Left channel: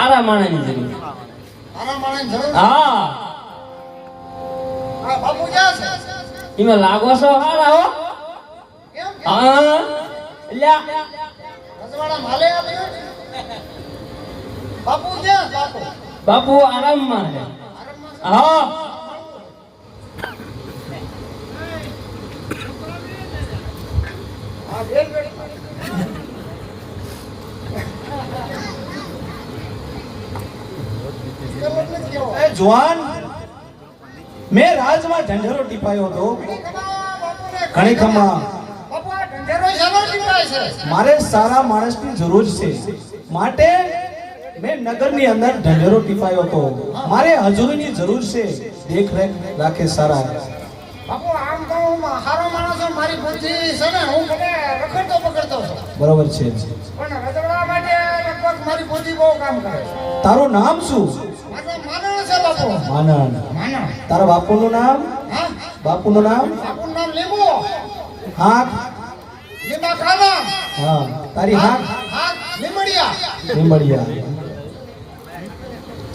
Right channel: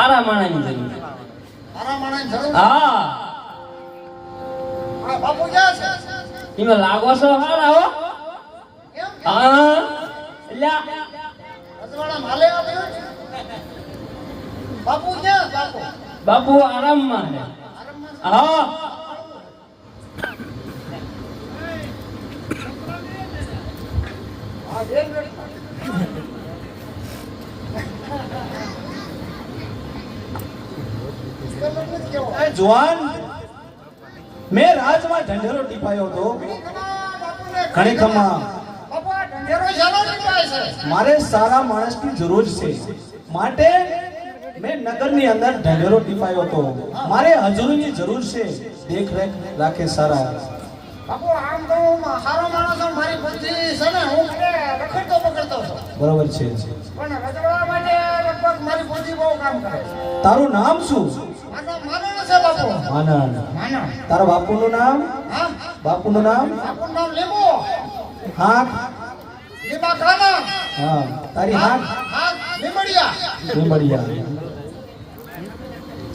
આરા માણસની જરૂર. આરા માણસ જરૂર. હા આ બાપુ ક્યાં છે? એમાં લાગો છો હારા હો. કેમ? હા લ્યા રજવાડા માલે આપ્યો? બાપુ ક્યાં? બાપુ બાપુ આરામમાં છે. આરામમાં છે? હા હા બેન બેન. એ જવાન મેં રાજમાં ઢંઢેરો ટીપાયો હતો ઘણી ખમા બાપુ આ ઢંઢેરો શાનો ટીપાય છે? મારે સારા માણસની જરૂર છે માટે મેં નગરની અંદર ઢંઢેરો ટીપાયો હતો મારે હજુરીની જરૂર છે દેખરેખ રાખે સારા બાપુ આમ તો હું હારો માણસ છું, મારી બુદ્ધિ છે ને હું મને રખડતો પકડતો છું, બરોબર છે પણ રજવાડા માટે લગભગ મારી બુદ્ધિ બહુ કામ કરે છે. તારું નામ શું? મારા માનણ છે બાપુ. આનંદ. માનણ. તારા બાપુનું નામ? હા બાપુનું નામ? બાપુનું નામ લીંબુ. હાથ? લીંબા ખાના. હા તારી હાથ? હાથ લીંબડિયા. લીંબડિયા.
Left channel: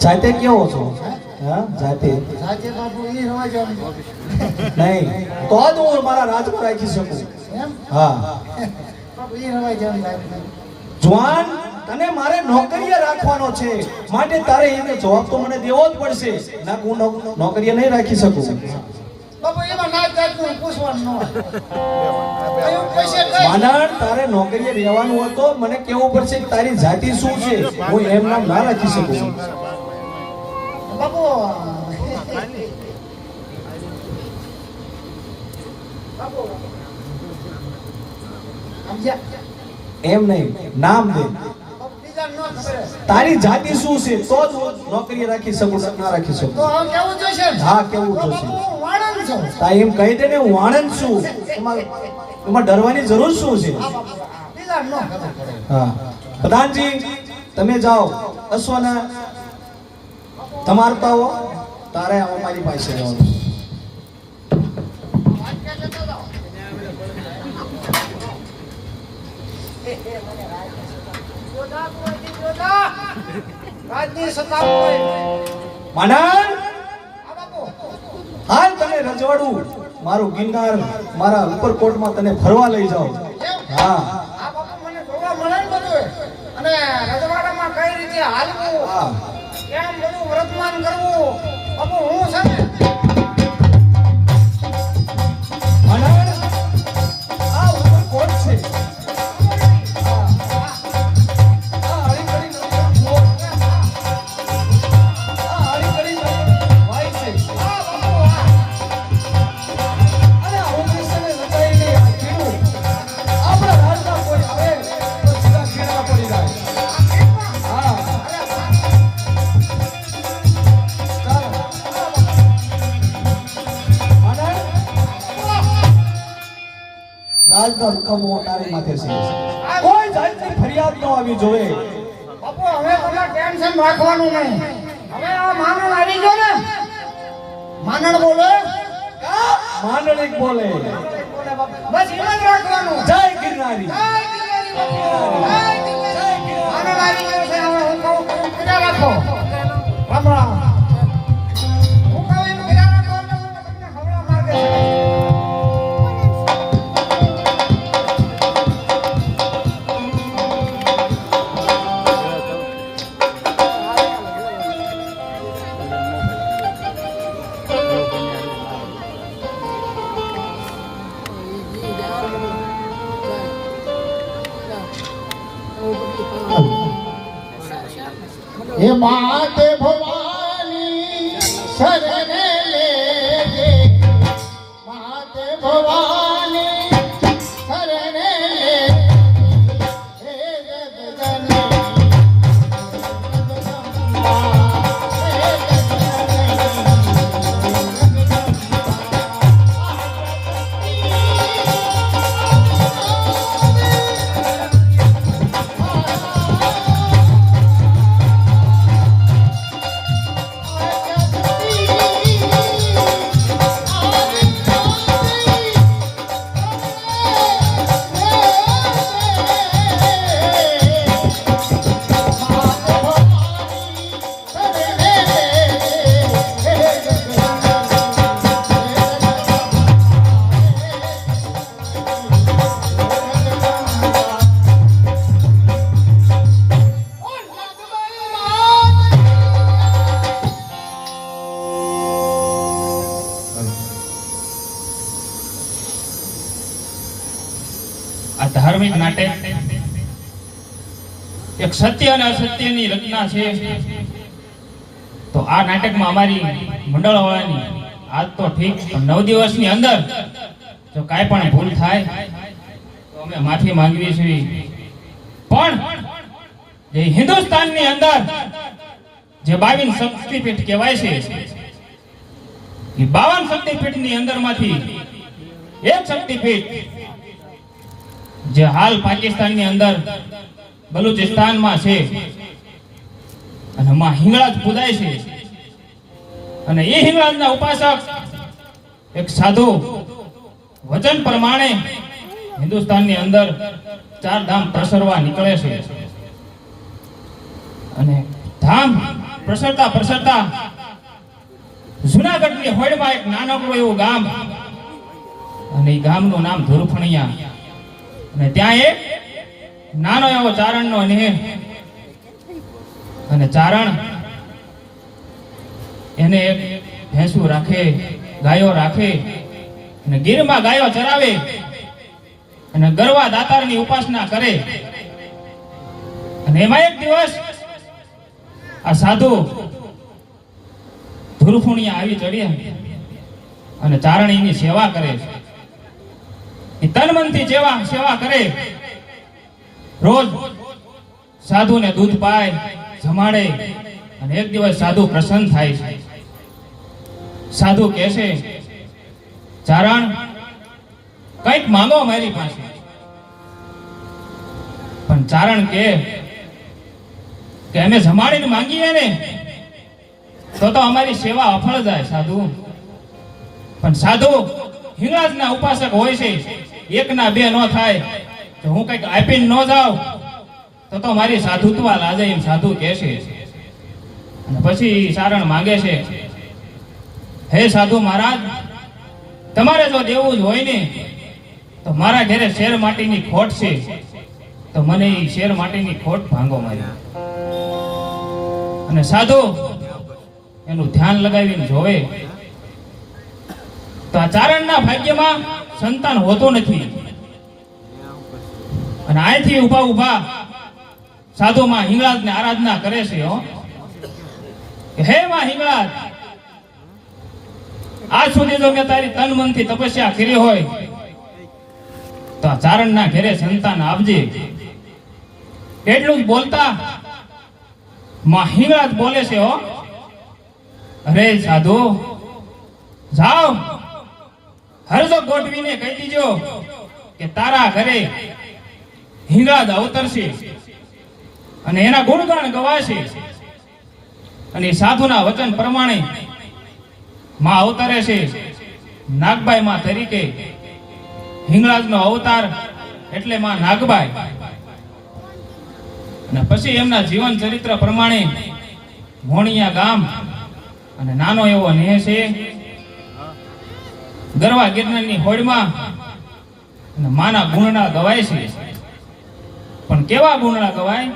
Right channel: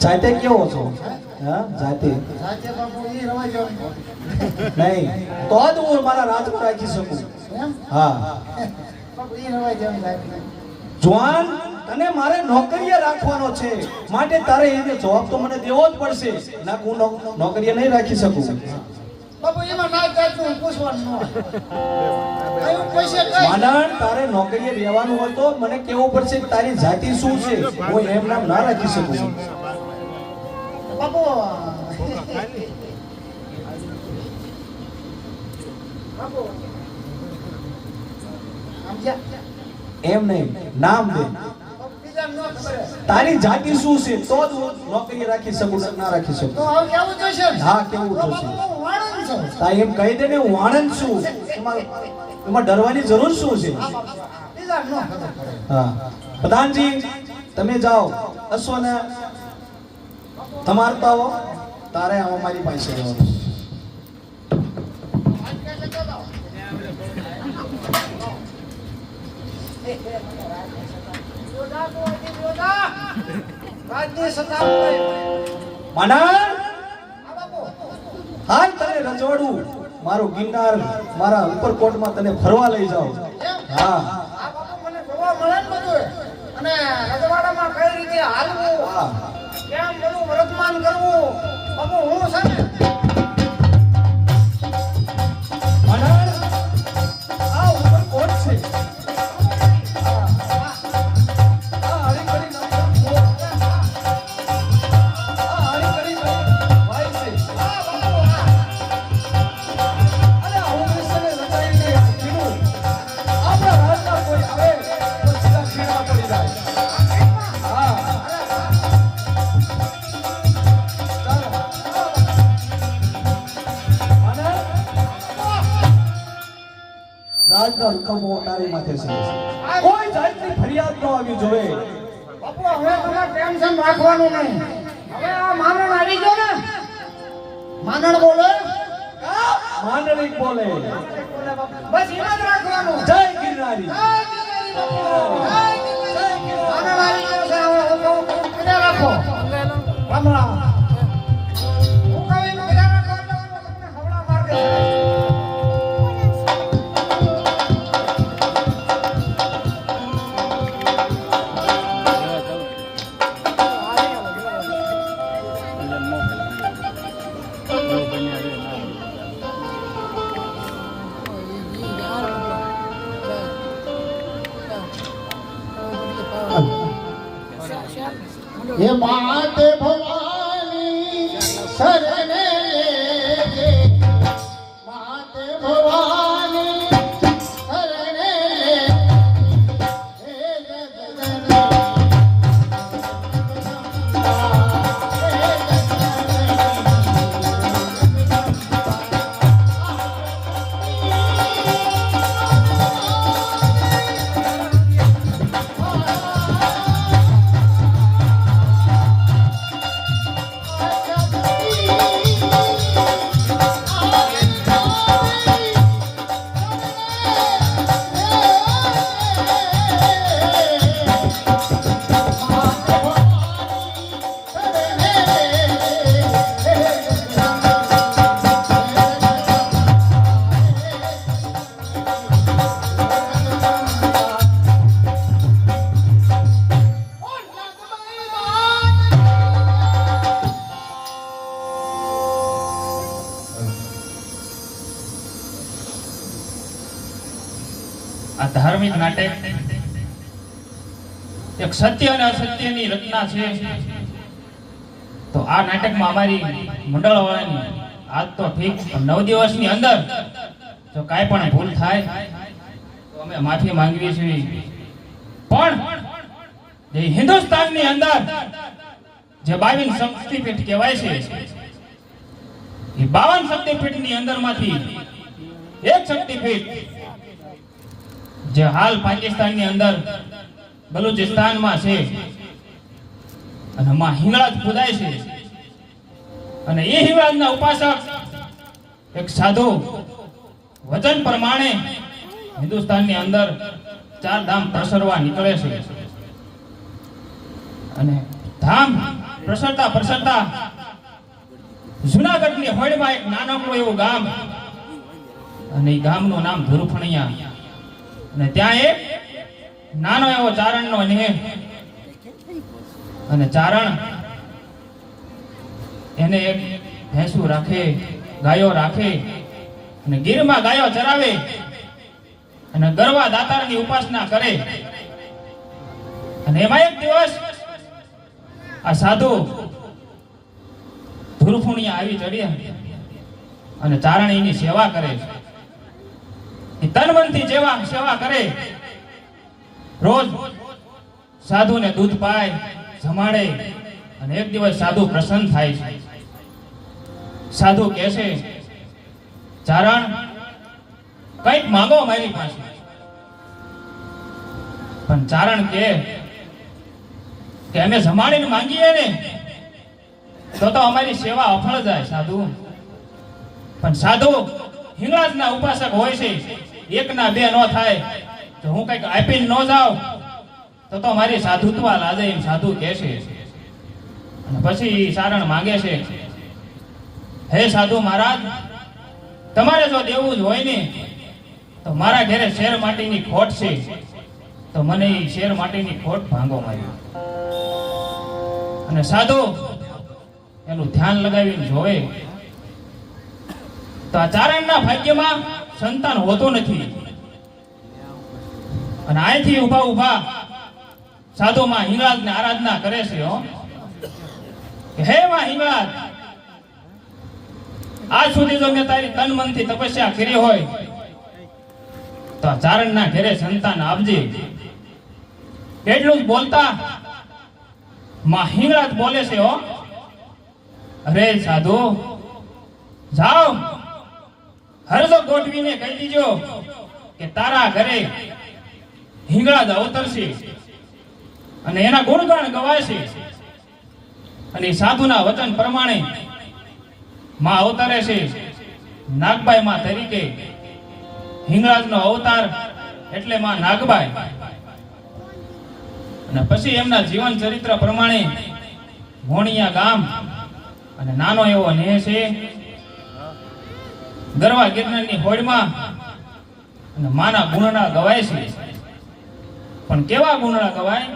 જાતે કેવો છો? હા જાતે સાચે બાપુ ઈ રવાજો નહીં તો જ હું મારા રાજમાં રાખી શકું. એમ હા બાપુ ઈ રવાજો લાગે. જવાન તને મારે નોકરીએ રાખવાનો છે માટે તારે એને જવાબ તો મને દેવો જ પડશે ના હું નોકરીએ નહીં રાખી શકું. બાપુ એમાં ના જાતનું પૂછવાનું ન હોય. એવું કહેશે કઈ? માનણ તારે નોકરીએ રહેવાનું હોય તો મને કેવું પડશે કે તારી જાતિ શું છે હું એમ નામ ના રાખી શકું. બાપુ બાપુ સમજ્યા? એમ નહીં નામ દે બીજા ન ખબર. તારી જાતિ શું છે તો જ હું નોકરીએ રાખી શકું ના રાખી તો શકું. હવે કેવું જોશે ને? હા કેવું તો જોશે? બાપુ હું વાણંદ છું. તા એમ કહી દે ને હું વાણંદ છું એમાં ડરવાની જરૂર શું છે? હા બાપુ બીજા ન ખબર પડે. હા પ્રધાનજી તમે જાઓ અશ્વને તમારતા હો તારે અમારી પાસે રહેવાનું. રાજની સત્તા હોય. માનન હા બાપુ. હાલ તને રજવાડું મારું ગિરનાર મારા ઉપરકોટમાં તને ફરવા લઈ જાઓ. એમ? હા આ બાપુ મને જોવા મળે ને બધું. અને રજવાડામાં કઈ રીતે હાલવું, હા કેમ બધું વર્તમાન કરવું, બાપુ હું છે ને માનન આ ઉપરકોટ છે. હા હરીકડી નંબર 4 આ હરીકડી નંબર 5 છે. અરે આવું છે ને લગાઈને કીધું આપણા રાજમાં કોઈ આવે તો સીધા ખીણા પડી જાય. હા ચાલો માનન રાજનો હુકમ તારી માથે છે. કોઈ જાતની ફરિયાદ ન આવી જોવે. બાપુ હવે કોઈ ટેન્શન રાખવાનું નહીં. હવે આ માનણ આવી ગયો ને, માનણ બોલે માંડલિક બોલે બસ એમ જ રાખવાનું. જય ગિરનારી. માનણ આવી ગયો છે, હવે હું કહું પીડા રાખો. રામ રામ. હું કહું એમ પીડા રાખો એટલે હું તમને ખવડાવ માર્ગે છે. ये बात भवानी शरण लेजे बात भवानी शरण लेजे हे जगदम्बा हे जगदम्बा એક સત્ય અને અસત્યની રચના છે. તો આ નાટકમાં અમારી મંડળવાળાની આજ તો ઠીક, પણ 9 દિવસની અંદર જો કાંઈ પણ ભૂલ થાય તો અમે માફી માંગીએ છીએ. પણ જે હિન્દુસ્તાનની અંદર જે 22 શક્તિપીઠ કહેવાય છે, એ 52 શક્તિપીઠની અંદરમાંથી એક શક્તિપીઠ જે હાલ પાકિસ્તાનની અંદર બલુચિસ્તાનમાં છે, અને માં હિંગળાજ પૂજાય છે. અને એ હિંગળાજના ઉપાસક એક સાધુ વચન પ્રમાણે હિન્દુસ્તાનની અંદર 4 ધામ પ્રસરવા નીકળે છે. અને ધામ પ્રસરતા જુનાગઢની હોડમાં એક નાનકડું એવું ગામ, અને એ ગામનું નામ ધુરફણિયા. અને ત્યાં એક નાનો એવો ચારણનો નેહ, અને ચારણ એને એક ભેંસું રાખે, ગાયો રાખે, અને ગીરમાં ગાયો ચરાવે, અને ગરવા દાતારની ઉપાસના કરે. અને એમાં એક દિવસ આ સાધુ ધુરફુણિયા આવી ચડ્યા અને ચારણીની સેવા કરે છે. એ તન મનથી સેવા કરે. રોજ સાધુને દૂધ પાય, જમાડે. અને એક દિવસ સાધુ પ્રસન્ન થાય છે. સાધુ કહે છે, ચારણ કંઈક માંગો મારી પાસે. પણ ચારણ કે અમે જમાડીને માંગીએ ને તો અમારી સેવા અફળ જાય સાધુ. પણ સાધુ હિંગળાજના ઉપાસક હોય છે, 1 ના 2 નો થાય. જો હું કંઈક આપીને ન જાઉં તો મારી સાધુત્વ લાજે, એમ સાધુ કહે છે. અને પછી ચારણ માંગે છે, હે સાધુ મહારાજ, તમારે જો દેવું જ હોય ને તો મારા ઘરે શેર માટીની ખોટ છે, તો મને એ શેર માટીની ખોટ ભાંગો મારી. અને સાધુ એનું ધ્યાન લગાવીને જોવે તો આ ચારણના ભાગ્યમાં સંતાન હોતું નથી. અને અહીંથી ઊભા સાધુ માં હિંગળાજને આરાધના કરે છે. હે માં હિંગળાજ, આજ સુધી જો મેં તારી તન મનથી તપસ્યા કરી હોય તો આ ચારણના ઘરે સંતાન આપજે. એટલું જ બોલતા માં હિંગળાજ બોલે છે, અરે સાધુ, જાઓ હરજો ગોઠવીને કહી દીજો કે તારા ઘરે હિંગળાજ અવતરશે અને એના ગુણગાન ગવાશે. અને સાધુના વચન પ્રમાણે માં અવતરે છે. નાગબાઈ માં તરીકે હિંગળાજનો અવતાર એટલે માં નાગબાઈ. અને પછી એમના જીવન ચરિત્ર પ્રમાણે મોણિયા ગામ અને નાનો એવો નેહ છે, ગરવા ગિરનારની હોડમાં. અને માના ગુણના ગવાય છે. પણ કેવા ગુણના ગવાય?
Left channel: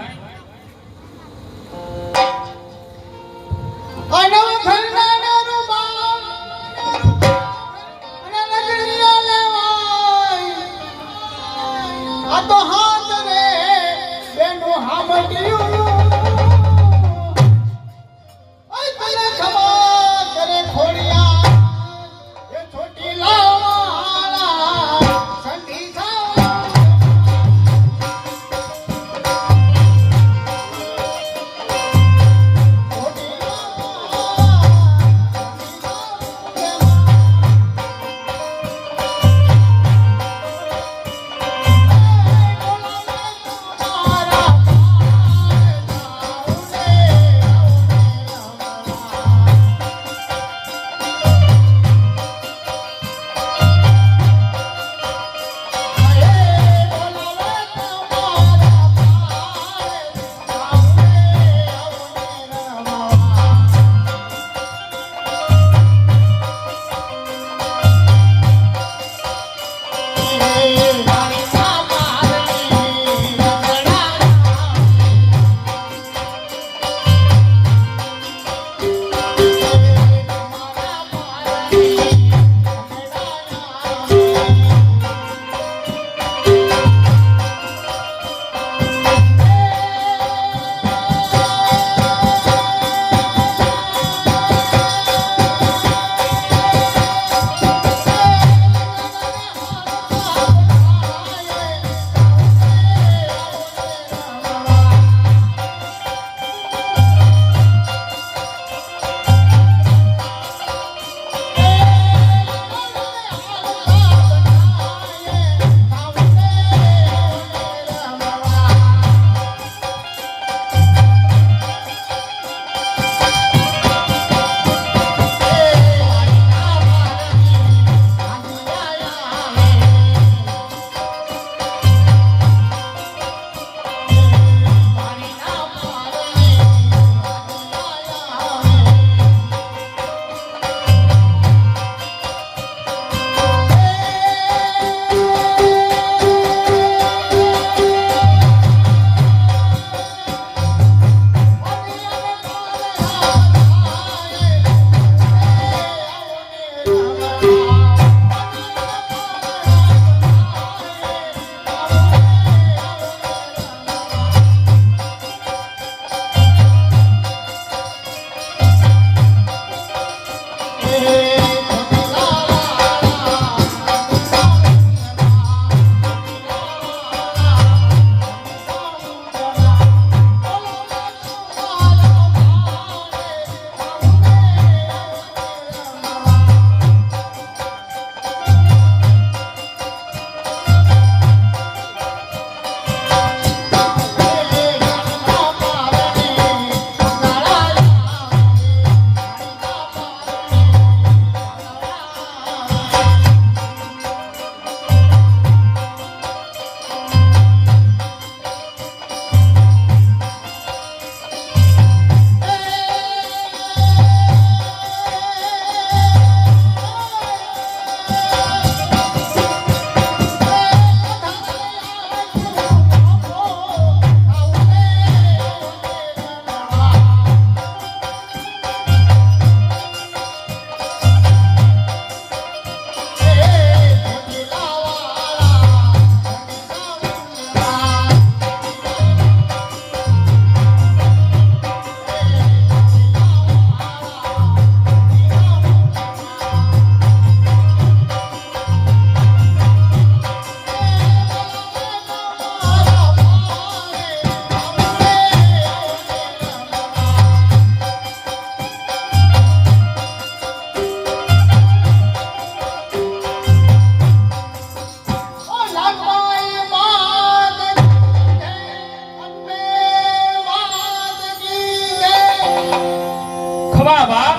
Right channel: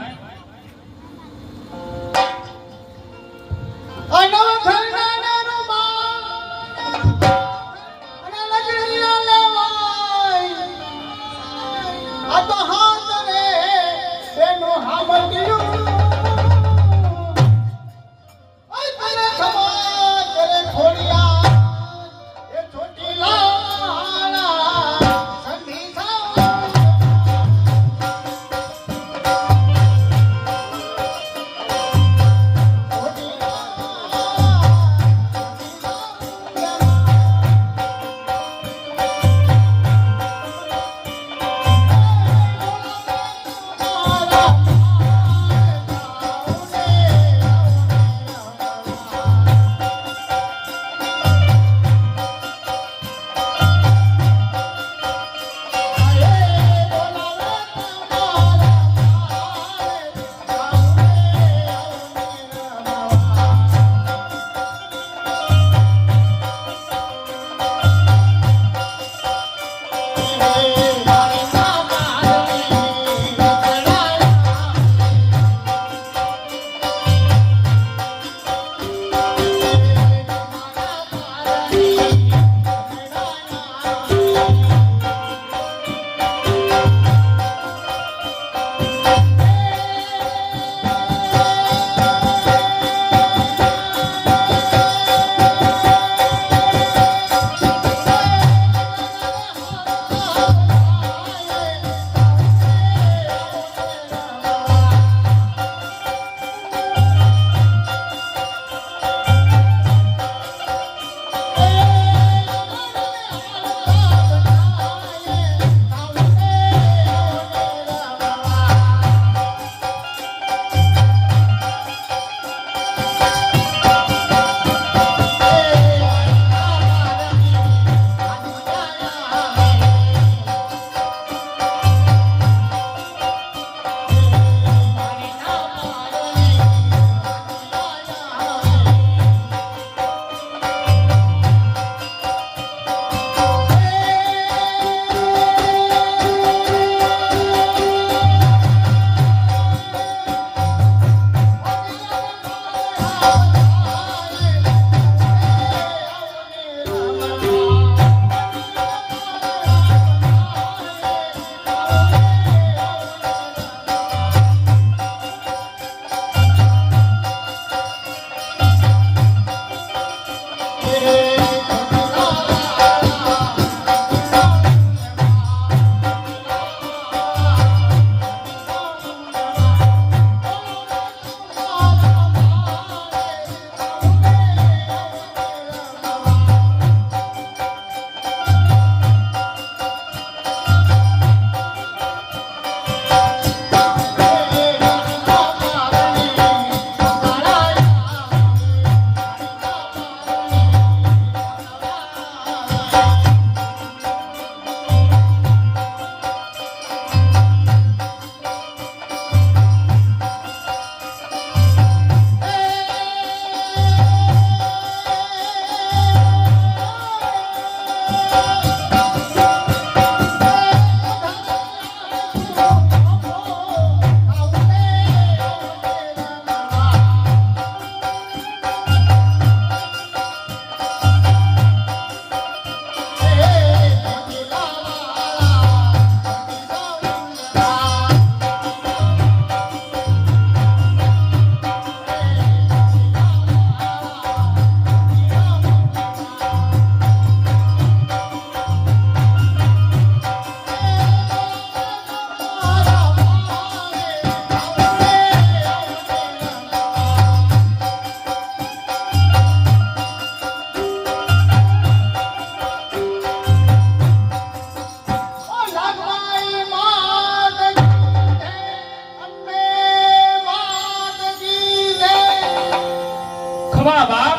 ખમા બાપ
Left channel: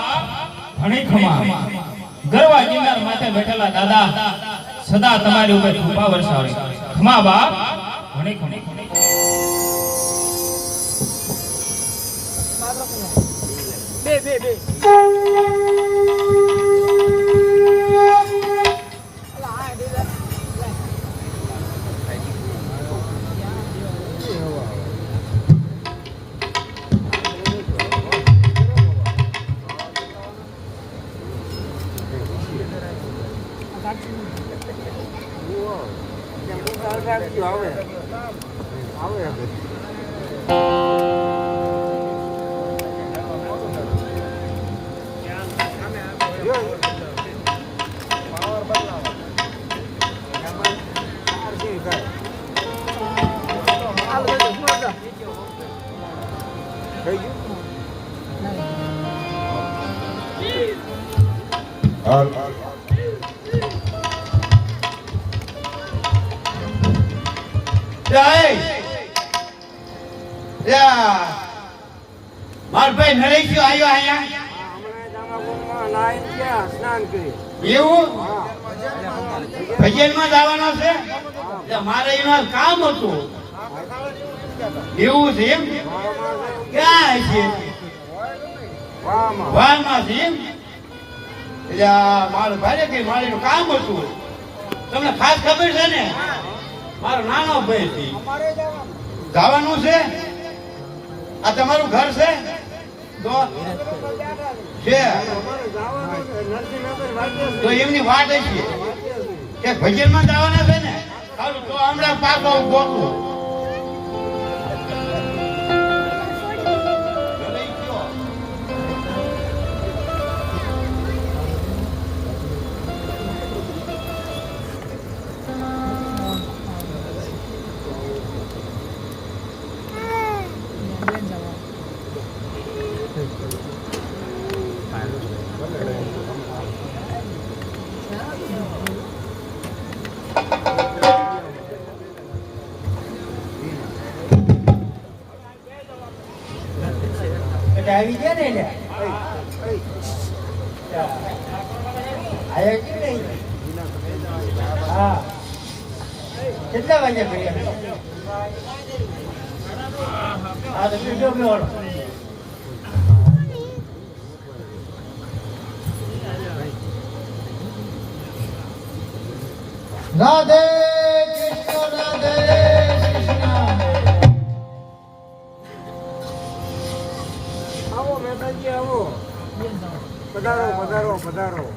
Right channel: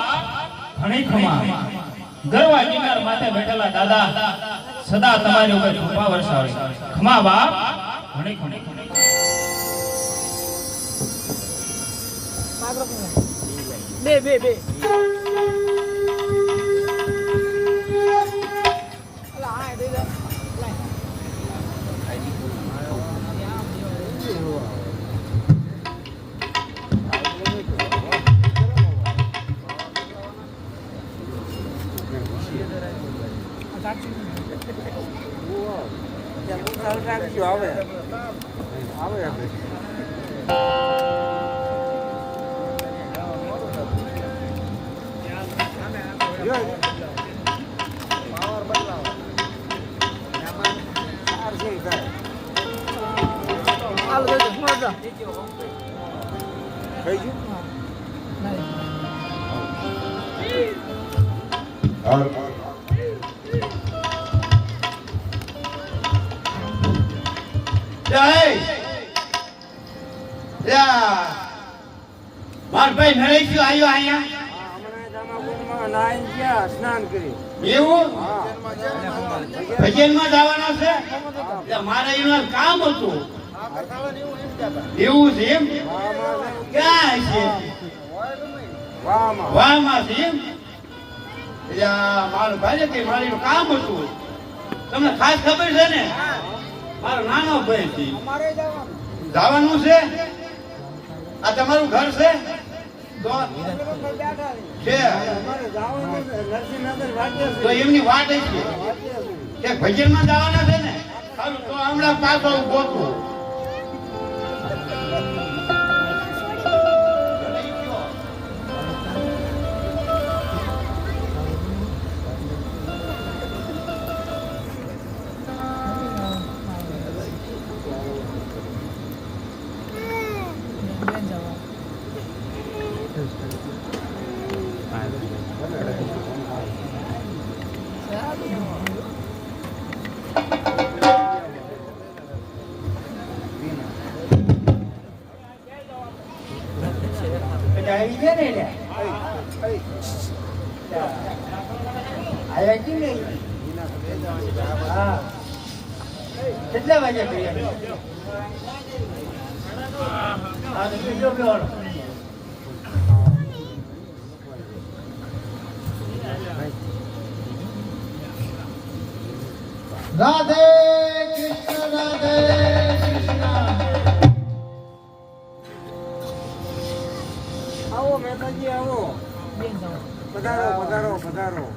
ઘણી ખમા ગરવા ગિરનાર માથે બેઠેલા દાદા સદા તમારી ઉપર કૃપા વરસાવે ખમા બાપ ઘણી ખમા મારભાઈ નરેશ આવ્યો અહીંયા એવું ભજનમાં જવાનો છે એટલે મારે એમાં કામ હતું એવું છે એમ ક્યાં છે વાહમાં છે એમ એટલે મારો ભાઈ કે મારે એનું કામ હતું તમને ખાસ ખબર છે ને મારો નાનો ભાઈ છે જવાનું છે આ તમારું ઘર છે તો એમની વાત છે કે ભજનમાં જવાના છે ને સારું તો હમણાં પાછો ગોતું આવી ગયા ને લ્યા આયા કે નહીં હા કેટલા વાગ્યા કર્યા હા તો કેટલો બેવાળો રાધે કૃષ્ણ રાધે કૃષ્ણ આવો મહેમાનજી આવો પધારો પધારો પધારો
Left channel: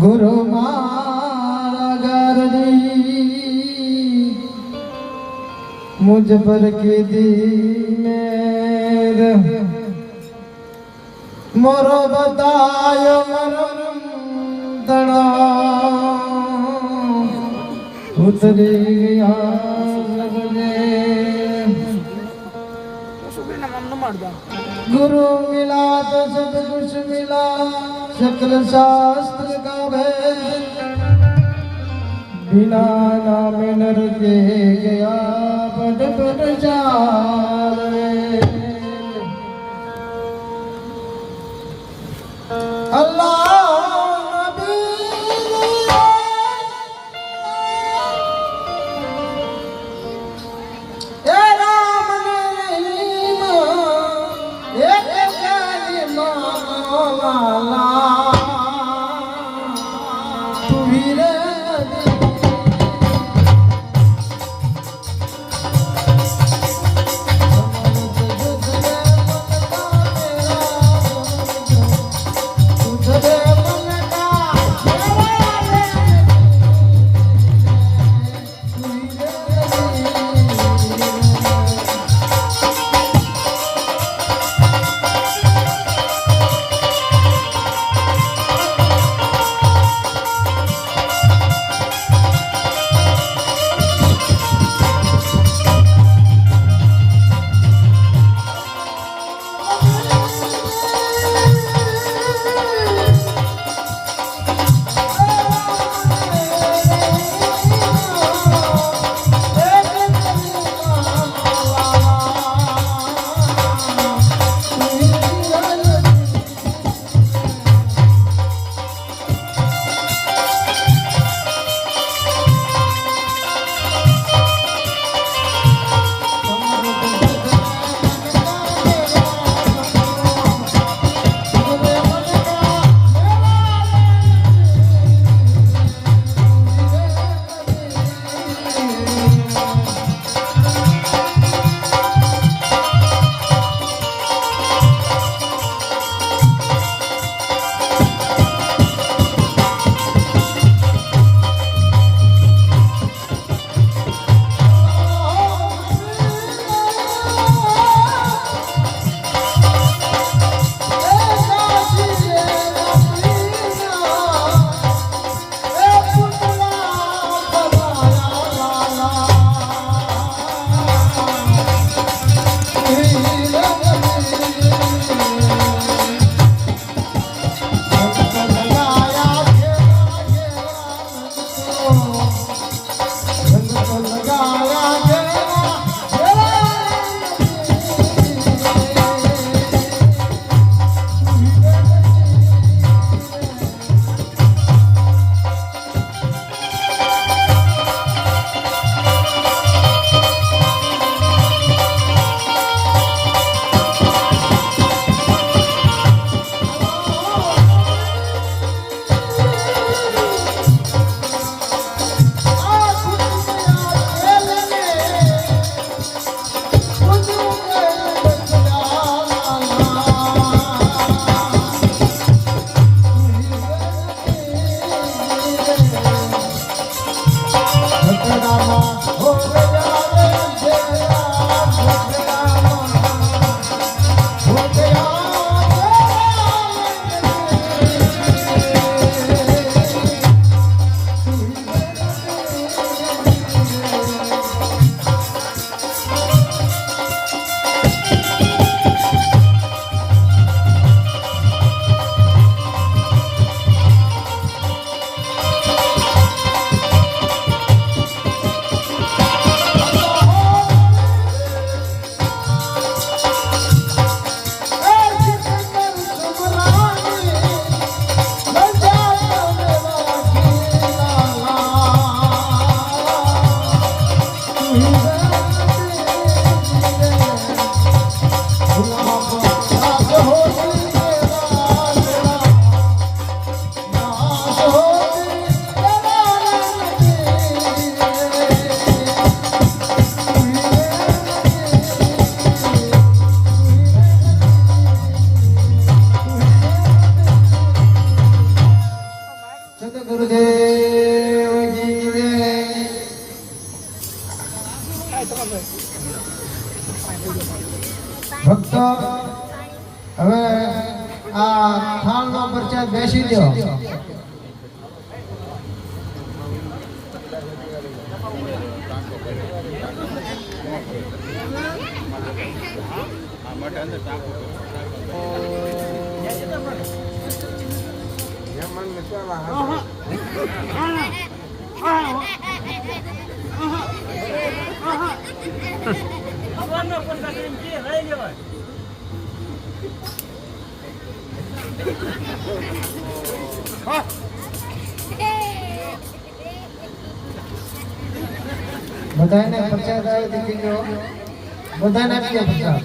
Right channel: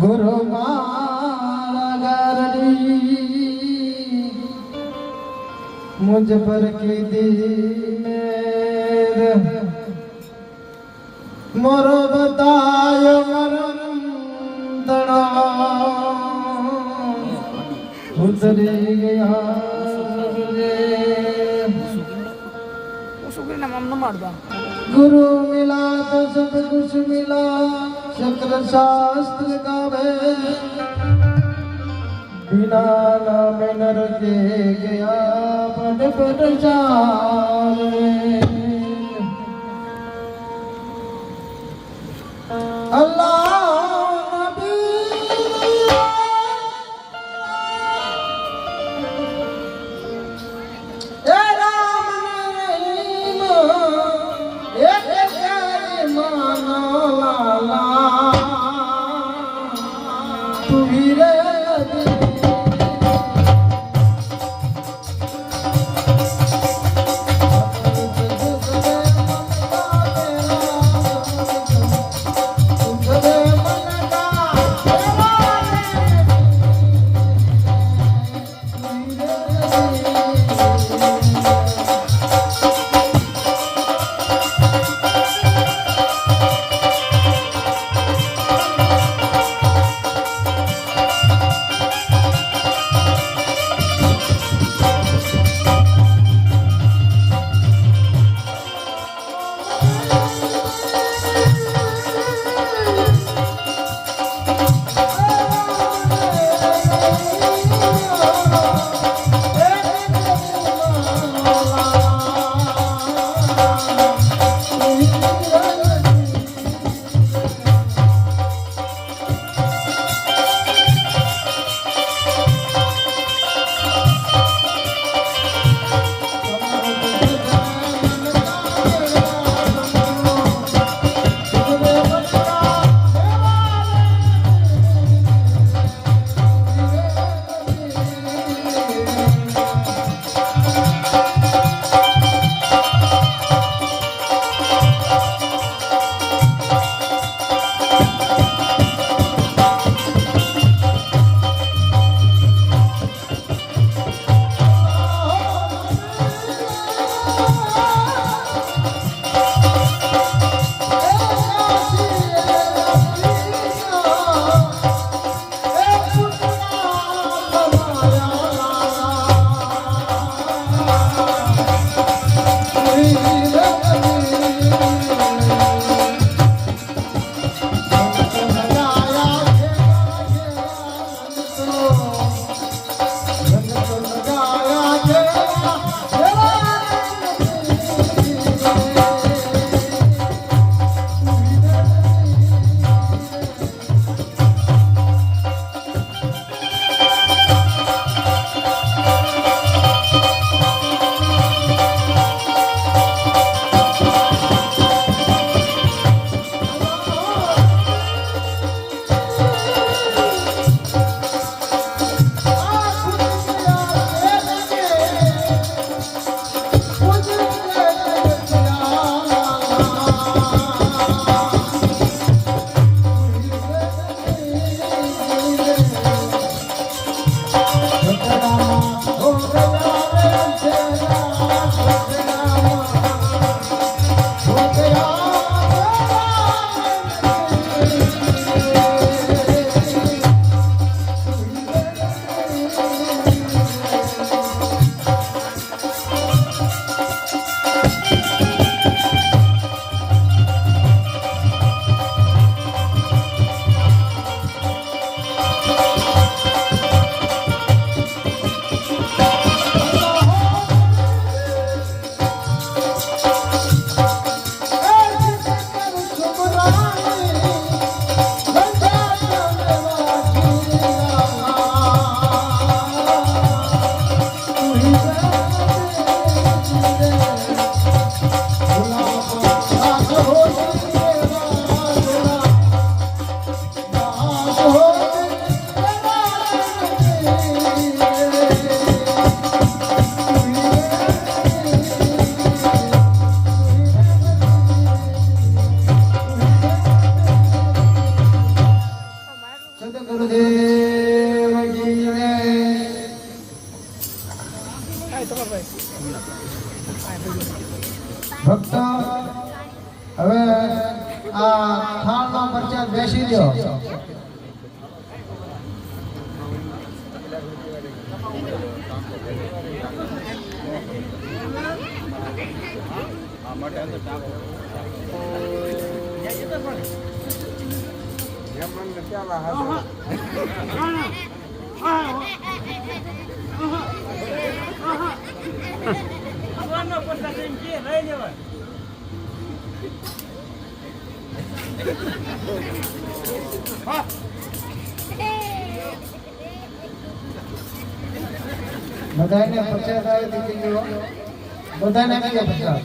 ગુરુ મારા ગરડી મુझ પર કીધી મેર મોરો બતાયો મરમ દણા ઉતરી ગયા गुरु मिला तो सब कुछ मिला सकल शास्त्र का भेद बिना नाम नर के गया पद पद चाले अल्लाह ગુરુદેવ કી જય. ભક્તો હવે આ ખાણમાં પરચા બેસી લ્યો. બધાને પચાસ આવે દીકરી બધાને આપી પચાસ.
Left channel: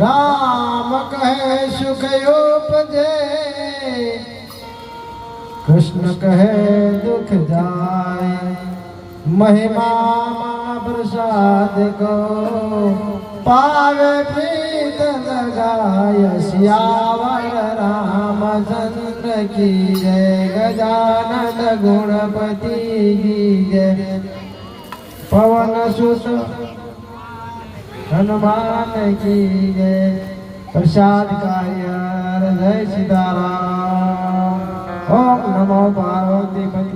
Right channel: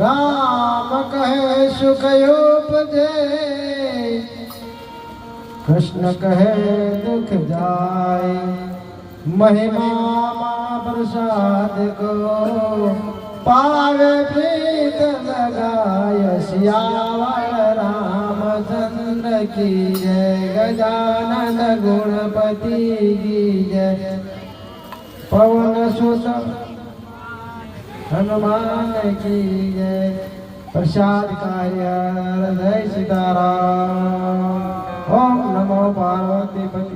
રામ કહે સુખ ઉપજે, કૃષ્ણ કહે દુઃખ જાય. મહિમા પ્રસાદ કો પાવે પ્રીત લગાય. સિયાવર રામચંદ્ર કી જય. ગજાનન ગુણપતિ જી જય. પવન સુત હનુમાન કી જય. પ્રસાદ કાર્ય જય સીતારામ. ઓમ નમો પાર્વતી પતિ.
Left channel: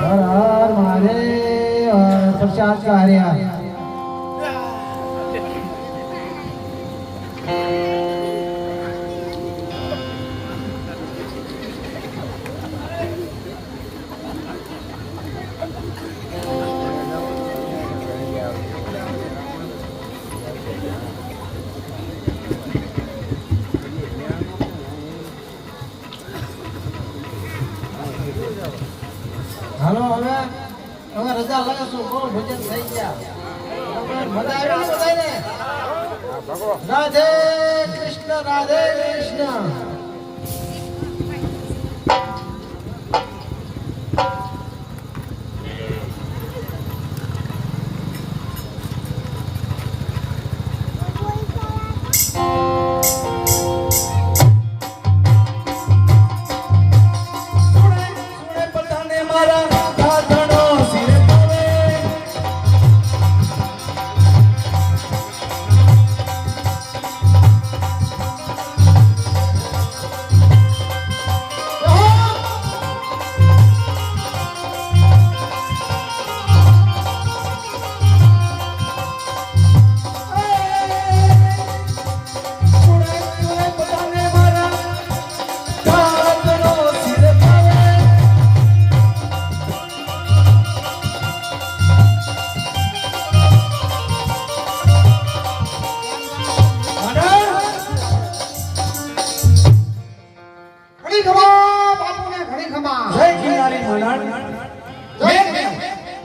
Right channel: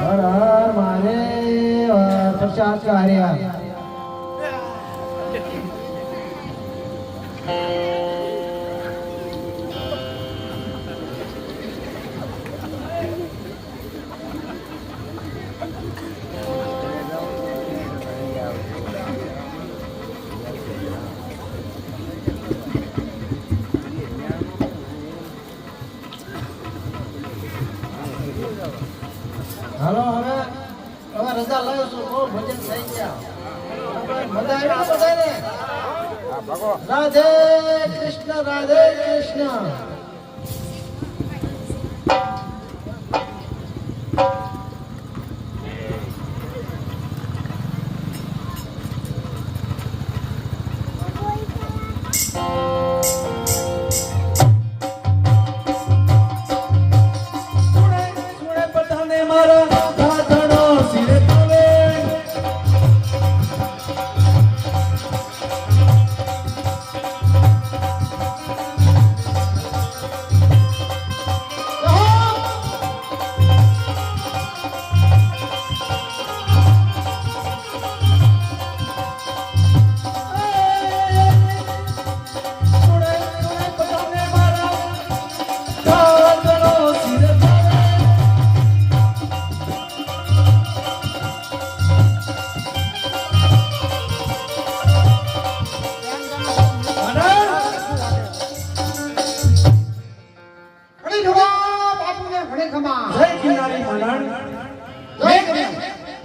હર હર મહાદેવ. પ્રસાદ કાર્ય હાલો. હવે રજા લાવ્યો છું. કોણ ભજન થઈ ગયા? મજા આવી બધાને? રાધે કૃષ્ણ, રાધે કૃષ્ણ.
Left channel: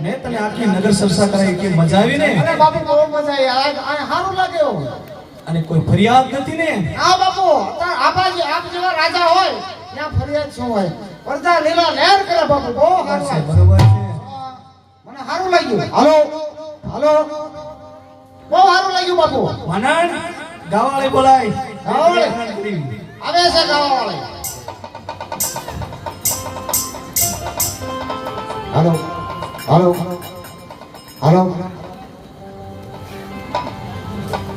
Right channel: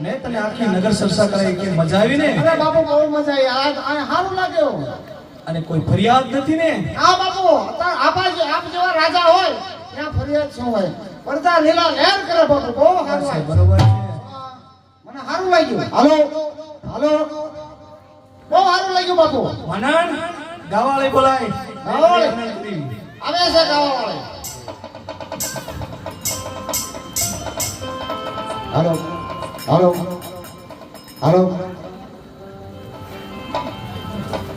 મેં તને આખી નગર સરસા કરાઈ કે મજા આવી ને? અરે બાપુ બહુ મજા આવી. આ સારું લાગ્યો. અને કોઈ ફરિયાદ નથી ને? હા બાપુ, આપ જેવા રાજા હોય ત્યાં ફરિયાદ શું હોય? પ્રજા લીલા લહેર કરે બાપુ. બહુ સારું લાગ્યું. બરોબર છે. મને સારું લાગ્યું. હાલો હાલો, બહુ સારું લાગ્યું બાપુ. મનન ગાવાળે બોલાય. ગાવાળે? આવે છે ગાવાવાળે. હાલો હાલો હાલો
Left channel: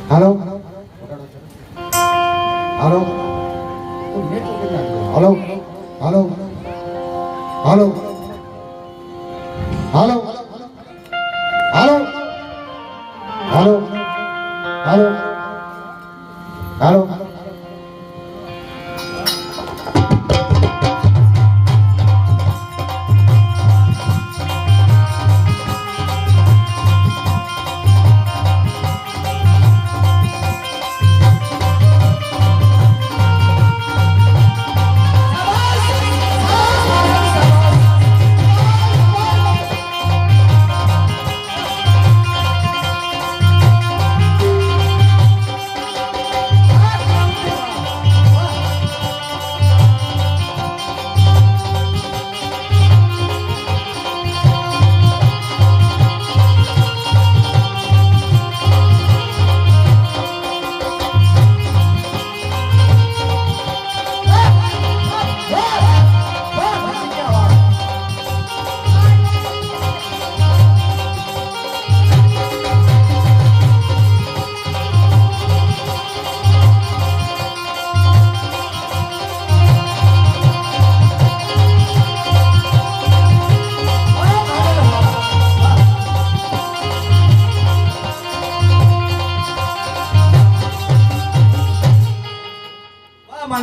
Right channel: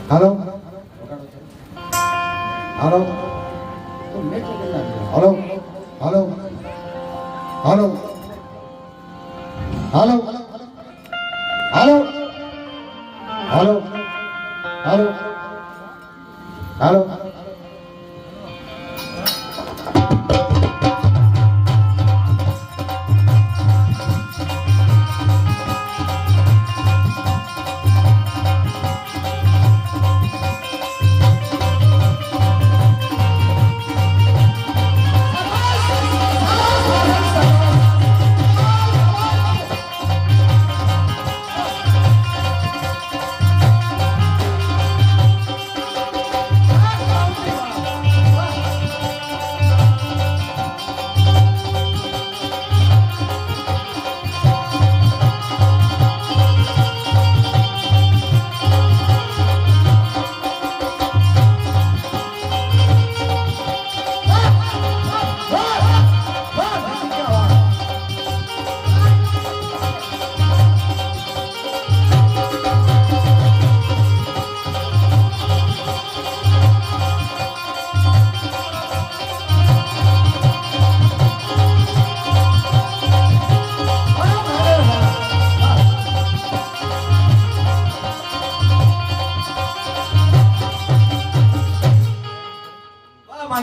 હાલો હાલો હાલો હાલો હાલો હાલો હાલો હાલો હાલો હાલો.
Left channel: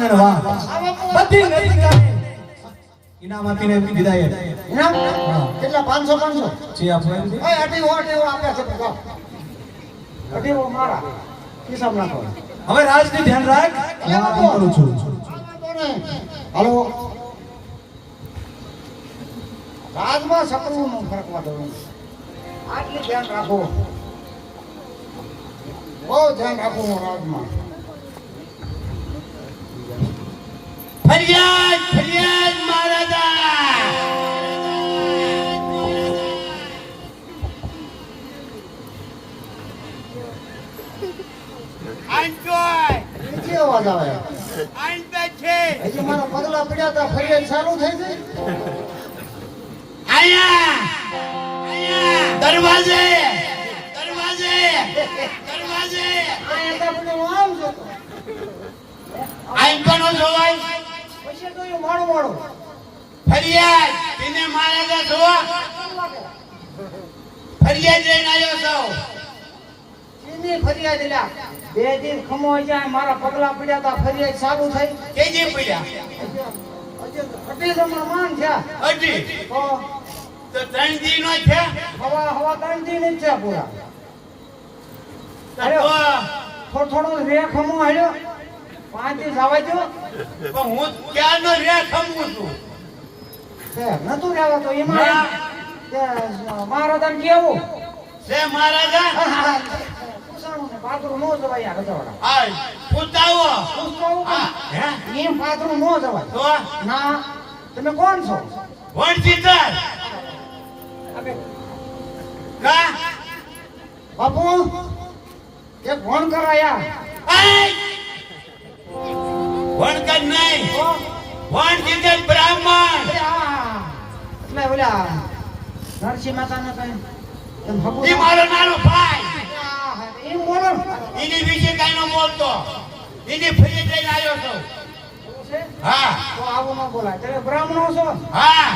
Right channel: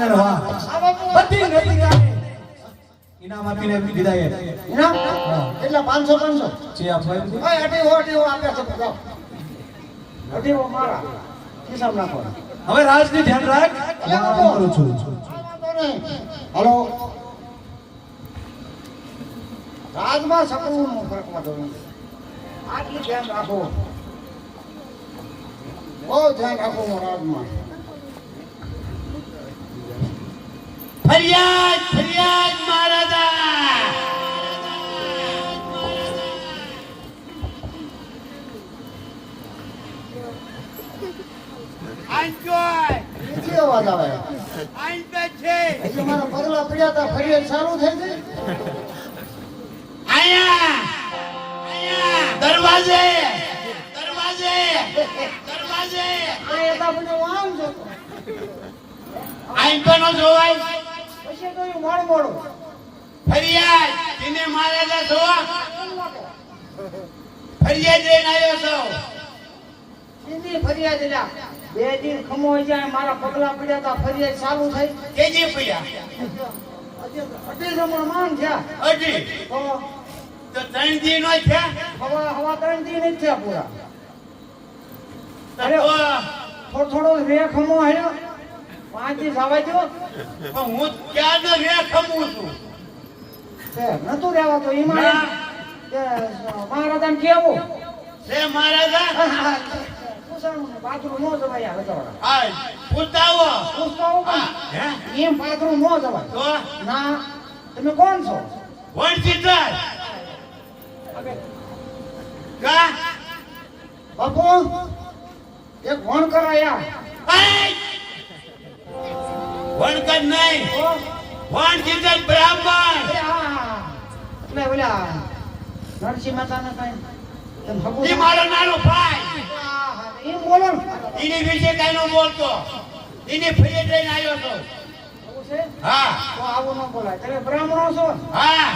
અને વાહ બધી નૈતિકતાને ઇનામ આપીને વિદાય ઇનામ હા. કેટલા 500 જે આપણે એમ છે. ઓય અઢીવો આપ્યા છે તો જાઓ. અઢીવો મારા ખિસ્સામાં નાખો. હવે રાજની ધ્યાન રાખ હું આમ કરું છું આ વાંધો નહીં. હાલો રાજમાં સકળું ફરકમાં જવું આટલી ધ્યાન રાખો બહુ ધ્યાન રાખો છો રાજમાં ફરિયાદ ફરિયાદ મહારાજા આંચોય નીચે અવાજ આવે આંચે છે એટલે મારા પગલા પડ્યા હતા ફરિયાદ સારું થઈ ગઈ આયા આયા દરવાજે દરવાજે દરવાજે આ એટલા બધો આમ છે તો. આંચો નો જોવાય પછી તો એ મોડું ફરિયાદ એને મહારાજા જોવા ફરિયાદ લઈને આવ્યો છો સીધી ફરિયાદ લ્યા બે દિન ખમો જાય મારા પગલા પડ્યા હતા ફરિયાદ સારું થઈ કેજી પડ્યા અઢી જમણ માન છે અઢી તો તો 3 દી નો થયા હવા 3 દિન જ છે પૂરા તો થોડો રે ખમો હેડ્યો 5 દી જવા દો પણ હું ક્યાંનો રે ખમું છું કે નતું રહેવા તો એમાં કે મહારાજાને કેવું છે મહારાજા પૂછાણું ને પાથરું નો જવાય આ ગધવાડા આ પૂછાવો પૂછતો આવું હે કેમ એમ પાથરું નો જવાય તો ના તમે કોણ છો વણચીતર આપણે કા બાપુ એક ફોન કરાયા વણકર નહીં વણચીતર બ્રાહ્મણ એટલે ઓલા નરસિંહ માતાને કઈ એમ હગું ઈ મારો નાનો ભાઈ એમ બોલો એની વિશે કઈ ન બોલતો એની ફરિયાદ લઈને આવ્યો છો એવું છે હા તો આવું ન બોલાય તમે બ્રાહ્મણો છો હા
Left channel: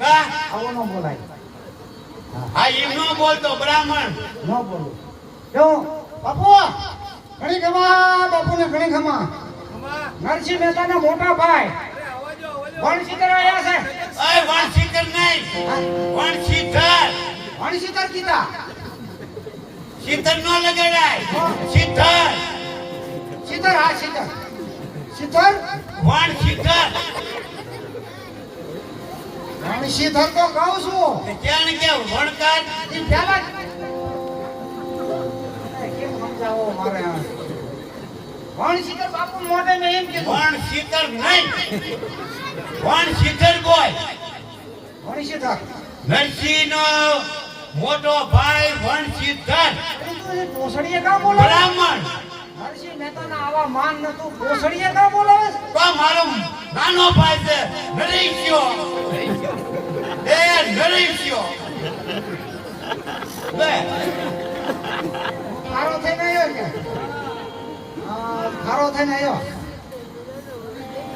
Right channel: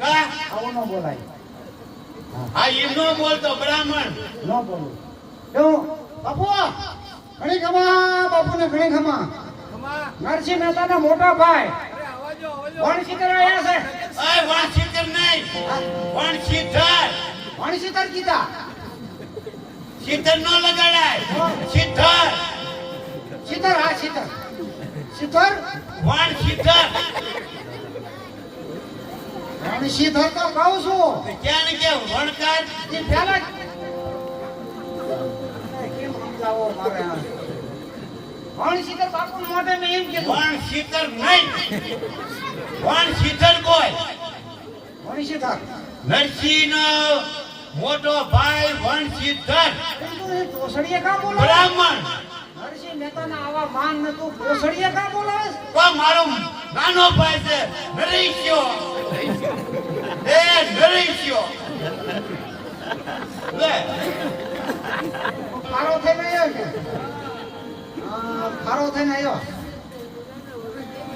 કા આવું ન બોલાય હા એમ ન બોલતો બ્રાહ્મણ ન બોલું કેવું બાપુ ઘણી ખમા બાપુને ઘણી ખમા નરસિંહ મહેતાના મોટા ભાઈ વણશીકર આયા છે ઓય વણશીકર નહીં વણશીતર વણશીકર કીધા શીતર ન લગાડાય શીતર શીતર હા શીતર શીતર વણશીતર વણશીતર તો કહું છું ક્યાં ને કે વણકાર એ પહેલા કેમ સમજાવો મારે વણશીકર બાપુ મોઢે મેં એમ કીધું વણશીતર નહીં વણશીતર બોલ વણશીકર નરસિંહનો મોટો ભાઈ વણશીતર પોસડીએ કા બોલો બ્રાહ્મણ નરસિંહ મહેતાના આવા માન નતું પોસડીએ કા બોલાવે તો મારો નાનો ભાઈ છે નરેશિયો એ નરેશિયો લે ખારો થઈને આવ્યો કે ખારો થઈને આવ્યો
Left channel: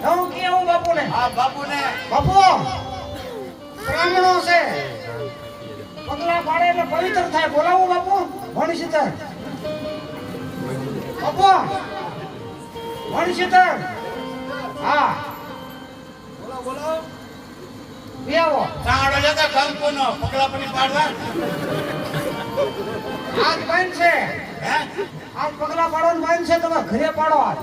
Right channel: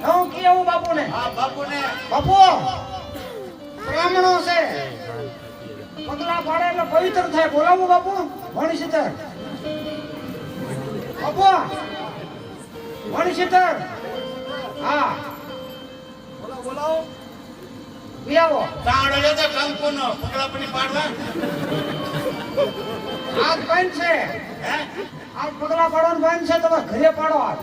હું કેવું બાપુને આ બાપુને બાપુ બ્રાહ્મણો છે પગલા પાડે એટલે પવિત્ર થાય બોલાવો બાપુ વણશીતર બાપુ વણશીતર હા બોલાવો બેવો સાંડો લેતા કંકુનો પગલા પડી પાડવા હાથ બંધ છે હે આજ પગલા પાડવાનું બંધ છે તમે ઘરે પાડો હાથ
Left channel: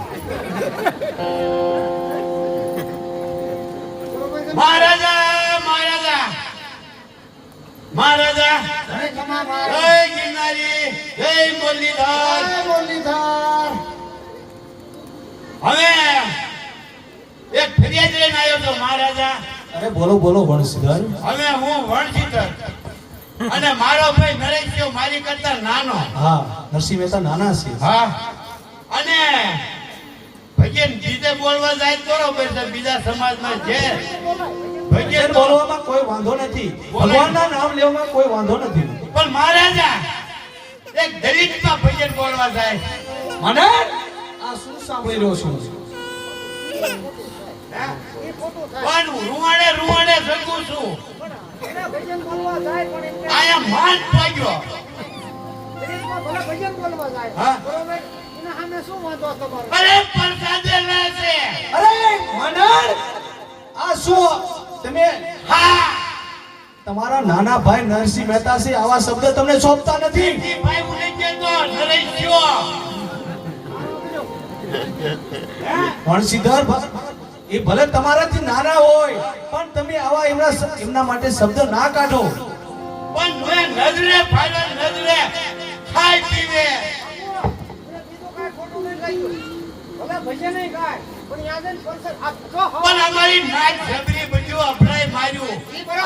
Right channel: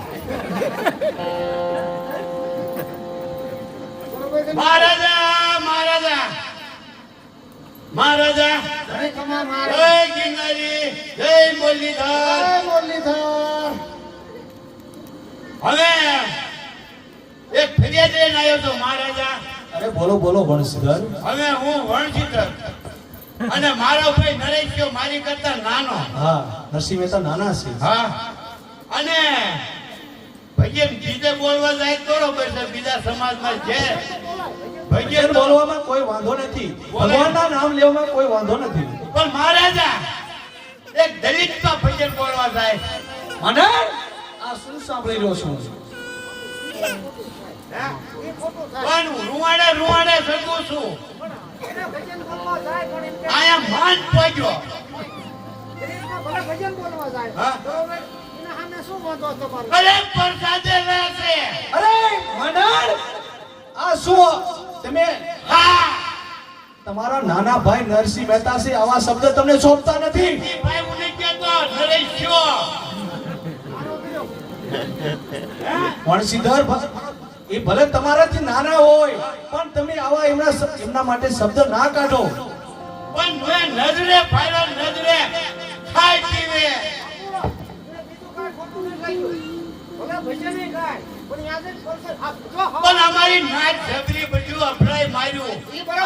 મહારાજા મહારાજા મહારાજા ઘરે ખમા મારે જય ગિરનારી જય મુરલીધર જય મુરલીધર હવે એક ફરિયાદ લઈને આવ્યો તો મહારાજા અરે બોલો બોલો વણશીધર હવે હું વણશીતર અને મારો ભાઈ નરેશિયો મારી કરતા નાનો હા નરસિંહ મહેતા નાના છે હા અને ભજન બીજે બોલવા જાય તો બરોબર છે બીજા સમાજમાં છે ભજન ભજન તો બોલવામાં કોઈ વાંધો નથી ભગવાનના નામ લેવામાં કોઈ વાંધો નથી પણ મહારાજા એક દલિતમાં ભજન બોલવા જાય મને આ શું સાંભળી રહ્યો છું પણ રૂવાડે રૂવાડે શકું છું એના ભજન બોલવા જાય પણ એમ કે આયા માન પડ્યો દરેકમાં ભલે ભજન બોલવા જાય હા. બરોબર એના સામે તમને શું વાંધો તમારો? અરે પ્રસાદે લે છે. અરે મંડળ આ શું તમે હા તમારા નાના ભાઈ નરસિંહ મહેતા છે આવા શબ્દ તમને સોંપતા નથી ઈ ભાઈ મને કહેતો નરેશ થયો. વણસીધર એ ભલે તમારાથી નાના હોય પણ તમે આવા એમના માટે શબ્દ ના કાઢો પણ મેં નજરે ફાયર નજરે ખાઈ પીવે. બીજું કાંઈ ખોટું નહીં ગાયું. ભલે ભજન ય ગાય, પણ યાદ જ કરશે. આ તો હવા. પણ અમારી નાચ જબરી બધું અભરાય માર્યું.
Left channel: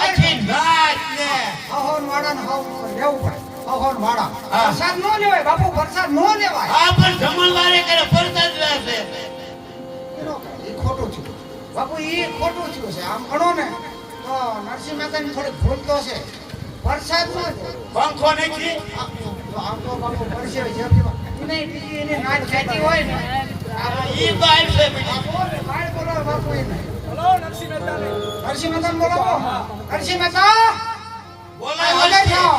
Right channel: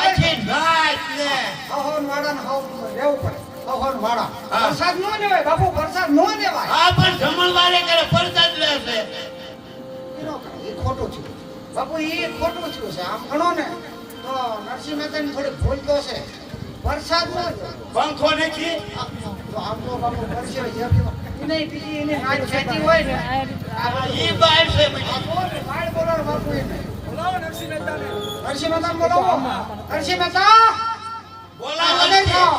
આખી નાચ ને હવન વાળાને હવ રહેવું પડે. હવન વાળા. હા. વરસાદ ન લેવાય બાપુ, વરસાદ ન લેવાય. આ પણ જમણવારે કરે પ્રસાદ લે છે. એનો કાંઈ, ઈ ખોટું છે બાપુ, ઈ ખોટું થયું છે. આમ ગણો ને તો નરસિંહ મહેતાની થોડીક ભૂલ તો છે. વરસાદ ન લેવાય. પંખો નથી. આમ તો બાપુ પડશે જેમ એને બીજી એને નાચ ખેતી હોય ને ઈ બાઈ છે બધી. બાપુ ને બાળ બોલો બાપુ એને. બોલો નરસિંહ મહેતાને. નરસિંહ મહેતાને બોલાવો. નરસિંહ મહેતા બોલાવો હાજર છે. થાઓ.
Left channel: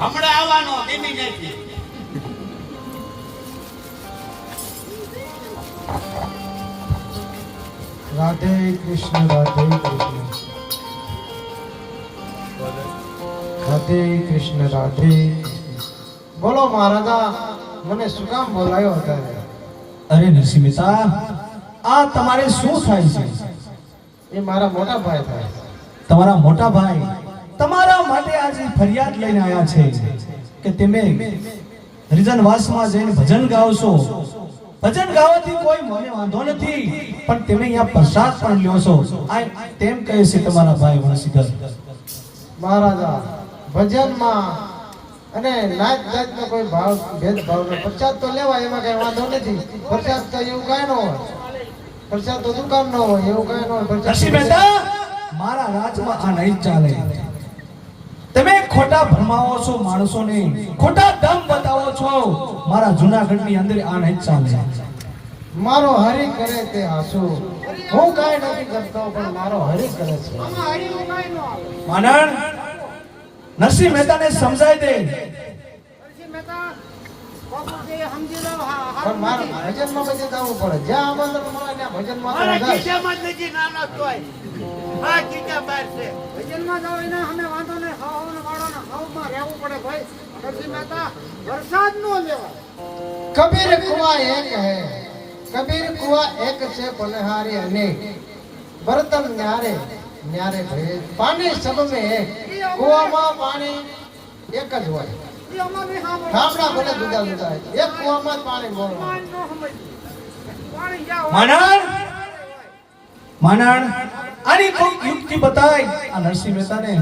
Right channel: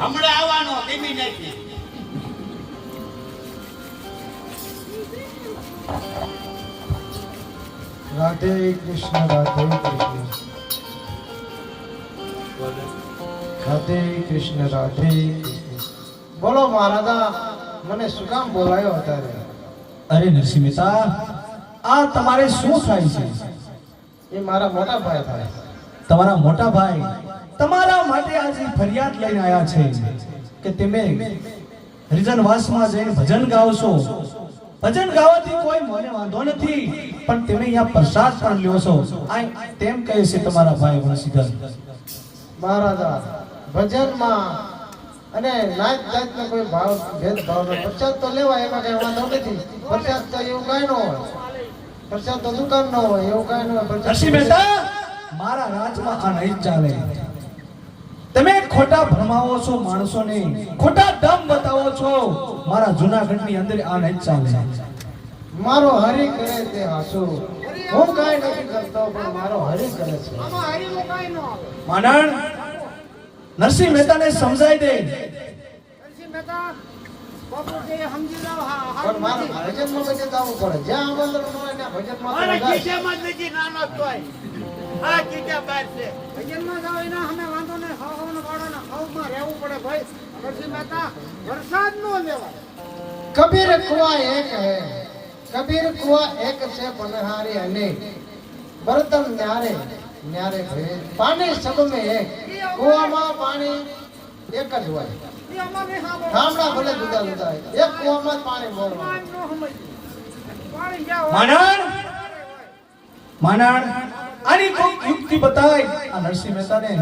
હમણાં આવવાનો ધીમી નથી. રાધે કૃષ્ણ રાધે કૃષ્ણ રાધે કૃષ્ણ રાધે કૃષ્ણ. બોલો મહારાજા, મને શું કામ બોલાયો અત્યારે? અરે નરસિંહ મહેતા આ તમારે શું થાય છે એ મારા મોટા ભાઈ થાય. તમારા મોટા ભાઈ તમારા માટે આજે ફરિયાદ લઈને આવ્યા છે કે તમે હરિજનવાસમાં જઈને ભજન ગાવશો. ભજન ગાવાથી કોઈ મને વાંધો નથી પણ તમે અહીંયા પ્રસાદ પણ લ્યો છો આ તેમ કહે છે તમારા ભાઈ વણસીધર. મહારાજા, ભજનમાં અને નાત જાતનો કોઈ ભાવ ભેદભાવ નહીં. પ્રસાદ તો લેવાય, એમાં કઈ વાંધો નથી. પ્રસાદ તો એવું કાંઈ ન હોય. પ્રસાદ તો દુકાન નો હોય, એવું કાંઈ ન હોય. નરસિંહ પ્રસાદ મહેતા મારા રાજમાં આ નહીં ચાલે. તમે ખોટા ભરમાવો છો માણસોને, ખોટા દમ બતાવો છો. મારા જૂનાગઢની અંદર આ નહીં ચાલે. મારો હરી કરે તે હાસુ. હું કાંઈ નથી કરતો પણ મારો હરી કરે છે. માનણ નરસિંહ મહેતાને સમજાય દે. પણ મારે ભજનમાં બધે જવું પડે. જ્યાં આમંત્રણ મળે ત્યાં ભજનમાં મારા તો જાય. ખીચામાં જ નથી નાનો તોય. આ ખીચા બહાર છે. ભજનમાં જાવ એને અમે વાંધો નહીં. હવન વાળાને હવમાં રહેવું પડે ભાઈ. નરસિંહ મહેતા વરસાદ નો લેવાય. કબીર કુવા એક હૈ, કબીર કુવા એક છે બલહારે અનેક, બર્તન ન્યારે ન્યારે ભેદ, પાણી સબ में એક, કુવામાં પાણી એક જ હોય. એ અમારે સાંભળો. ગામડા ભલે જુદા જુદા હોય, એક કુવામાં જ પાણી બોલવાનું. પાણી નો સમજ. પાણી જ્યાં હોય માનણ હોય. માનણ આની કોઈ યુક્તિ બતાય આ નરસિંહ મહેતાને.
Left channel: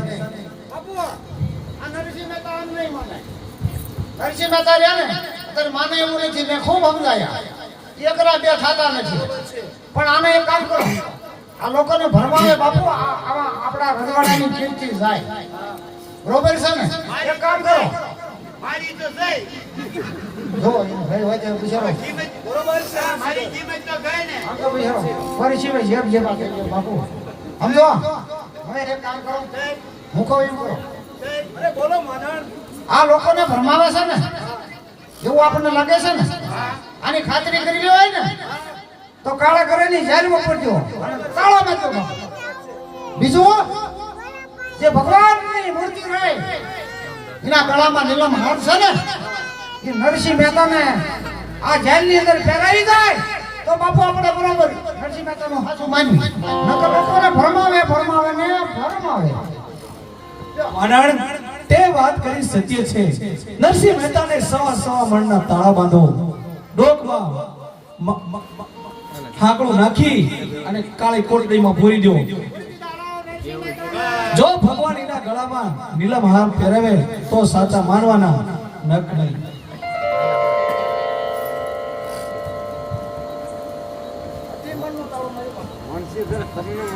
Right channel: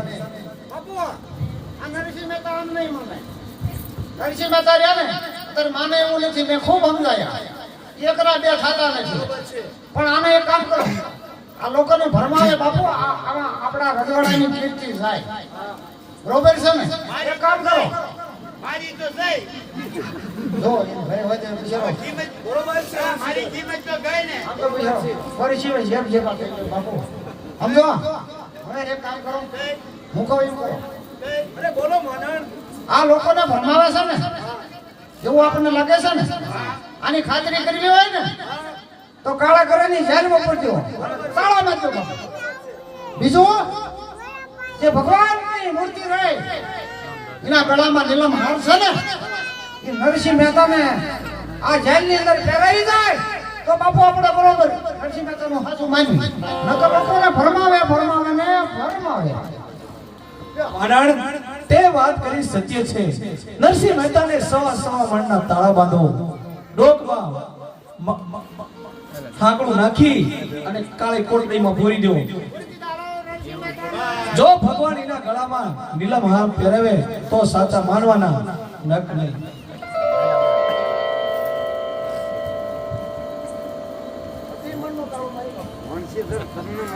બાપુ આ નરસિંહ મહેતા આમ નહીં માને. નરસિંહ મહેતા રહ્યા ને ત્યારે માને એવું નથી. મેં ખૂબ સમજાયા, એકરા બે થતા નથી. પણ આને એક કામ કરો, આ લોકોને ભરમાવે બાપુ. આવા આપણા રજવાડાની કીર્તિ જાય. બરોબર છે ને? એક કામ કરો, મારી તો જઈ. જો એ ભાઈ વચ્ચે પૂછ્યો. કિંમત બરોબર છે. મારી કિંમત તો ગઈ ને. પરિચય જેમ જેમ આપે બાપુ સમજો. હવે એક કામ કરો, મૂકો એમ કરો. અરે બોલો માનણ. આ લોકોને ભરમાવે છે ને, જેવું આપણને લાગે છે ને, આની ખાતરી કરવી હોય ને તો કાળા ઘરેની જેલમાં પડજો, તાળામાં જ પડજો. બીજું, જે ભગવાનની મૂર્તિ રહે એના ગળામાં નીલમ હાર છે ને, એ નરસિંહ મહેતાને આ જેલની અંદર પહેરાવી જાય તો બાપુ આપણે બરોબર નરસિંહ મહેતાનું સાચું માન્યું. નકર લોકોને ભરમાવે ભરમાવે ને ભરમાવે. માનણ તે વાત કરી સત્ય છે. નરસિંહ મહેતાને સવા મણના તાળા બાંધો, ડોકમાં ઠાકડું નાખી અને કાળી કોટડીમાં પૂરી દો. જો ભગવાન એના ગળામાં નીલમ હાર પહેરાવે તો સાચા માનવાના, નક નહીં.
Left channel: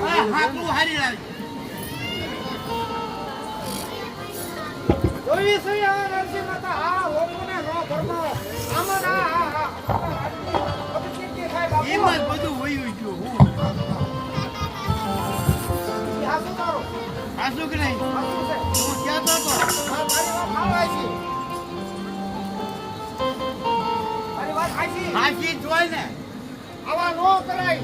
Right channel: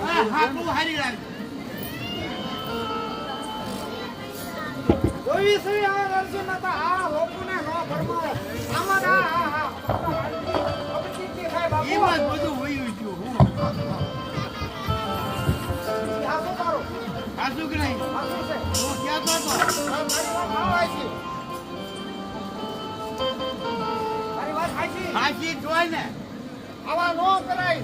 આ હાથું હારી લાગી. જોઈ છે આ નરસિંહ મહેતા આ લોકોને નો ભરમાવે. આમાં હવે કેટલી થાય બાપુ. કિંમત બધું વયું ગયું. હું ઈ હાચું તારું. આસુ કે નહીં? હાચું છે. હું કહેતો હતો. મારી વાત માવાય છે. ફાંસી જોય ને આવા નો કરાય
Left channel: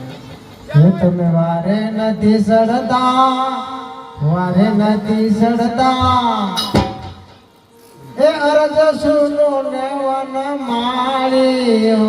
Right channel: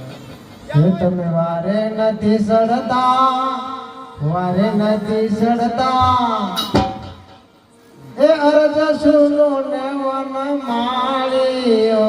હે તમે વારે નથી સડતા વારે નથી સડતા એ અરજ સુનો ને વન માળીઓ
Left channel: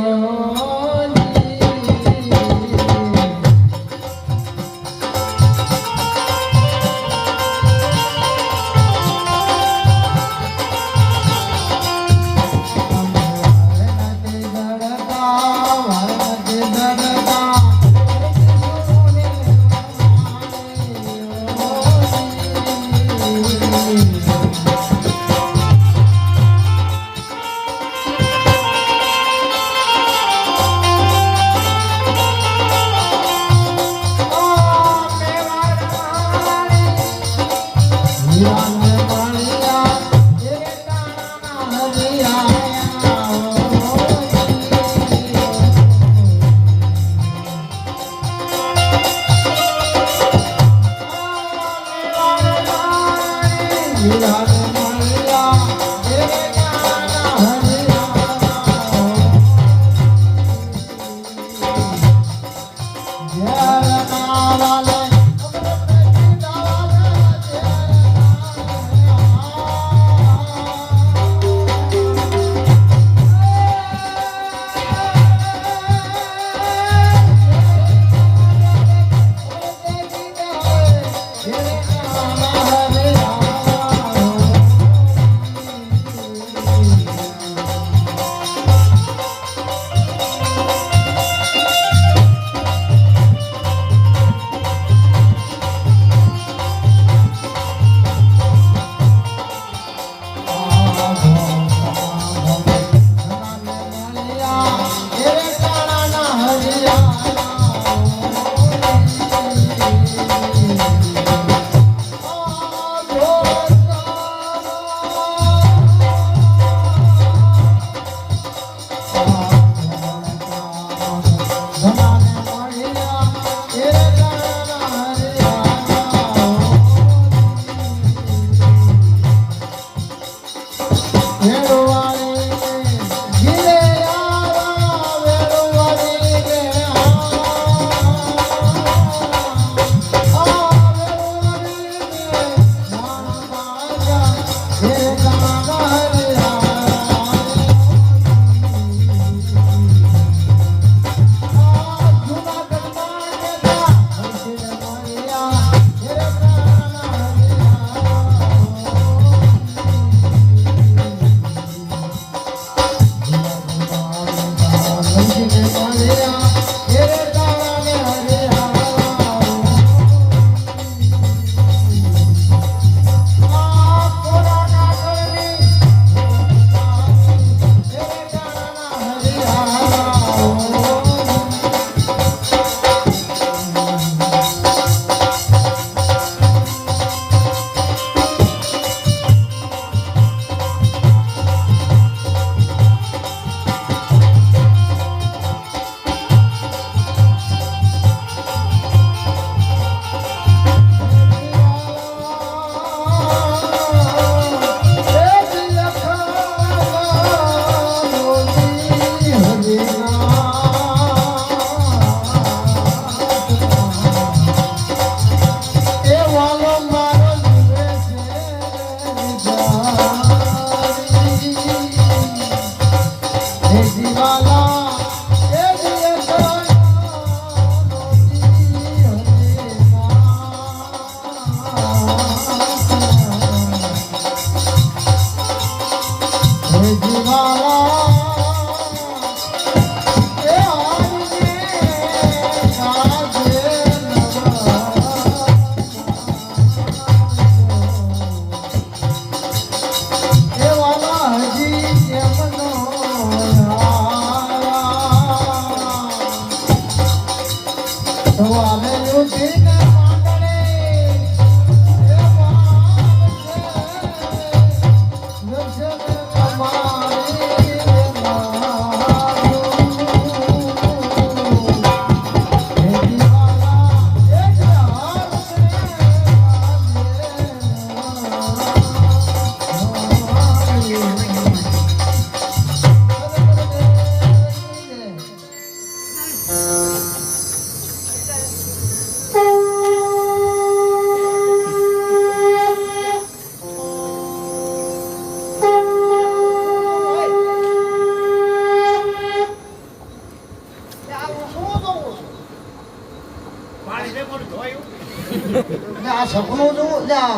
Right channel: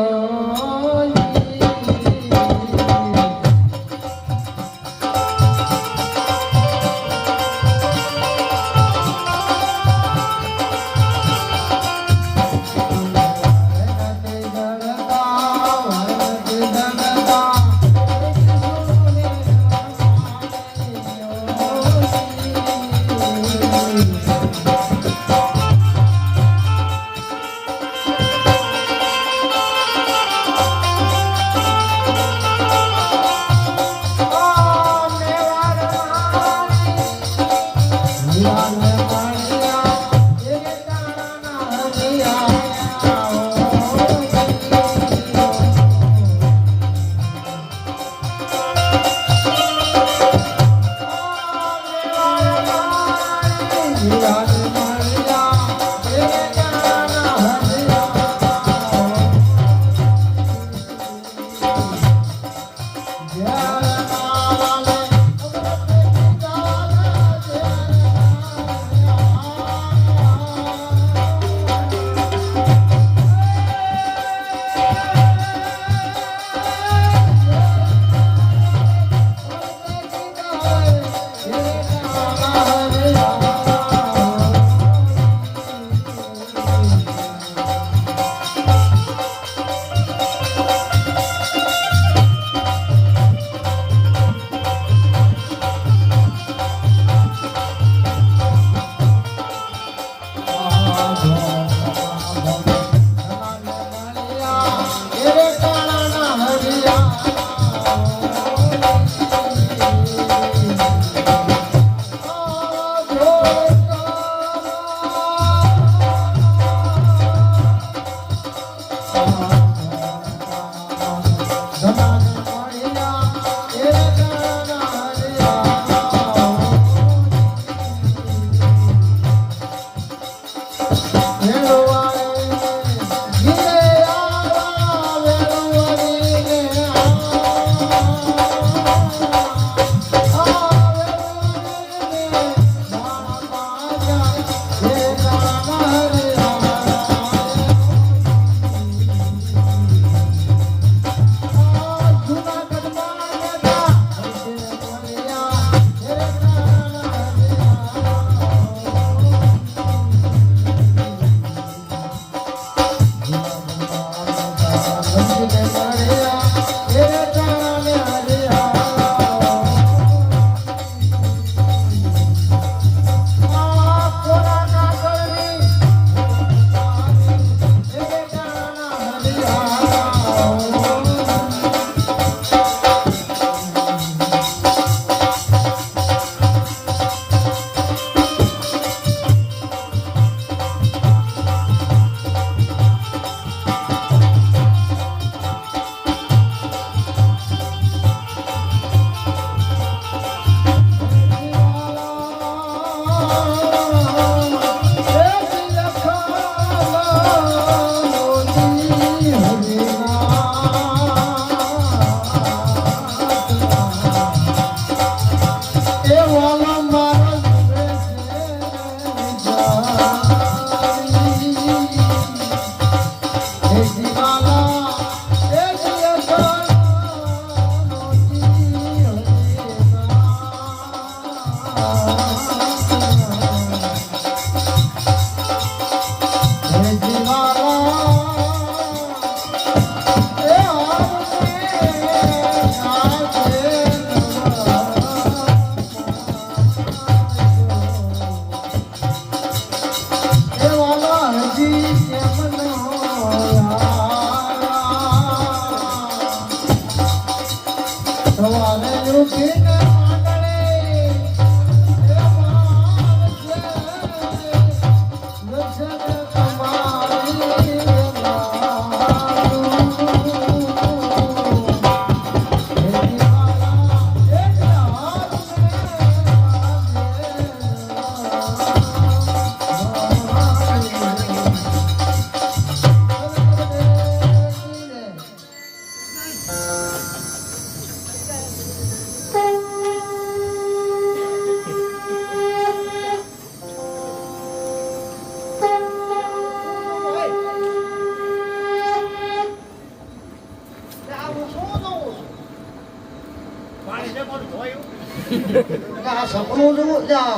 સપનું જોવું જા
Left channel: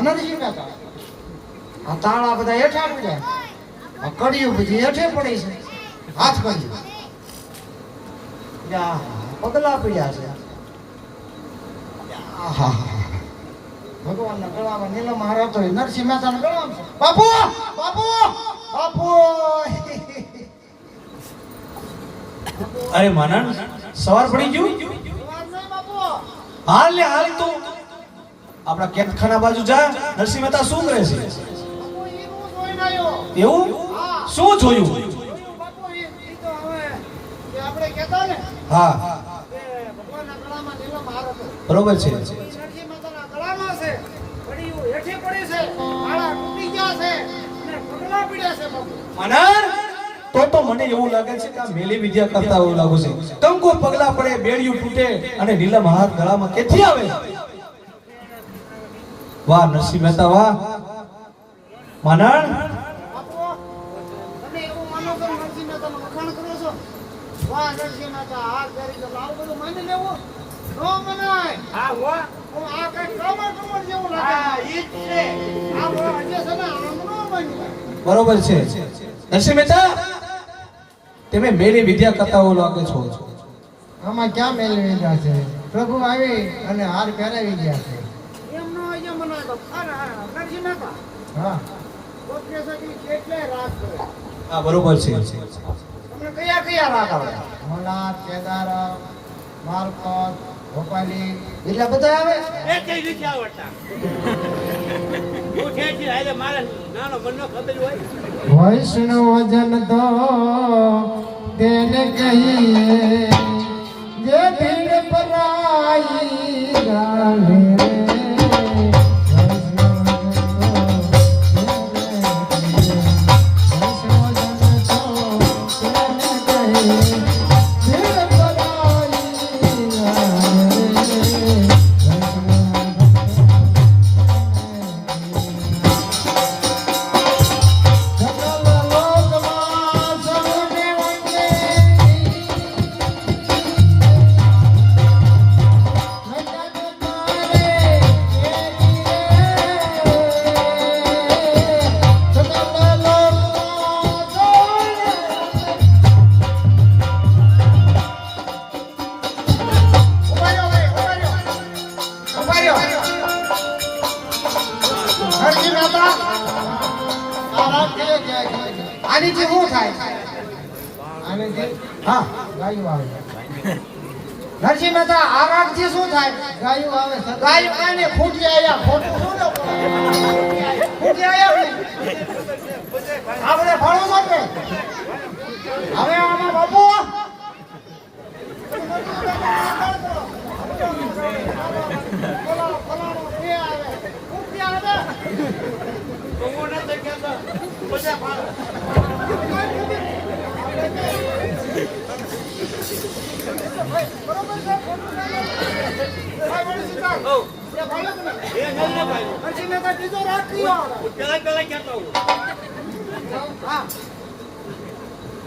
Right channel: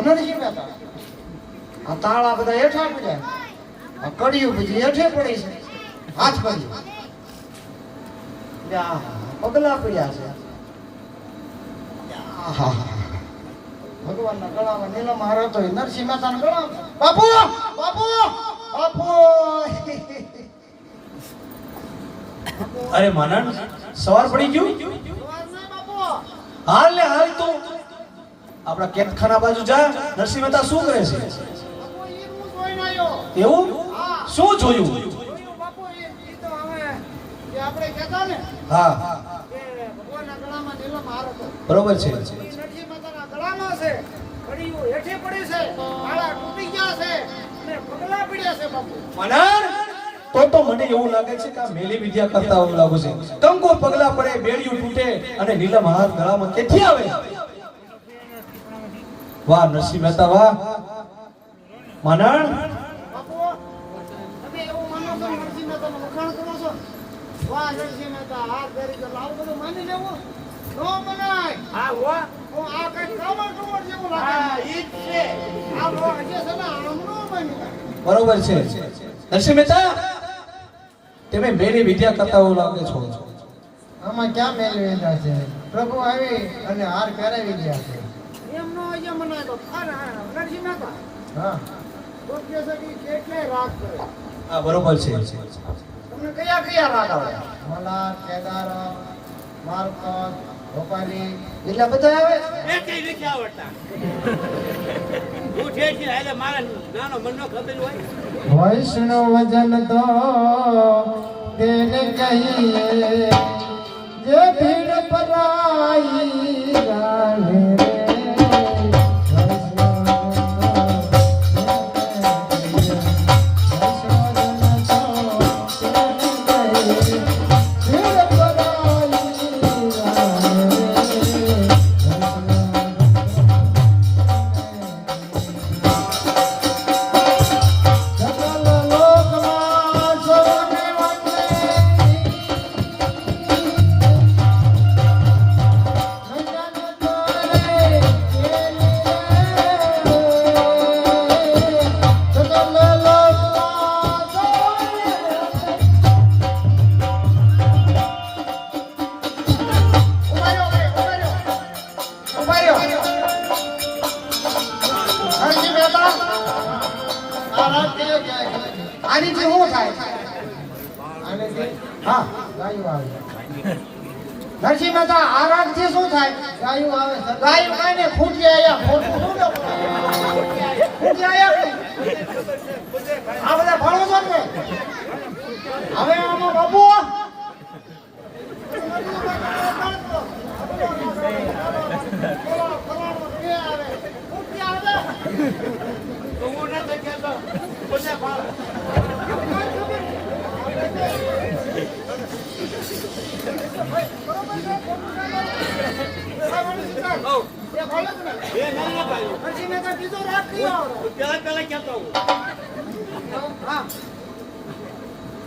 નરસિંહ મહેતા આ તાળા બધા હેઠા પડ્યા આ કડિયું બધી હેઠે પડી છે હાથ પડી જા પગલા પડ્યા છે આહા ભગવાનના ગળામાં નીલમ હાર હતો નરસિંહ મહેતાના ગળામાં બાપુ બાપુ બાપુ અરે માનણ સવાર પડી ગયું હાલ ને હાલ તો આપણા કેતખાના બાજુ જા નરસિંહ મહેતા શું કરે છે એવું શું જોયું આપણે કહેતા ને હા કે ભગવાનના ગળામાં નીલમ હાર હતો બરોબર છે નરસિંહ મહેતાના ગળામાં છે કડિયું હેઠે પડી છે તાળા તૂટી ગયા છે અને પગલા પડ્યા છે બાપુ માનણ તો મને એવું લાગે છે કે આ મેલી વિદ્યા કરતા એવું લાગે છે કંકુ પગલા પડે બેડિયું તૂટે અને નીલમ હાથ ગળામાં કેથી આવે વાહ નરસિંહ મહેતા વાહ માનણ બાપુ તમે એવું માનો છો નરસિંહ મહેતાનો વખાણ કરો છો વાહ નરસિંહ મહેતા હાથ ધરી તો આવું બધું માની લેવું નો મનાય હા હો આ કઈ કમર જેવું હા લાગે ઈ જ છે આ હજે છે ને આમ નો માન્ય બરોબર છે નરસિંહ મહેતા તમે મેલી વિદ્યા કરતા એવું લાગે છો આમાં ક્યાં મેળવી લીધા છે પ્રભુ આવી અને હાર પહેરાવી ગયા છે એમ નો હજે મનાય તો અરે નરસિંહ મહેતા હા કોક કે છે કે કેટલાય રાગ કરે હા બરોબર છે તમને કયા કયા રાગ આવડે મલા કેદાર માર્કત ભોપાલી એટલા બધા આવે એકેય નથી આવડતા હું ઠેઠ થી હાલે મારા નાનો મનનો ખબર હોય વૈષ્ણવજન તો તેને કહીએ જે ભીડ પરાઈ ગાલે આનીથી શું થાય આનીથી હા ગાયું આવે નરસિંહ મહેતા આ રાગથી શું થાય ગાયું આવે ગાયું કાને ખૂટી આયા ખોટું શું ને ખૂટી આયા આ બધા ભણો છો ને હવે આને બાપુ હું નથી કહેતો બધા ફાળે એ નહીં ના પાડ્યું નરસિંહ મહેતા બીજો રાગ કયો આવડે પેલા કહેતો હું હા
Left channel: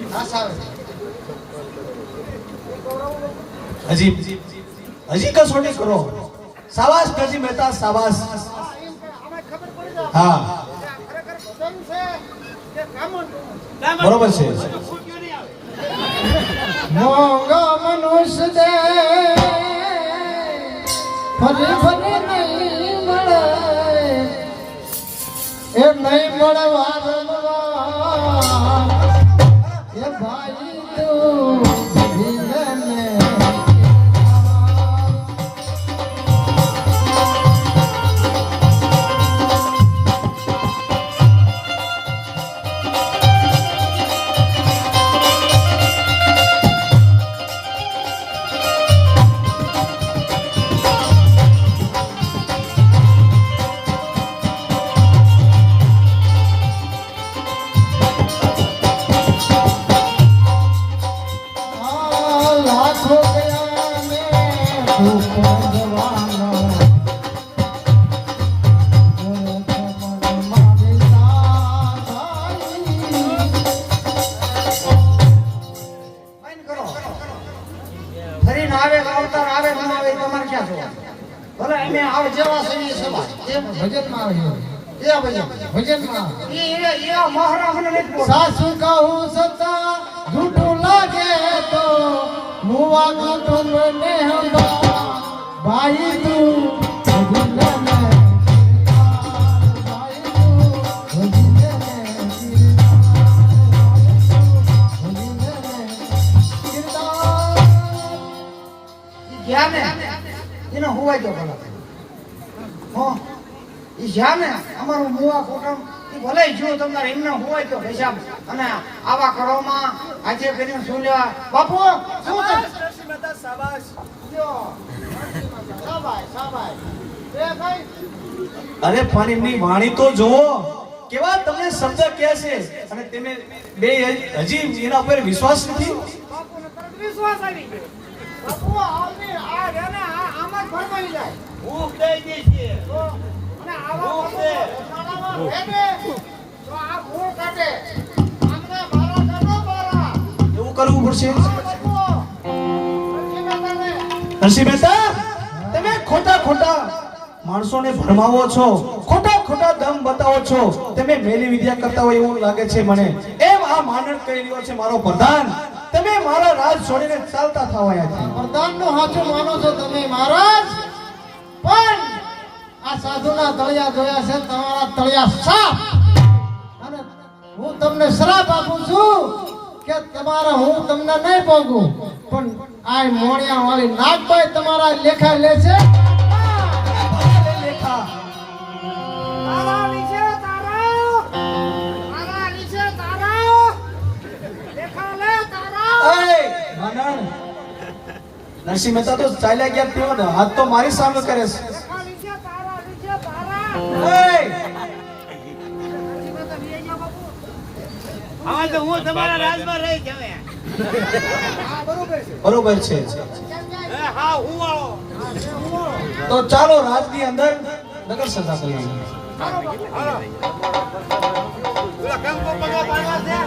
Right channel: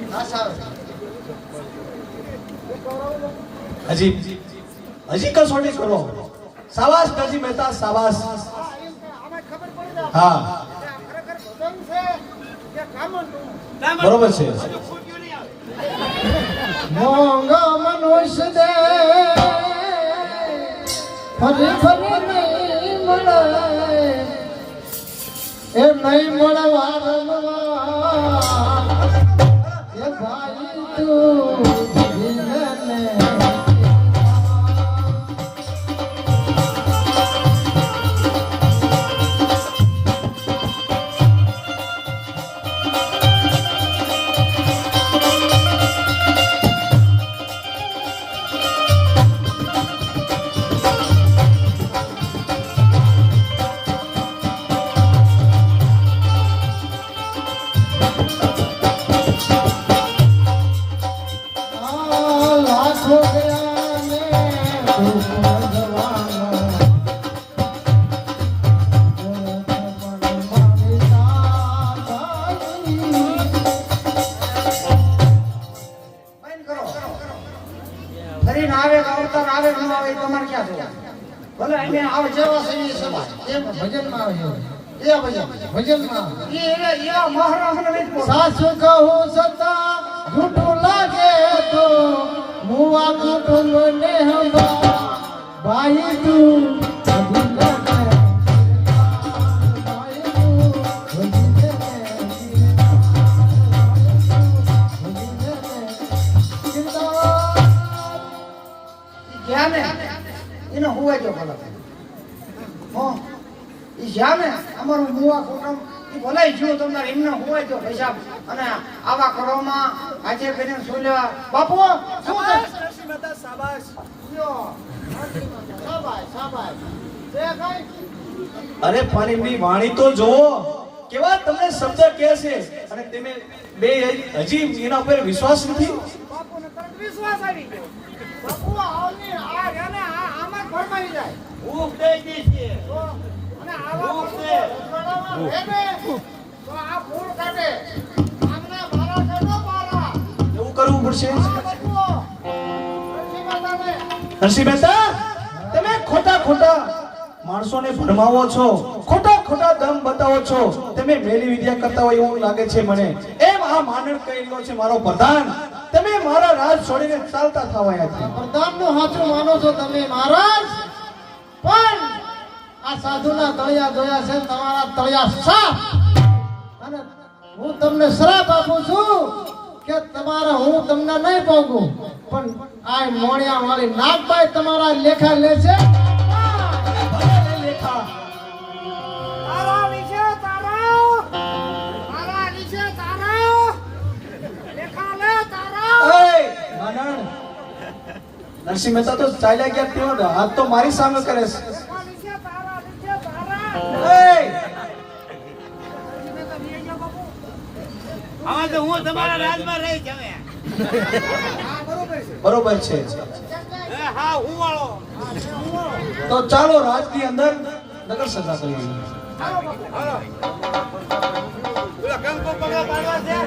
બસ આવે હજી કસોટી કરો સાબાસ નરસિંહ મહેતા સાબાસ હા એમ કે આમાં ખબર પડી જાય હા કે આ ખરેખર ભજન છે કે કામંડું બરોબર છે ખૂટ્યું નહીં આવે મોંઘા મનુષ્ય દે ફરી ફરી નહીં મળે એ નહીં મળવા રમવા એ ભાઈ તું ભીલને ભજનમાં આવે છે એ ભજનમાં એ મહારાજને નથી બોલતો. સાસુ કહું છતાં જૂઠું લાગે તો મુવા કુટુંબને હંભા ભાઈ તું ભજનને ભાઈ તું ગયા ને એને હોવાય જો ભલા હો ઈ જ્યાં ને અમારું મુવા કોટમ ઈ ભલાઈ જો તમને એમને હોવાય જો હિસાબ અને આવા કરવામાં આજે કરીને શું લેવા બાપુ શું છે નરસિંહ મહેતા શાબાશ લ્યો શાબાશ શાબાશ તે કઈ અરે પણ એમની વાણી તો જુઓ કેવા તમને શબ્દ કહે છે અને તમે બે હજી એના ઉપર વિશ્વાસ નથી. બાપુને તરત વિશ્વાસ આવી ગયો બાપુ આવની આ રેને આમ જ ફરમાઈ જાય ભૂખ દઈ ગઈ છે તો અને આવા ભૂખ છે. ઉખાડામાં રહેને તો આ મૂળ કાઢે આમને મારા કાઢો મારા એવું કરવું પડશે. આ બાપુ નરસિંહ મહેતાને નરસિંહ મહેતા તમે ખોટા માણસોને ભરમાવો છો, ખોટા દમ બતાવો છો, તમે મેલી વિદ્યા કરતા હોય એવું લાગે છે મને. એમ આ માનવ કહી રહ્યો છે મારો પ્રધાન, તમે મારા રાજ છોડીને ચાલતા થવા આવ્યા છો. પ્રધાનનું સાચું માનો છો તમે મહારાજ, પણ આ સાધુના તળિયા જોયા છે, તમારા તળિયા સાફ. અને હું તમને શ્રાપ આપું છું કે તમારા હું તમને નહીં પોગું, પણ આ મોણિયા વાળી નાગભાઈ તમારા લેખા લેશે. તારા નીચે તારા લેખા લે તારા એ માનણ નરસિંહ મહેતા તો ચાલ્યા ગયા તેઓ ને હાથ તો મારી સામે કરે છે. લેખા નીચે તારા એ હવે તો હું તમારા રાજમાં રહી જવે હા બરોબર છે બરોબર છે. હા હું વાળો તો ચાલો રાજની અંદર નગર સભા કરીએ. પેલા કંકુ પગલા પાડવા છે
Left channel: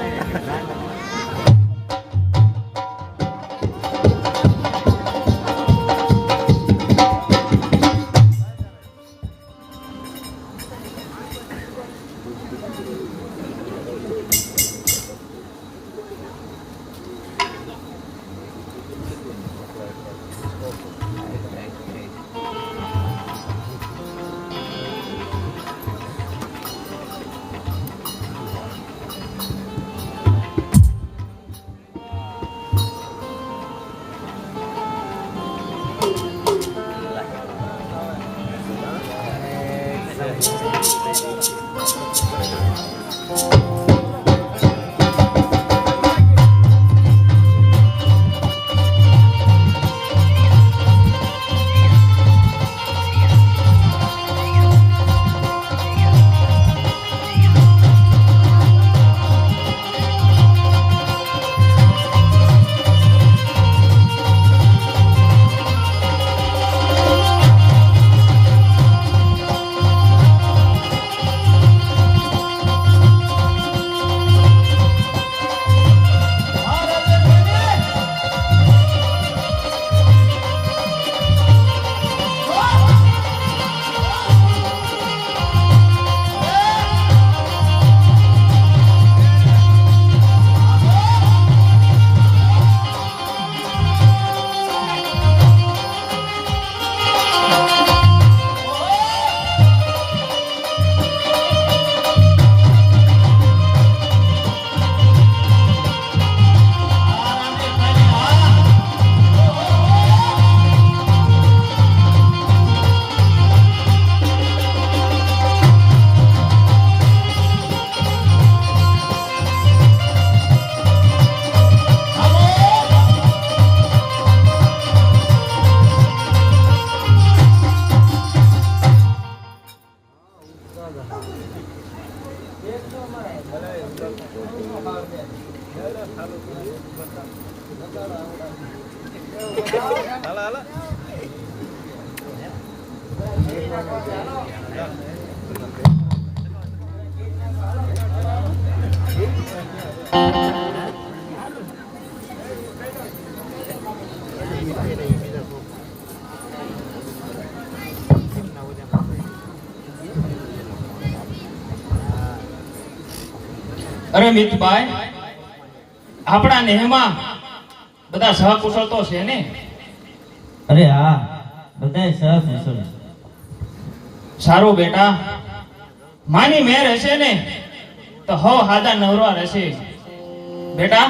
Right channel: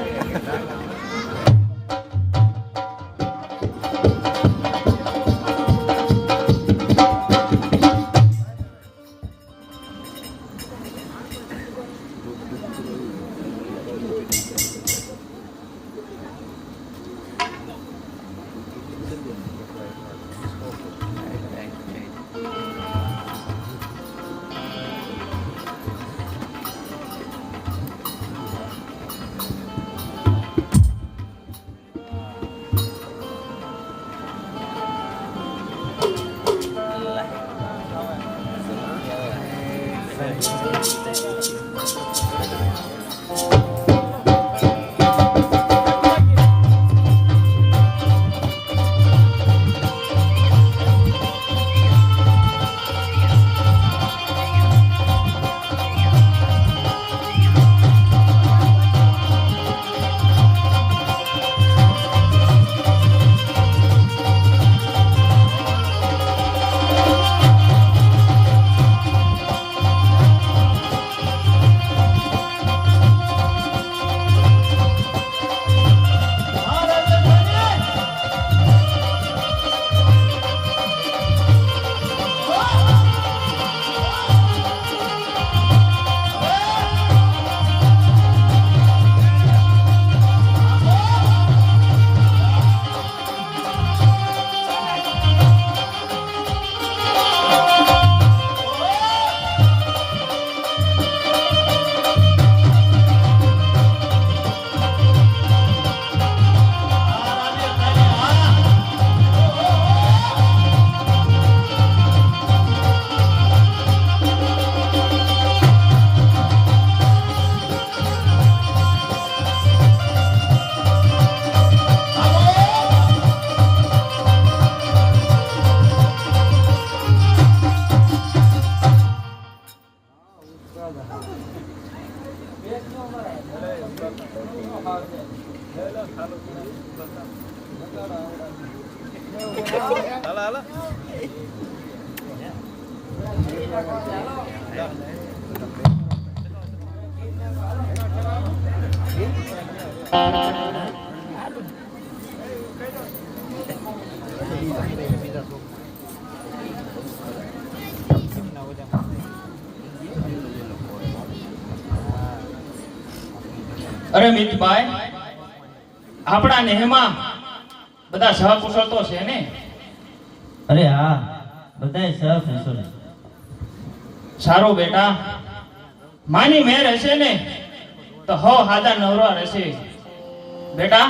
અરે મિતભાઈ, આપણા નેહમાં બધા સહકુશળ તો છે ને? અરે હા, બધાય સહકુશળ. સારું બેટા, માની મેર હશે ને તો હો હાદા નવરા રહેશે. બેટા,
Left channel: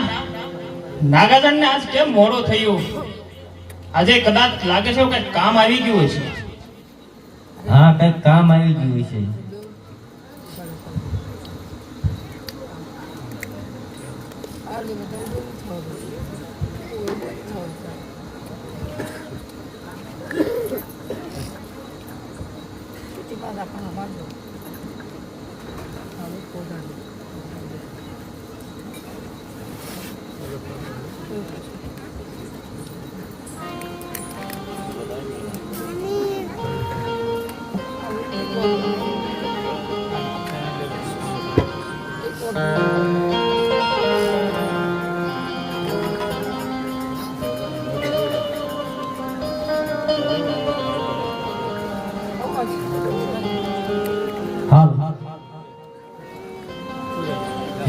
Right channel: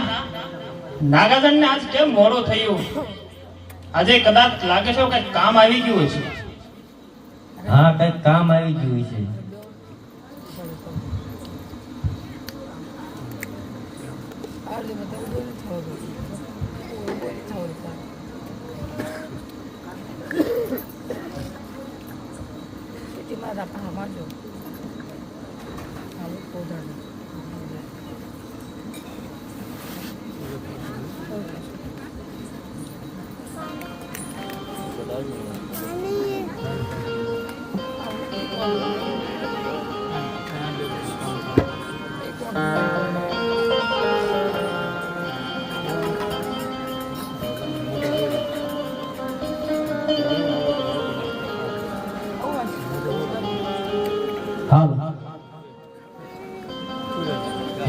નાગાજનને આજ કેમ મોડું થયું? આજે કદાચ લાગે છે કઈ કામ આવી ગયું હશે. હા, કઈક કામ આવી ગયું છે.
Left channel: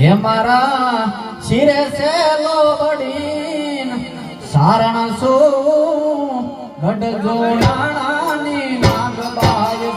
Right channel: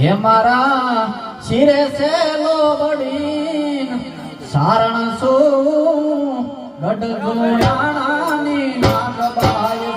હે મારા શિરે સેલો બડીન સારણ શું ગઢ ગોળાણાની નાગબાઈ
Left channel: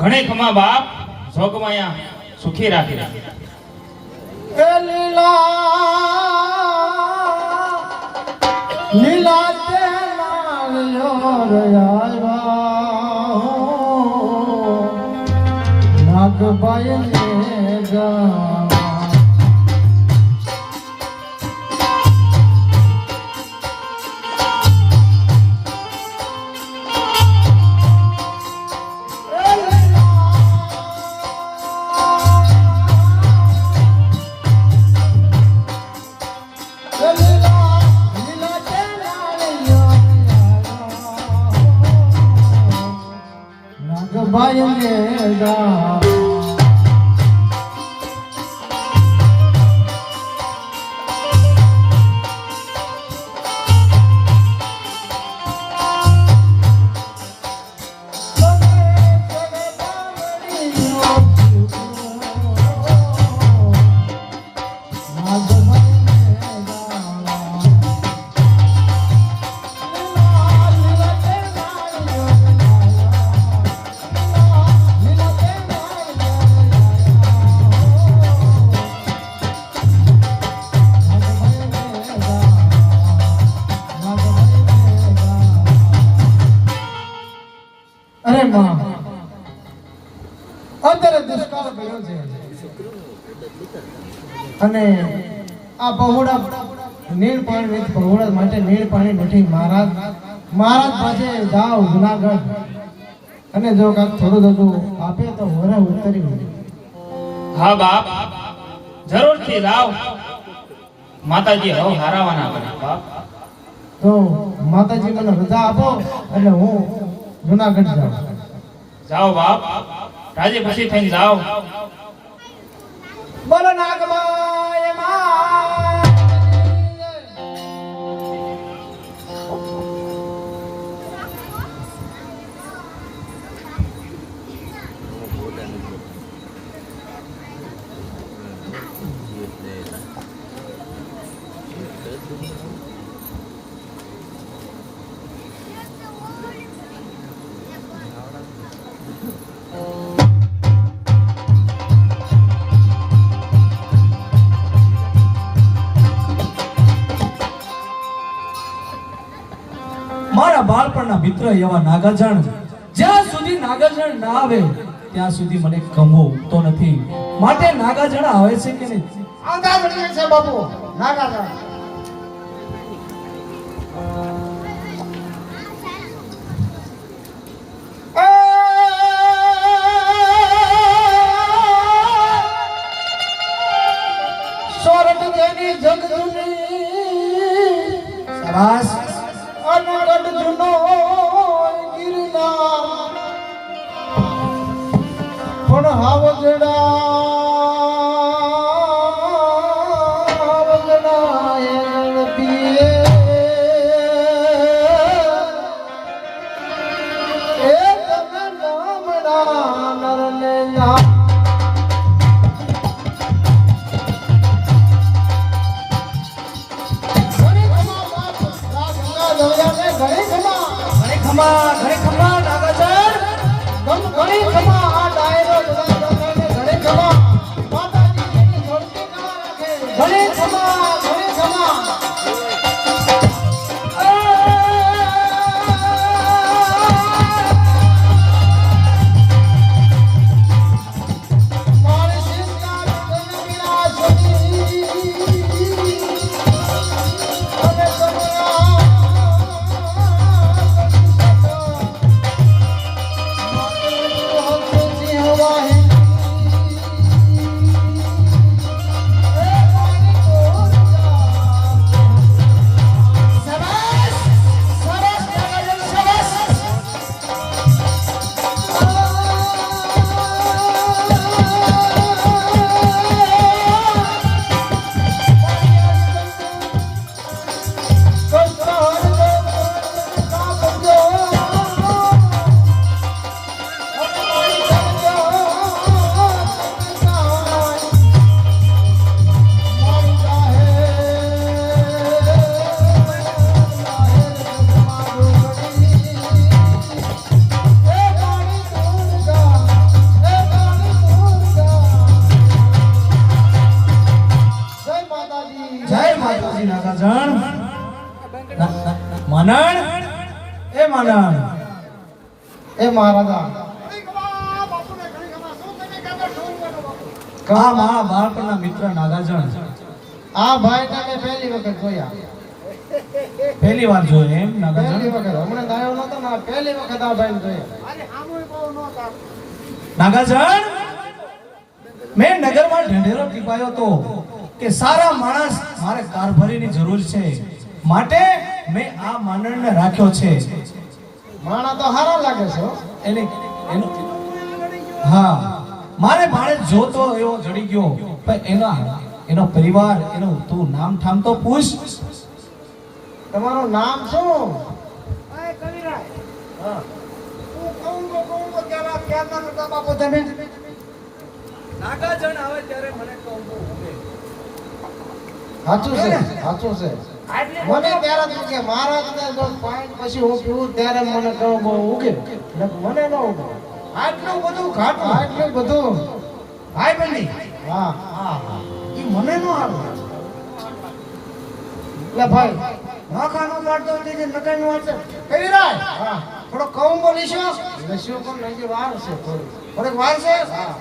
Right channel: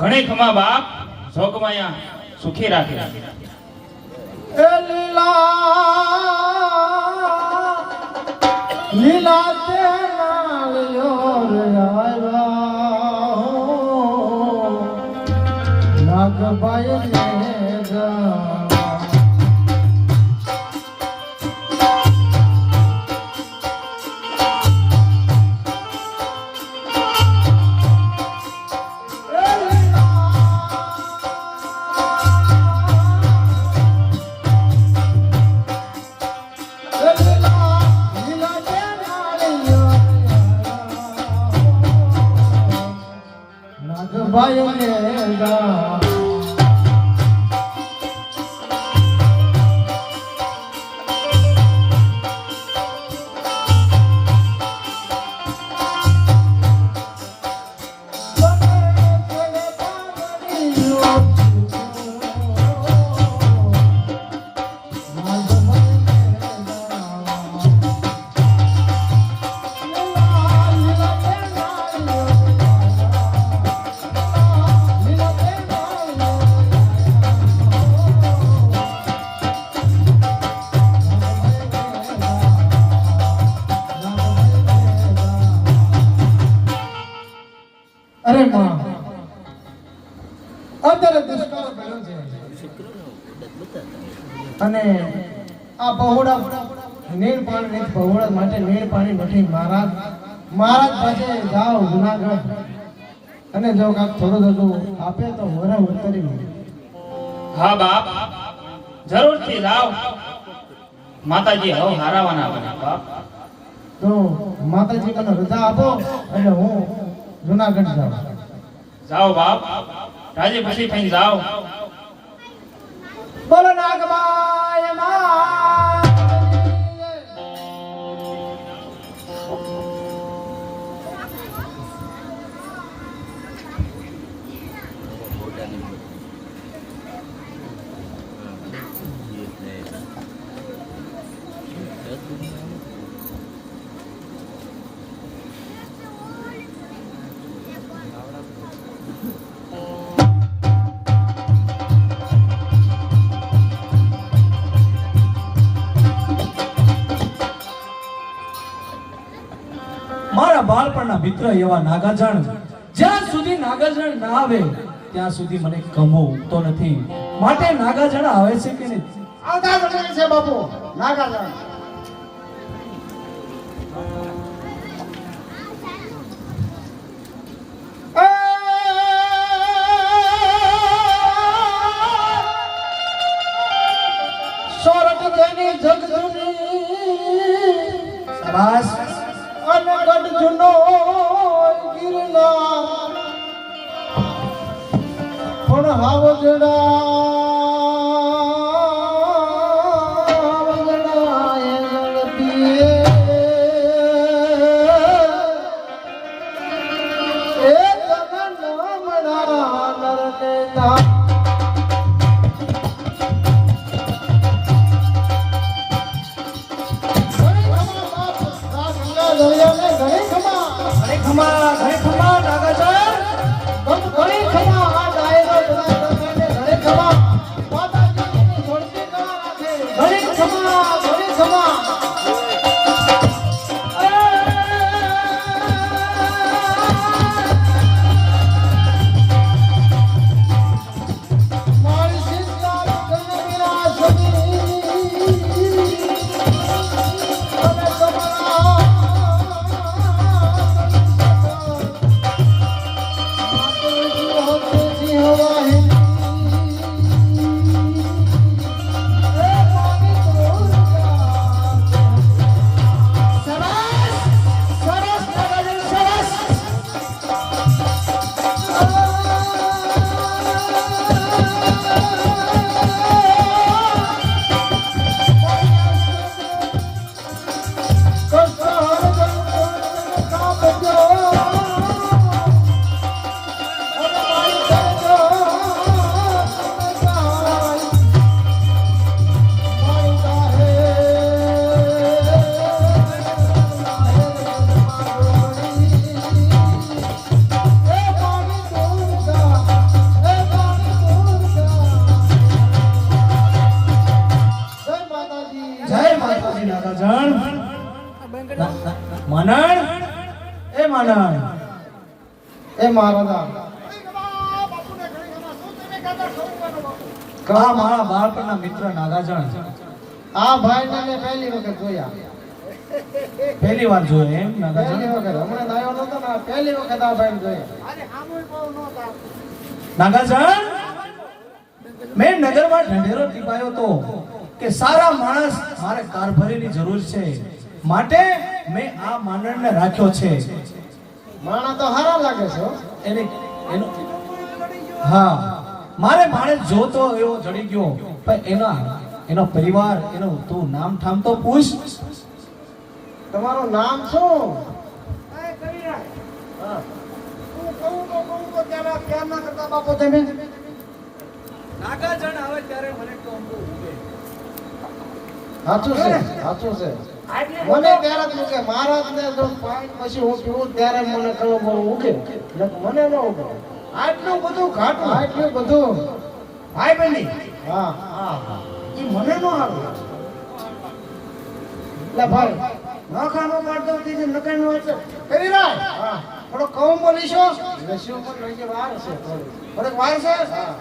ઘણે ખમા બાપ, જોગમાયા સુખી રાખી. લીલા તે નાગબાઈ અરે માં અત્યારે દુષ્કાળ પડ્યો છે અને આ બહોળા નીર પાણી બહોળા માટે નીર પાણી નથી. મહારાજ પાસે જાઓ જુનાગઢ અને જો કાંઈક થોડું બધું આપે તો વરે ઉતરી મળે. હા બાપ, જરૂરથી જાવ. માતાજી હવ હારાવાના કરે બાપ. તો માતાજી મને રજા આપો એટલે હું જુનાગઢ જાઉં. જાઓ બાપ, રાજી પછી થઈને જાઓ. બોલો નાગબાઈ માં મારા બાળપણના મિત્ર એવા નાગાજણ, જ્યાં સુધી નાગાજણ ના આવે ત્યાં સુધી મને કમો ઉગતો નથી. માટે નાગાજણ આવે છે કે નહીં? આવતા જણાય છે બાપુ નાગાજણ. સોરઠ દેની જગજુની શાબાશ. અને ગઢજુનો ગિરનાર પણ હાવજડા પીએ એ તગન નામડા નરને ના ઘરે ખમા નાગાજણ. જય માતાજી નાગાજણ. માનણ એ માનણ એ મહારાજા આ મારા બાળપણના મિત્ર નાગાજણ આ ભાઈને મેં પહેલી વખત જોયા. પહેલી વાર જોયો એમ પહેલી નાગાજણ? વખત હમણાં આવ્યો નતો ને આ પહેલી વખત આ ભાઈને જોયા. નાગાજણ, મેં નગરમાં ઢંઢેરો ટીપાયો તો કે સારા માણસ મારે કારભારીની જરૂર છે, માટે મેં આ માનણને રાખ્યો છે. માણા તો હારા લાગે છે હો. એને એનો હા, મારે ભાણે જોતો એવો જડી ગયો, પણ એનો પરિવાર, એનો તું નામ ઠામ તો પૂછ. તમારું નામ શું? નાગાજણ આવે ત્યારે મને કોંબો ઉગે. સાચું છે, સાચું છે. મને ત્યારે જ મૂકે મહારાજને જો પાણી પછી હું પીવું ત્યારે મને કહો મૂકે, મને ન ઉગે. આટલું બધું ખાટું, આટલું બધું ભાઈ બની. હા હા, એ મને ન આવે. એટલે ભાઈ નખાનો કાઢતો હતી જે નખાઈ નો વાંચે કરી રાય. હા, થોડો કમ બોલીશો. લસ્યું પણ નજી વાર છે, થોડીક વાર છે. હા,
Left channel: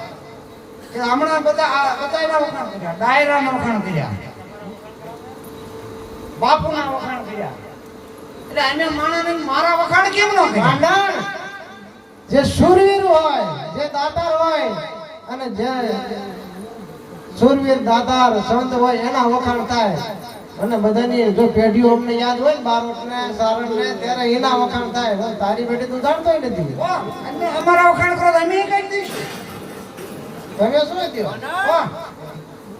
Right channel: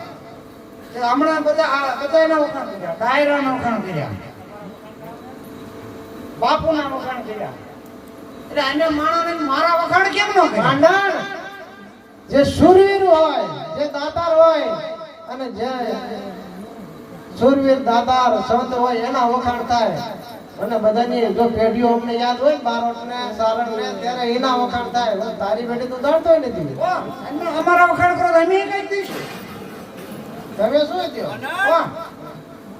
કે હમણાં બધાના વખાણ કર્યા, ડાયરાના વખાણ કર્યા, બાપુના વખાણ કર્યા. એટલે એને માણાને મારા વખાણ કેમ ન કર્યા? જે શૂરવીર હોય, જે દાતાર હોય, અને જે શૂરવીર દાતાર સંત હોય એના વખાણ થાય. અને બધાની જો પેઢીઓ અમને યાદ હોય, બારોટને સારણને, ત્યારે એના વખાણ થાય. તારી પેઢી તું જાણતો નથી. અમારા વખાણ કરો તો અમે કઈ દઈશું. તમે શું કહો?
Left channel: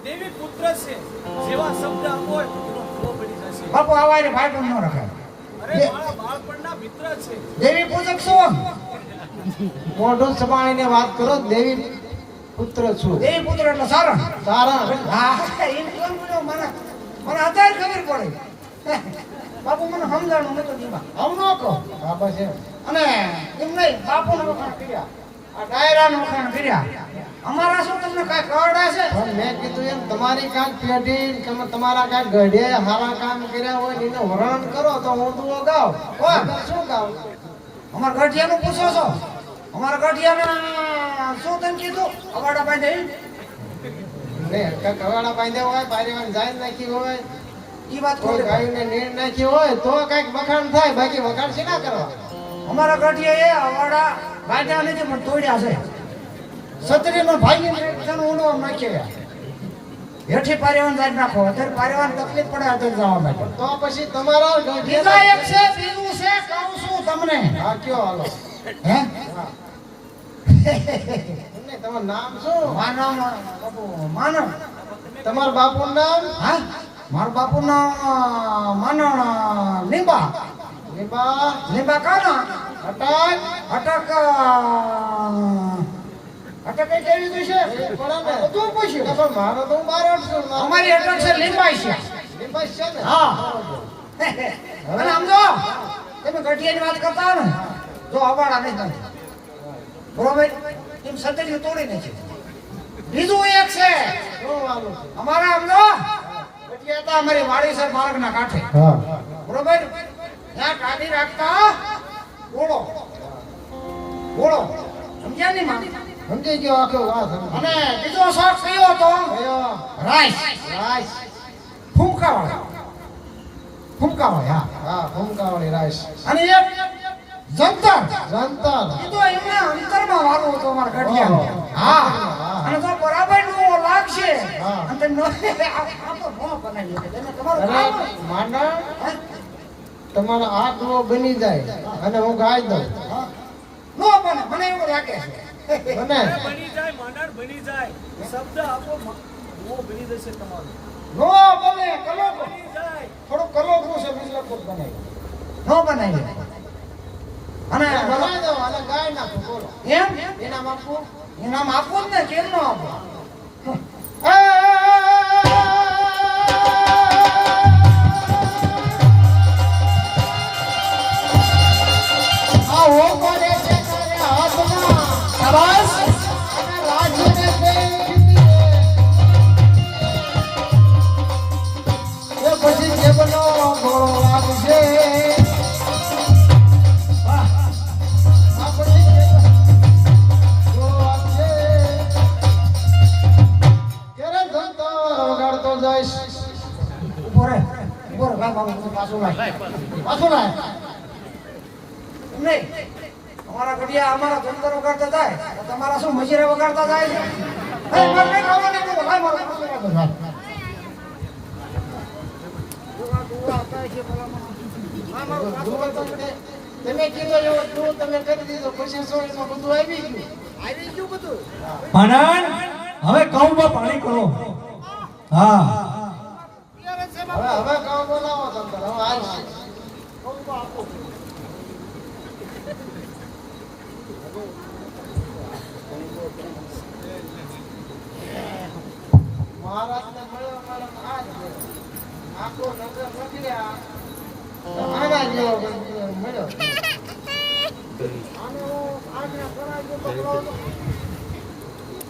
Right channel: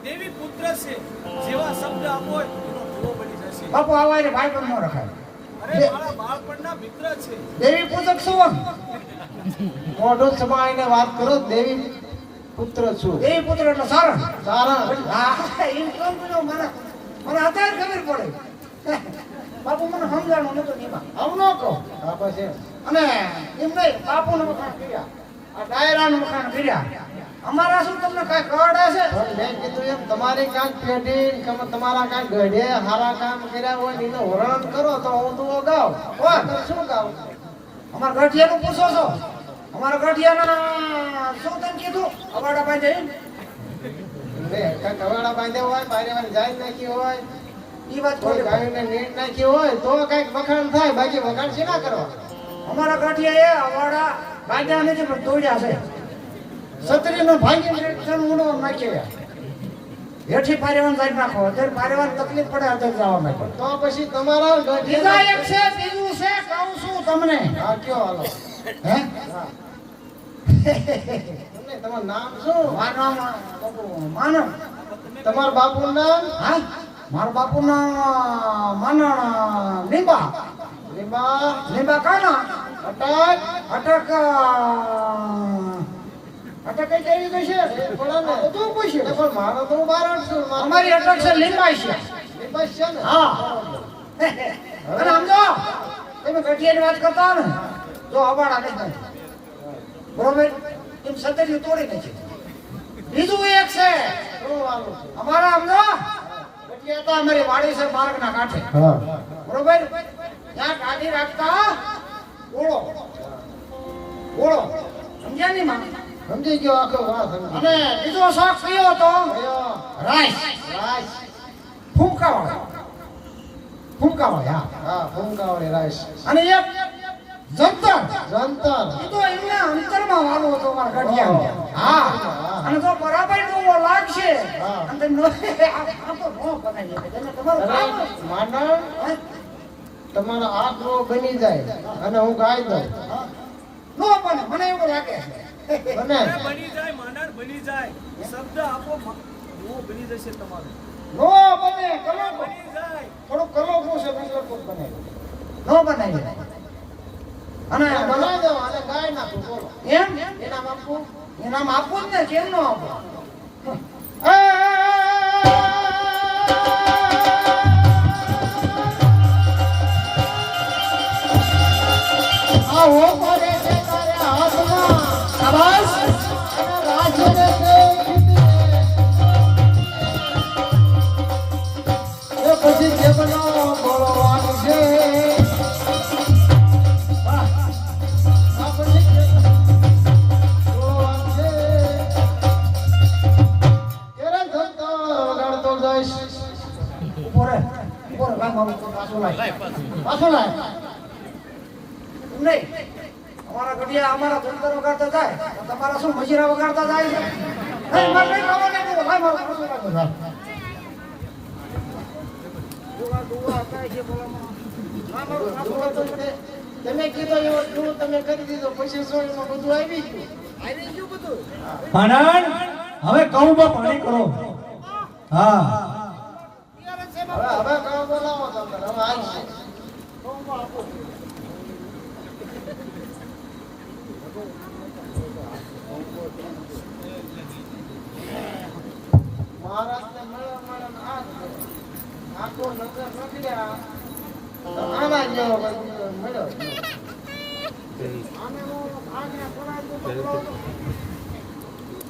દેવી પુત્ર છે, જેવા શબ્દ આપો એનો ધ્રુવ બની જશે. બાપુ આવાને ભાઈ પણ ન રખાય. અરે મારા બાળપણના મિત્ર છે. દેવી પૂજક શું? મોઢું સમાઈને વાત કરો. દેવી પુત્ર છું. દેવી પુત્ર એટલે સારણ. સારણ. હા, એમ સમજો. મને અત્યારે ખબર પડે. બાપુ મને સમજાણું નતું એમાં. આમ ન કહો. હા બસ એમ. અને એમ નહીં, બાપુને વખાણ કર્યા, આ ડાયરાનું વખાણ કર્યા, અમારા શું તમને કાંઈ કવડે છે પણ મેં કીધું એમ તમારી કાંઈક પેઢી તમે તમારા કાંઈક ગઢે સારા કામ કર્યા હોય ને એને વર્ણન કરો તો હું તો ગાઉં કોણ? શું ગાઉં અમારા ગઠિયાનું પૂછો છો અમારા ગઠિયાના શું તમે કીધું અવાડા પાસે ને કાંઈક હવાડા બાંધ્યા હોય બારેવાન જાય નાખી હોય ઈ વાત કોઈ ખોટી. ગાયોને નીર નાખી હોય તો કાંઈક વખાણ થાય બાકી વખાણ છે ના કરવા અમારા ગઠિયા એ અવાડા બાંધ્યા નથી પણ તોડ્યા છે સત્રીનો ભાંગી તમે ઊનો નાખ્યો હેઠી પારેવાન જાય નાખો અત્યારે પારેવાન તકલીફ પડે અત્યારે જવા માટે તો પછી તમારા બીજા એક છે બીજું છે કહું છું તમને હા કયો હાલો હે તમને તમારું નામ શું માનવ બાપુ માનવ તમારા બાપુનું નામ હા મારા બાપુનો માનવ લીંબા લીંબા લીંબા કાના અટક અટક અટક કઈ કેવી તો છે પડે ને બધું પૂછ્યું એટલે પણ મારો તો હું બારોટ છું અમારી અટક છે લીંબાઈ છે લીંબા જ છે ને હા અને સમજો તમે ગઠિયાની વાત કરતા હો ને જો અવાડા નહીં નથી બરોબર એમ સતરી તોડી નથી બીજું એક છે શું વાલું છે અમારા સમજો ગઠિયા હતા અમારી વાડી છે માર્ગના કાંઠે હા બરોબર ત્યાં કાઢી રાખતા ઓળો ઓળો સમજ્યા નહીં માં સમજી ગયો આખો વાત સમજી અને બીજો શોખ કયો હતો ગયો રાઈસ રાઈસ ફૂંકાવાળો ફૂંકાવાળો હા હા ફૂંકાવાળી રાઈસ અને એક જંતર જંતર એ તો એમના અંતરમાં વાળો હતો અમારા ગઢિયાનો. હા અને જો બરાબર નો લાગશે હા. અને તે આ તો નો બનાવી શકે એને તમારું કામ અને જ. માંડણ હે? તમારો આંકડો બની જાય અને હું ગાઈ દઉં નો બને મને એવું લાગે છે બને બની જાય માંડણ બની જાય શબ્દ આપો નો બની જશે તમારું નો બને કલો બની જાય થોડું કલોકરું છે મતલબ બનાવી નો બનાવી અને બનાવી દઉં અને ગાઈ નાખું બોલો એમ એના બાપુ એનામ આપવું જ ને કેમ નો આપો આવો મારે તે તારા હાથમાં શાબાશ. અને વાંચીને કઈ એ પછી જેબનો ગોળો વાગશે આ પછી ગોળો વાગશે ત્યારે ધંધો વગાડતો જઈશ ઉભો રે ભાઈ મારું પાછું લાય નહીં અમારા ઘડિયા અમારા ધંધો વગાડતા થાય તમારા શું મજીરા વગાડતા થાય છે એ મને ખાવાને બોલો ભાઈ મારું પાછું લાય ભાઈ જોવા દુવા હતા છે ભલામણ હા મારું પાછું લાય તમે કીધું એવો તું તમે કરી દીધો પછી શું એમાં બધું આવી ગયું આવી ગયું બધું માંડણ હવે કઉમાં પાણી કરો હા હવે કામ બોલાવો તમે હવે આવશે મહારાજને મળ્યો મેડમ આ જ મળ્યો. આખો નગર રખડ્યા તો આના જેવો મળ્યો આને હું આજના ગણાજી પકડો તો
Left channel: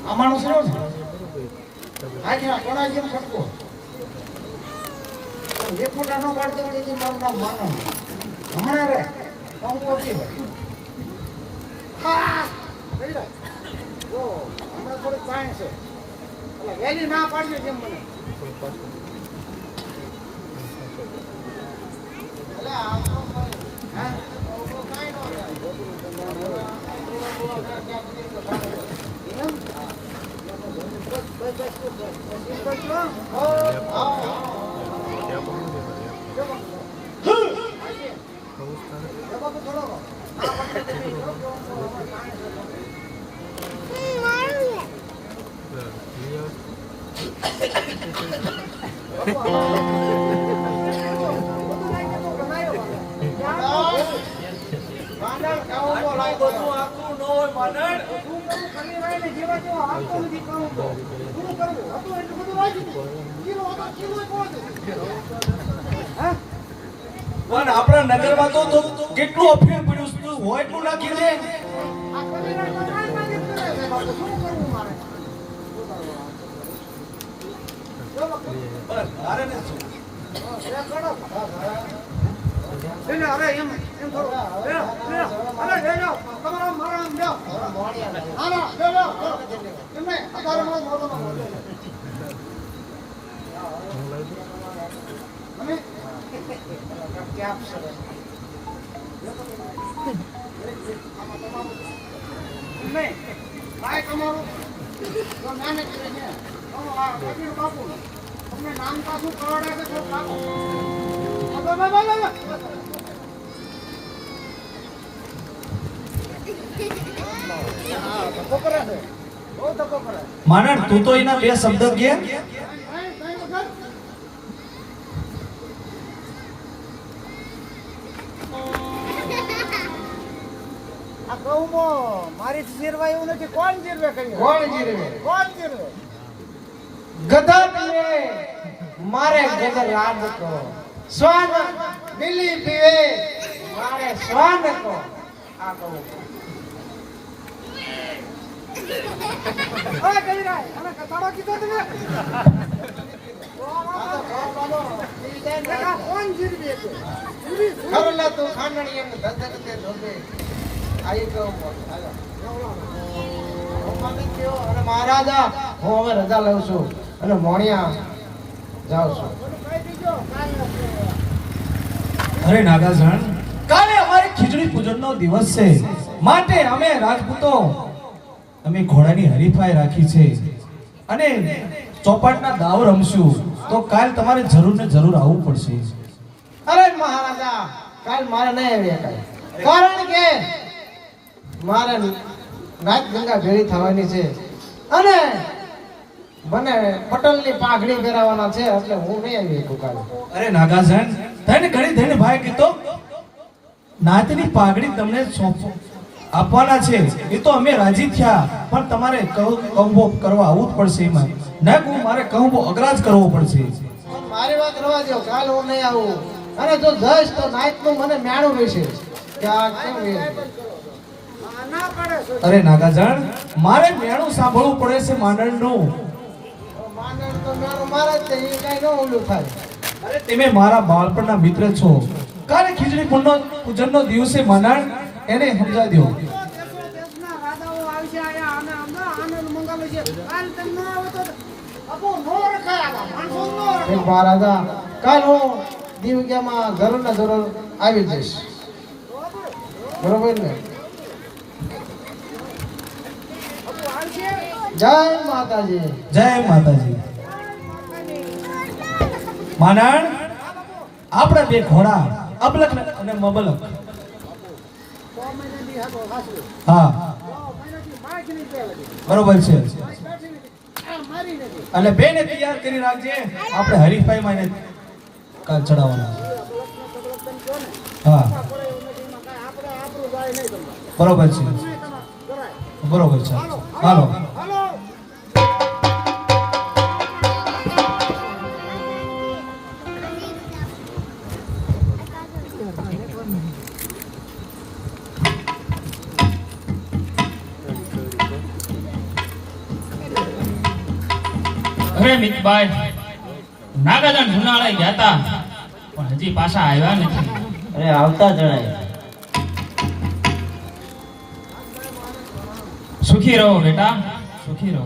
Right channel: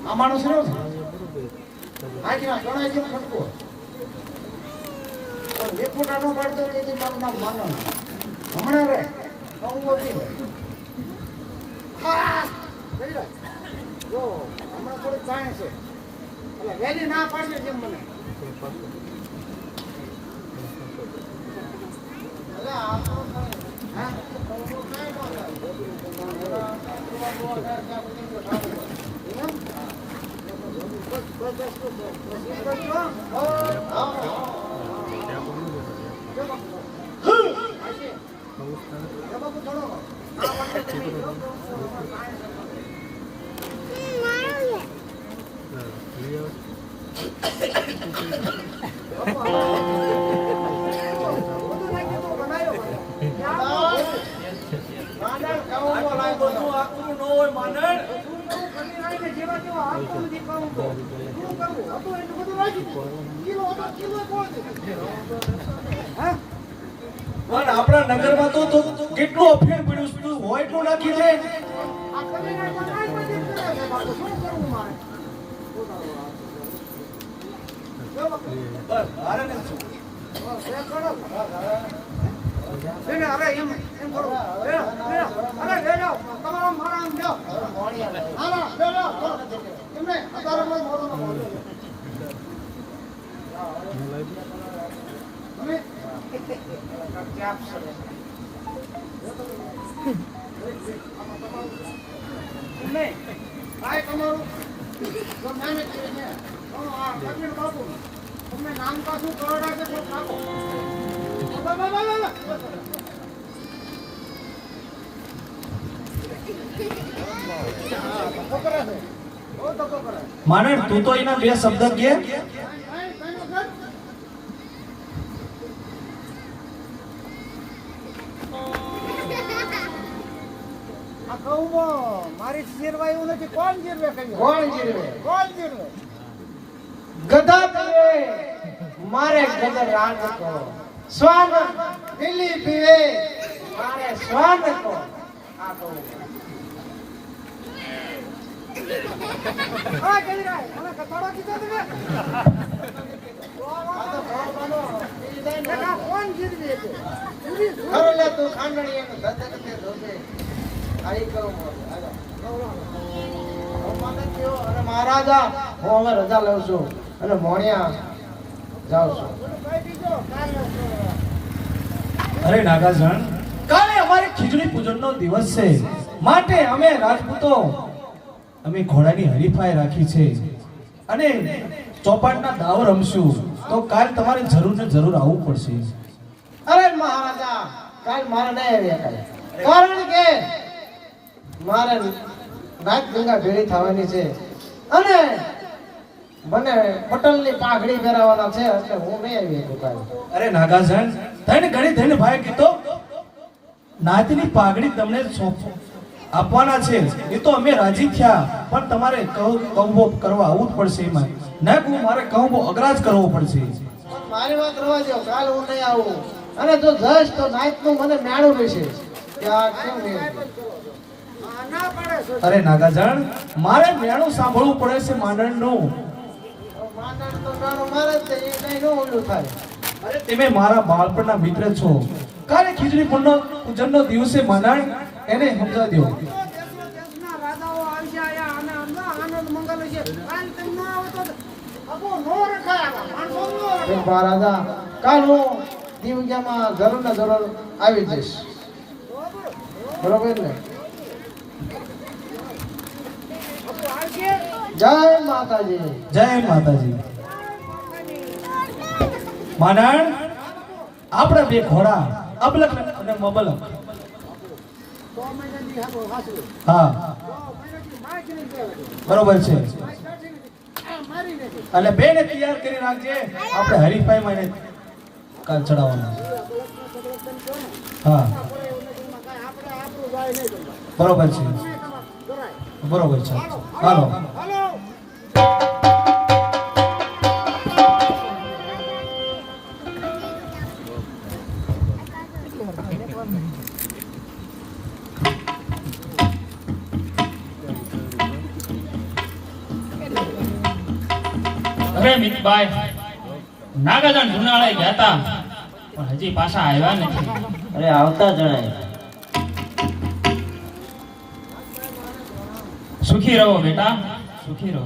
આ માણસ રહ્યો છે આજના ગણાજી પકડો એક ફૂટા નો પાડતો કે જે તમને માનો હમણાં રે હું ઓછી હા લઈ લો જો હમણાં થોડીક કાંઈ છે એટલે વહેલી ના પાડજો કેમ મને એટલે આપણો હા કાંઈ ન થાય. એમ? બસ બસ બસ બસ બસ એ કરજો હો. બાપુ થોડો આ વખતે માંડણ કાઉમાં લાગ્યો. બધું આખું ન હોય માંડણ પણ આપણા નગરમાં તો કેટલું અફેર પડ્યું છે. તું હોય એટલું નાખી દે અરે એમ એમ કરો અરે તમારો મારા આમ લ્યો આના લ્યો એમને અત્યારે કોઈ મોટો ન બોલે મને ક્યાં સરસ નહીં ભાઈ તમારું જો નાને કરે છે ફકીર બાપુ તમને નામ પાછું કરવડાય છે થોડું નાખો માનડ તું તો એના બે શબ્દ કે આ કહું મારી જીરવા એવું નથી કોણ જીરવે કહ્યું કોણ જીરવે ગધા પીવે મારે ગજર યાદ કરો શ્વાન બિલી પીવે મારે શ્વાન કહો આ કહું ઓય કવિરાજ મને કથાડો કીધો તમે આ કોણ જીરવે છે ખરોલા તું ખાંડણી એમ ગધે ગધે ધોબે આઈ કહું હાલો અને મહારાજા હું હવે રજા લઉં છું અને મોણિયા જાઉં છું બોલો કઈ દીજો કાલે અરે નાગાજણ કાલે અમારે ખીચડી પૂજનનો દિવસ છે માટે અમે રાજપૂતો અમે ઘોડાની હરીફાઈ રાખી છે અને ચોપાટના દાવ રમશું તો કાલ તમારે જરૂર ને જરૂર આવવું પડશે અરે મહારાજા કાલ મારે નહીં આવી શકાય કારણ કે મારે રાત ગંગા ભેળી થવાની છે અને મને પટલની પાઘડી પહેરાવવાના છે એટલે હું નહીં આવી શકું કાલે અરે નાગાજણ તને ઘણી થઈને ભાઈ કીધો નાતની પાઘડી તમને આપવાના છે એ તો અમે રાજી થયા પણ તમારે કહુંબો કરવા આવવું જ પડશે એમાં ના કહું મારે કહુંબો અગ્રાજ કરવો પડશે મારી વાત રવા દો કાલ હું નહીં આવું અને જો જશ તો નાઈટનું મને મેણું રહેશે કે આ કેમ રહે? ના પડે છે અરે નાગાજણ મારે મેણું સાંભળવું પડે છે માંડણનું માનણ તો મેણું મારે જ છે, એ કાંઈ ન ઓલું થાય અરે તમે મારા બાળપણના મિત્ર છો કાલે ખીચડી પૂજનનો દિવસે માંડણ એને સમજાવી દો દેશના રાજાઓ આવશે આયા અને આનંદ મંગલ છે કાલ તેમ ન આવે તો અપો નો રખાય આવા માણસો નો એ રખાય મહારાજા કાલ હું દીવગ્યામાં જરૂર આવી જઈશ બરોબર ને અપો આવશે જય માતાજી જય માતાજી માંડણ આપણે બે ઘોડા અબલક અને મબલક તો મને દી હતો હાસુ હા તો મને દી માઈક ની દેવાની બરોબર છે માઈક નથી આ મારી નથી અને બેને તૈયાર કરી રાખજે આપણે હરીફાઈમાં એને કાલ ચડાવવાના છે. હા આપણે એવું નથી એમાં કાંઈ આપણે આપણું જાય નહીં તમારે બરોબર છે નહીં તમારે કરાય બરોબર છે હાલો હાલો અરે મિતભાઈ નાગાજણ જુનાળે ગયા હતા પણ હજી પાછા આવ્યા નથી. અરે આવતા જણાય સુખી રહો બેટા, સુખી રહો.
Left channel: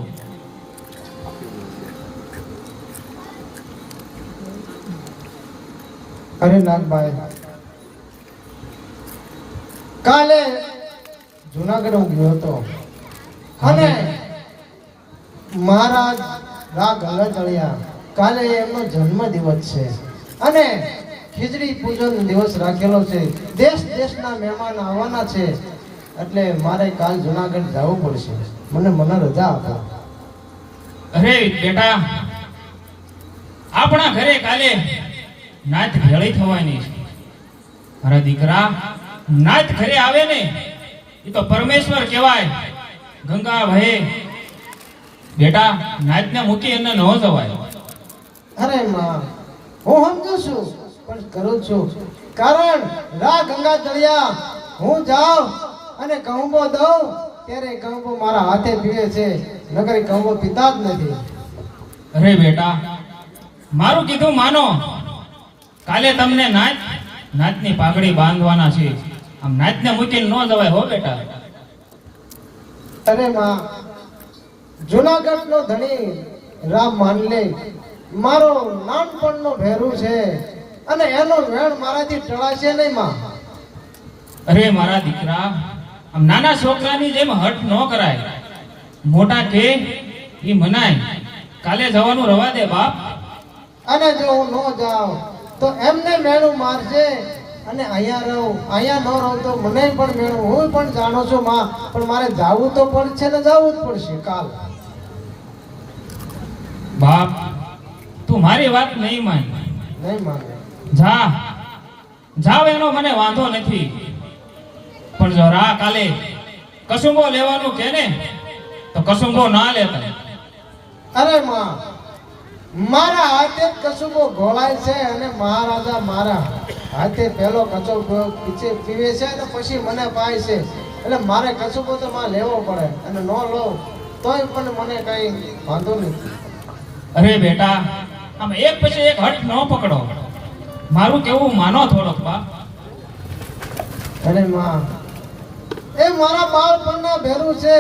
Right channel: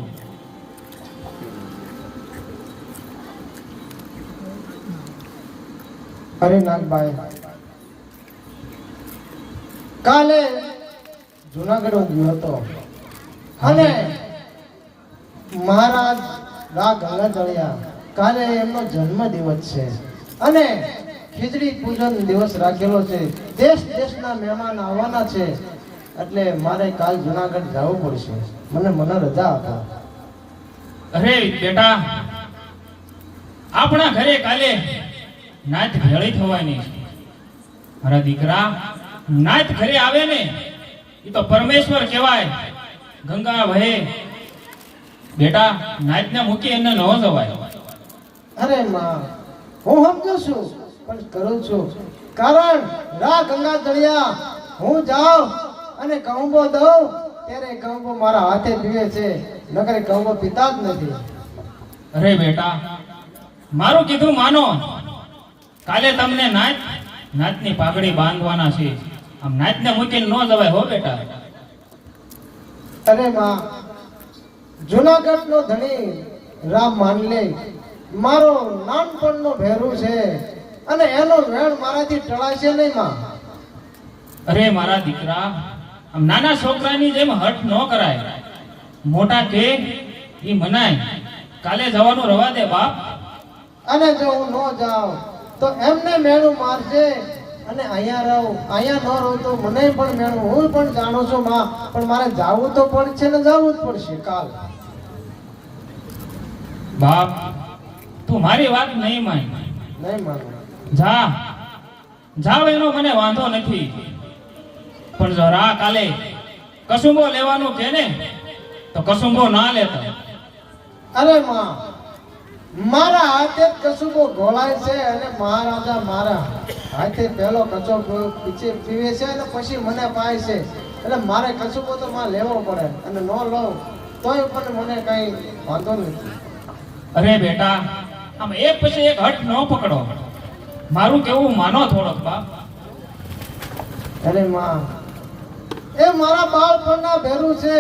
અરે નાગભાઈ કાલે જુનાગઢ હું ગયો હતો અને મહારાજ રા ગંગાધળિયા કાલે એમનો જન્મ દિવસ છે અને ખીચડી પૂજન દિવસ રાખેલો છે દેશ દેશના મહેમાન આવવાના છે એટલે મારે કાલ જુનાગઢ જવું પડશે મને રજા આપો અરે બેટા, આપણા ઘરે કાલે નાત ભેળી થવાની છે. મારા દીકરા, નાત ઘરે આવે ને એ તો પરમેશ્વર કહેવાય. ગંગા વહે બેટા, નાતને મૂકી એને ન જવાય. અરે માં હું સમજુ છું પણ કરું છું કારણ રા ગંગા તળિયા હું જાઉં અને કહુંબો દઉં ત્યારે ઘઉં મારા હાથે પીવે છે, નકરી ઘઉં પીતા જ નથી. અરે બેટા, મારું કીધું માનો. કાલે તમને નાતની પાઘડી બાંધવાના છે. આમ નાતને મૂકીને ન જવાય હો બેટા. અરે માં, જુનાગઢનો ધણી રામ માનલે મારો નાનપણનો ભેરું છે અને એનો વેણ મારાથી ટળાશે નહીં માં. અરે મારા દીકરા, આમ નાના છોકરાની જેમ હઠ ન કરાય. મોટા કે ઈ મનાય. કાલે જવાનું રવા દે બાપ. અને જો હું ન જાઉં તો એમને મેણું મારશે અને અહીંયા રહું, અહીંયા ન રહું તો મને પણ મેણું. હું પણ જાણું છું માં, પણ મારે જાવું તો પડશે ને જાવું જ પડશે કાલ. બાપ, તું મારી વાત નહીં માન. નહીં માને. જાવ એનો મને વાંધો નથી, પણ જો રા કાલે કસુંબો લેવાનું કે ને તો કસુંબો ના લેતા. અરે માં, મારા હાથે જ કસુબો ઘોળાય છે અને મહારાજા મારા હાથે પહેલો કચો પીવે છે અને પછી મને પાય છે. એટલે મારે કસુબો તો માં લેવો પડે અને ન લઉં તોય પણ મને કઈ વાંધો નથી. અરે બેટા, આમ એક પછી એક હઠ ન પકડો. મારું કેવું માનો થોડોક બાપ. અરે માં, એ મારા બાળપણના ભેરું છે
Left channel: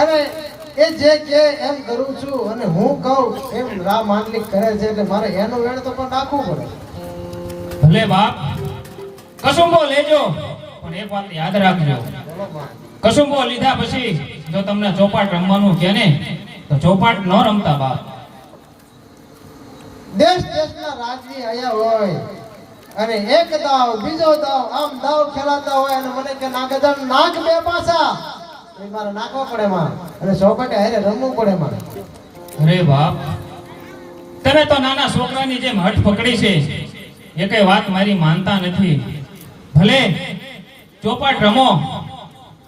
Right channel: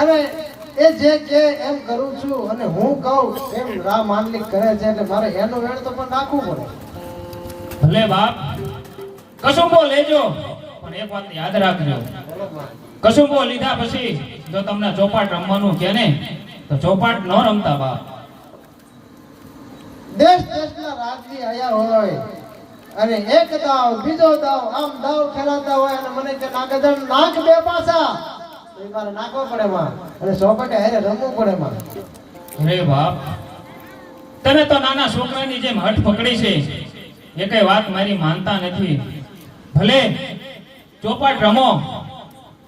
અને એ જે કે એમ કરું છું અને હું કહું એમ રામ માંડલિક કરે છે એટલે મારે એનું વેણ તો પણ રાખવું પડે. ભલે બાપ, કસુંબો લેજો, પણ એક વાત યાદ રાખજો. બોલો માં. કસુંબો લીધા પછી જો તમને ચોપાટ રમવાનું કે ને તો ચોપાટ ન રમતા બાપ. દેશ દેશના રાજથી આયા હોય અને એક દાવ બીજો દાવ આમ દાવ ખેલાતા હોય અને મને કે નાગદણ નાક બે પાસા તો ઈ મારે નાખવા પડે માં અને ચોપાટે હારે રમવું પડે માં. અરે બાપ, તમે તો નાના છોકરાની જેમ હઠ પકડી છે. એ કઈ વાત મારી માનતા નથી. ભલે ચોપાટ રમો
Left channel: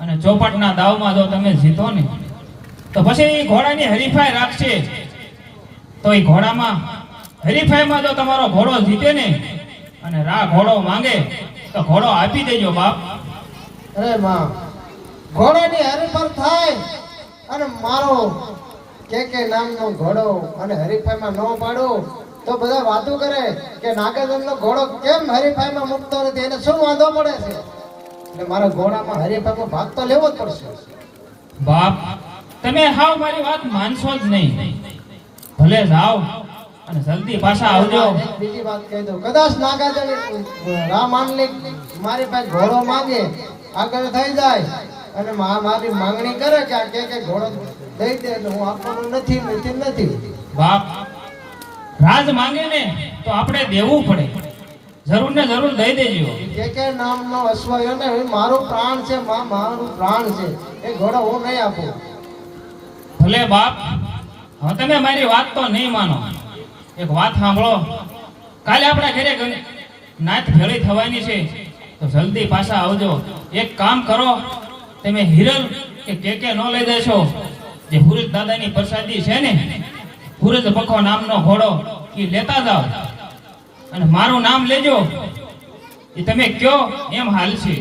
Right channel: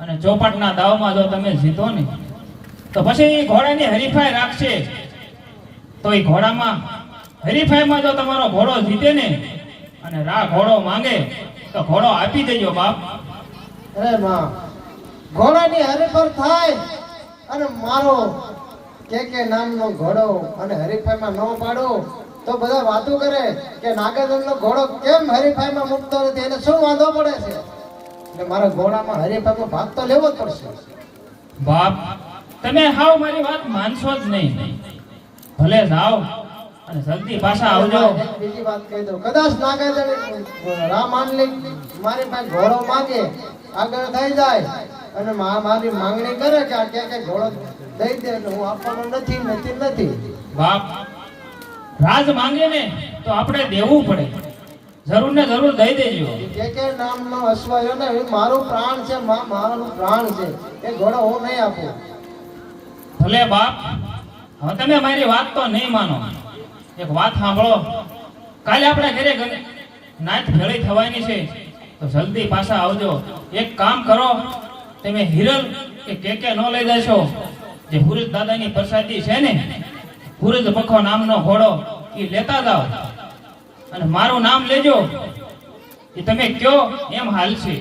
અને ચોપાટના દાવમાં જો તમે જીતો ને તો પછી એ ઘોડાની હરીફાઈ રાખશે. તો એ ઘોડામાં હરીફાઈમાં જો તમારો ઘોડો જીતે ને અને રા ઘોડો માંગે તો ઘોડો આપી દેજો બાપ. અરે માં, ઘોડાની હરીફાઈ થાય અને મારો કે નામનો ઘોડો અને હરીફાઈમાં ન પાડો તો બધા વાતો કરે કે નાગેન્દ્રનો ઘોડો કેમ હરીફાઈમાં મૂકતો નથી, એને શું વાંધો પડે છે. એટલે મારે ઘોડામાં હરીફાઈમાં ભાગ તો લેવો જ પડશે. બાપ, તમે હાવ મારી વાત માનશો જ નહીં. ભલે જાઓ અને જલ્દી પાછા આવજો. એક બીજી વાત કહી દઉં, કદાચ નાગાર્જુન રામ માંડલિક મારી પાસે ઘોડો માંગે આગળ થઈ જાય અને મારી માંગણી કરે કે આ કે ઘોડો દઈ દે એટલે હું આપવાનો નથી. બાપ, રાજ માંગે ને તો આપણે દેવું પડે. જરૂર ને જરૂર દઈ દેજો. કે નામનો અશ્વયો ને એ મારું પ્રાણ છે, મારું પ્રાણ છે, એ ઘોડો હું નહીં આપું. ભલે બાપ, હવે તમે મારી વાત તો નહીં માનો. એક વાત સાંભળો, કાલે આપણે ઘરે નાચ ભેળી થવાની છે તો જલ્દી પાછા આવજો. એક કામ કરો, તમે હિરલ કે ન લઈ જશો. જે હુરજ દાદાની પ્રસાદી છે ને, હુરજ બખો નામનો ઘોડો એ લેતા જાઓ અને મારું નામ લેજો. એ તમે કયો એમ હાલ છે.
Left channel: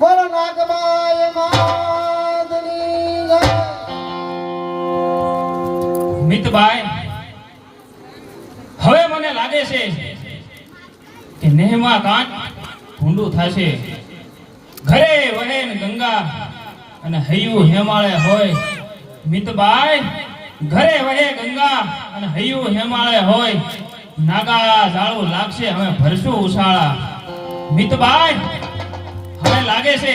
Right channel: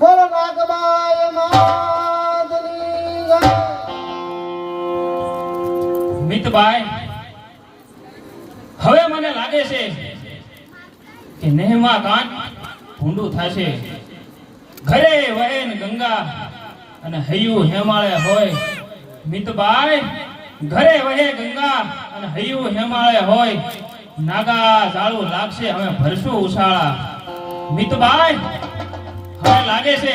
બોલો નાગબાઈ માતની જય. મિતભાઈ, હવે મને લાગે છે કે નેહમાં કાંટ ભૂંડું થશે. ઘરે વહે ને ગંગા અને હૈયું હેમાળે હોય. મિતભાઈ, ઘરે વહે ગંગા અને હૈયું હેમાળે હોય. નાગા જાળું લાગશે, હવે ભરશું ઉછાળા. મિતભાઈ, હવે લાગે છે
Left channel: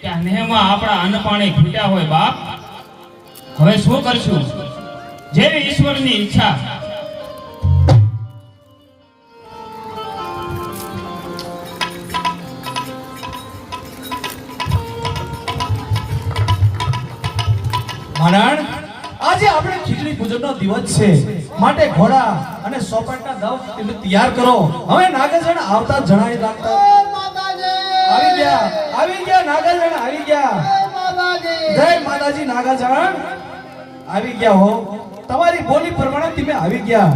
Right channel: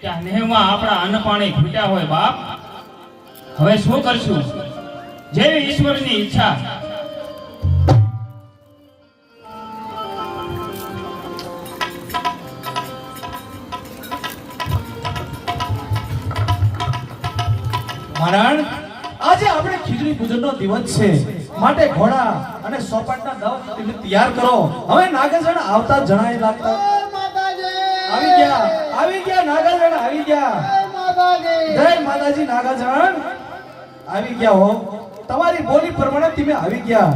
કે આ નેહમાં આપણા અન્ન પાણી ખૂટ્યા હોય બાપ. હવે શું કરશું? જેવી ઈશ્વરની ઈચ્છા. મહારાણ, આજે આપણે ખીચડી પૂજનનો દિવસ છે, માટે ઘોડા અને સોપાટના દાવ તમે તૈયાર કરો. હવે નાગરજણ આવતા જણાય લાગતા આવી ગયા નાગરજણ આવી ગયા. જય માતાજી. નાગરજણ આવી ગયા હો. તમારી બોલી પ્રમાણે તમે આવી ગયા.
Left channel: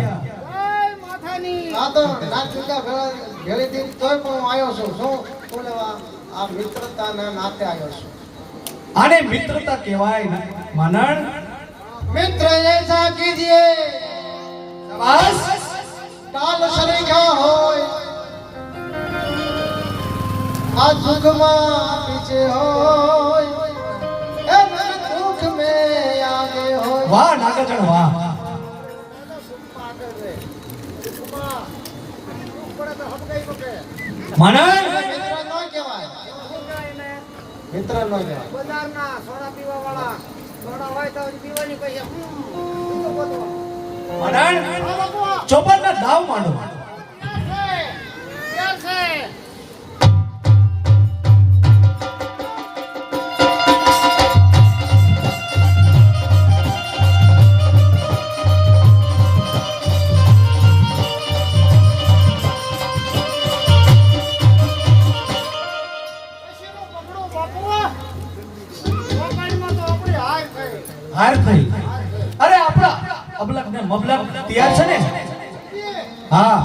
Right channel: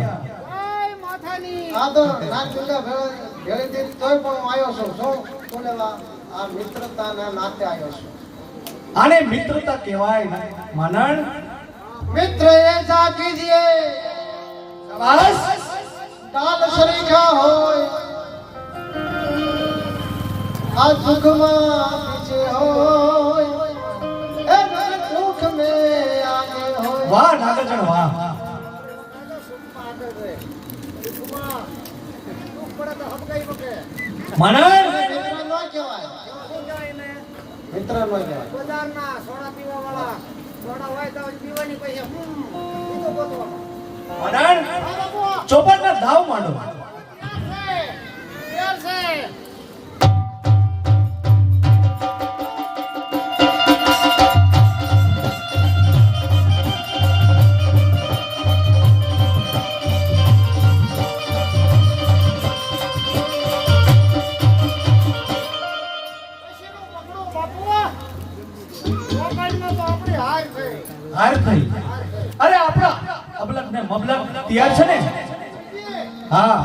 આ તો નાગ ગંગા ઘરેથી તોય પણ હું આવ્યો છું શું બોલેવા આ મિત્રતાના નાતે આવ્યો છું આને મિત્રતા કહેવાય ને માનણ મિત્ર એસા કીજીએ બસ તાલ સરીખા હોય આ સુખમાં પીછે હોય એ મન દુઃખ મે આગે હોય વાહ નાગજણ વાહ માનણ મિત્ર નો કહેવાય મિત્ર નો કહેવાય બજારના સોડા પીવા વાળા સોડા હોય તો પીવાની પૈસા બીજો ગોતવાનો માનણ ચોપડના દાવ માંડો યાર છે હાર થઈ અરે આપણા અબલક ને મબલક તૈયાર છે ને હા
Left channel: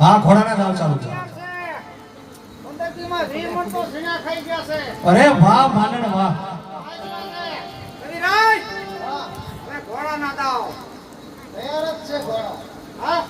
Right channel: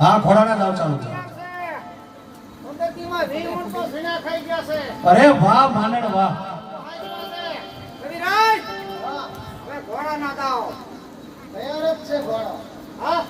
હા ઘોડાના દાવ ચાલુ છે અરે વાહ માનણ વાહ ઘોડાના દાવ તૈયાર જ છે ઘોડો હા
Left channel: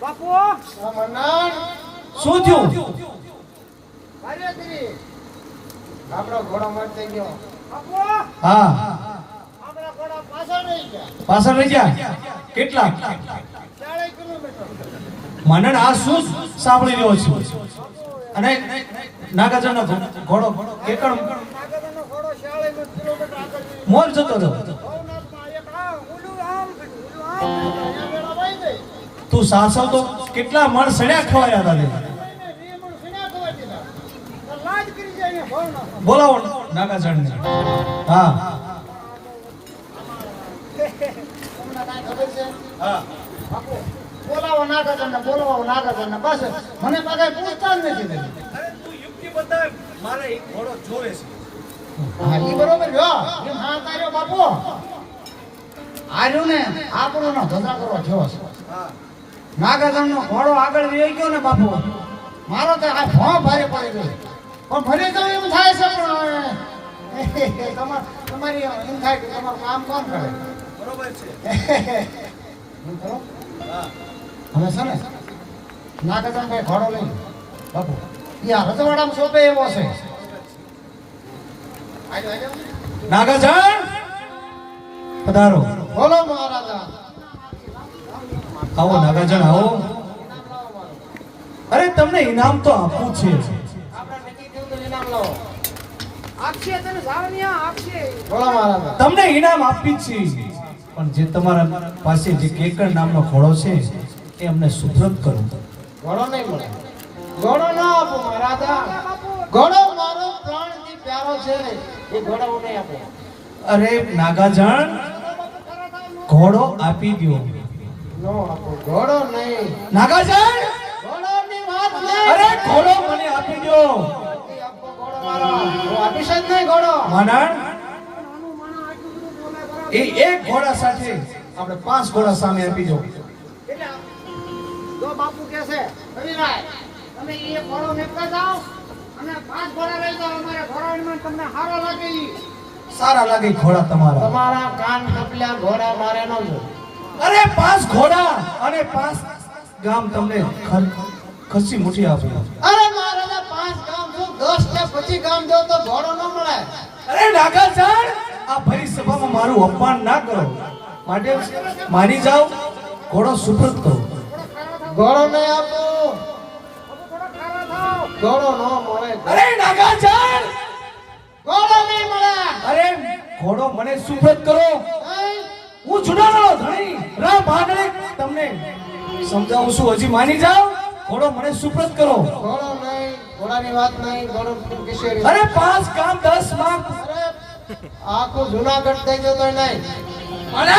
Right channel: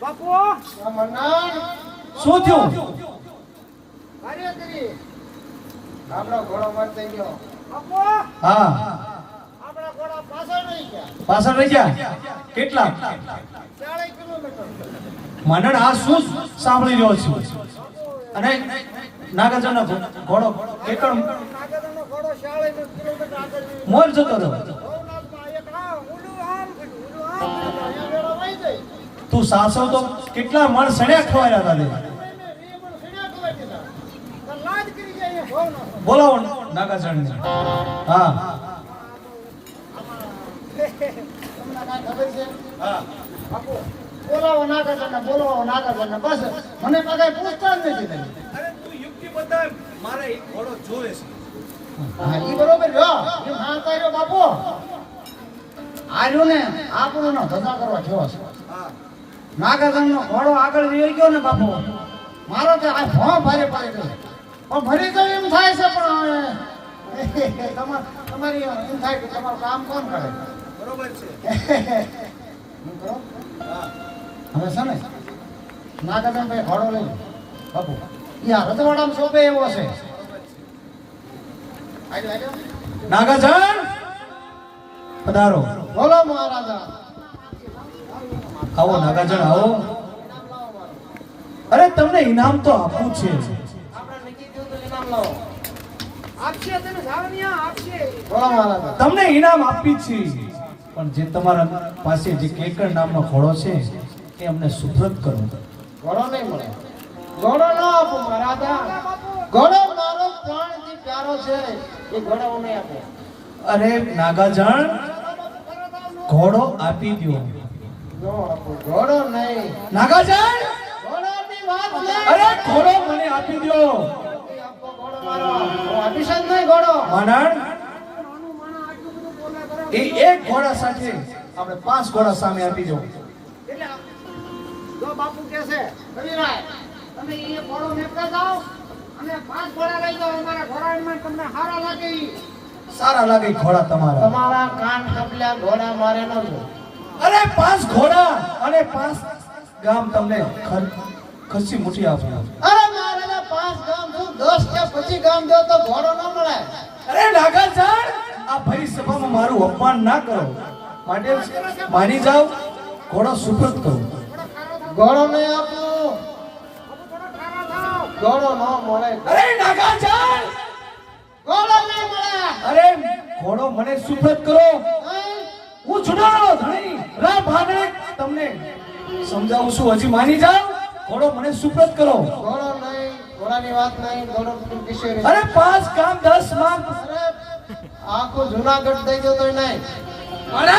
બાપુ શું થયું આપણો ઘોડો મરતે ગયો બાપુ હા આપણા ઘોડા પાછળ રહી ગયા પાછળ રહી ગયા કેટલા 40 કિલોમીટર મનન આ શું સાંભળી રહ્યો છું અને નાગાજણનો ઘોડો એકણ નાગદાનો ઘોડો 40 કિલોમીટર આગળ મોર જતો હતો ભવનાથમાં એક આ ઓલું આમ કર્યું, ઓલું આમ કર્યું, તો અહીંયા વેળા વાઈ ગઈ. તું સાસવ તો કેટલા મણ સણ્યા ખવાયા હતા લે. નહીં, 20 મણ સીના ખવાઈ દીધા. તો લાજ કરી જાય અહીંયા ભવનાથમાં. બોલાવો નાગાજણને હા ખબર છે હા બાપુ બોલાવો નાગાજણને બસ મને પાછા પૂછતા જ નથી તમે. અરે તું યુક્તિ બતાવ મારે એક ઘોડો જોવે છે હા ઈ બરોબર રહ્યો એ માનતા રહ્યો બાપુ આર્યો ને આપણો નો ધંધા કરવા જેવો છે હા નાગાજણનો ઘોડો આગળ વહી ગયો ને બાપુ મારો તો આ ભોં ભારે પડી ગયો પણ ફરી તો એમ થાય છે પણ હવે તમારી એમ થાય કે તમારું કામ કોણ કરે બરોબર છે એમ કરો હા હવે છે ને નાગાજણ ભાઈ ઘોડો લઈ બાપુ યા રજવાડામાં સોંપે એવો છે નાગાજણ પધારો બોલો મહારાજા આવો નાગાજણ આવો અરે તમને ઇનામ તો આપવું છે આપણે નક્કી થયું તો ઇનામ લાવો આપશે તને જાવણિયા આપશે. બોલો મહારાજા તમને ઇનામ આપી છે પણ જે તમારા પાસે જે કેકર નામનો ઘોડો છે એ અમને સુધરત કરો ઘોડો નહીં મળે ઘોડો ના આપો મહારાજા ઘોડો મારો પ્રાણથી પ્યારો છે એ ઘોડો હું નહીં આપો અરે નાગાજણ ઘોડો આપી દો નો આપો ઘોડો નહીં નાગાજણ ઘોડોની વાત નહીં અરે ઘોડો મને આપી દો એ આપો ઘોડો મારો હું આપીશ જ નહીં ઘોડો મનન નાનું માણસ આટલું બધું બોલે બરાબર. એ એક ઘોડા સાથે આપણે 5 ઘોડા સામે આપી દો એટલે જો બાપુ કહે છે રવિરાય તમે એ ઘોડો નીકળતા જાઓ અને 5 ઘોડા લઈ જાઓ અમારા ઘોડામાં તમને સારા લાગે ઈ. સારા લાગે ઘોડા તમારા તમારા કાન કપલા ઘોડા મારે ન જો અરે 5 ઘોડા અને 5 ગામ તમને ખસી મુઠી આપે અરે મહારાજા 5 ગામ જો 10 કે 25 ગામ દો તો ઘોડો ન મળે અરે નાગાજણ આ ભરી સભામાં મારું અપમાન ના કરો માટે માની જાઓ ઘોડો સુપ્રત કરો ઘોડો નહીં આપો બાપુ થોડા ખારા થાવ. ઘોડો ન મળે અરે નાગાજણ ઘોડો નહીં મળે અરે ઘોડો મને સુપ્રત કરો નહીં. હું જુનાનો ધણી રા ભાગડે તમને સમજાવું છું, હજી માની જાઓ. ઘોડો મને સુપ્રત કરો. ઘોડો નહીં, ઘોડાની વાત નહીં, ઘોડો કિશોરી. અરે 5 કામ 10 માંગ. અરે આખું જુનાગઢ થઈ ગયો તો નહીં. અરે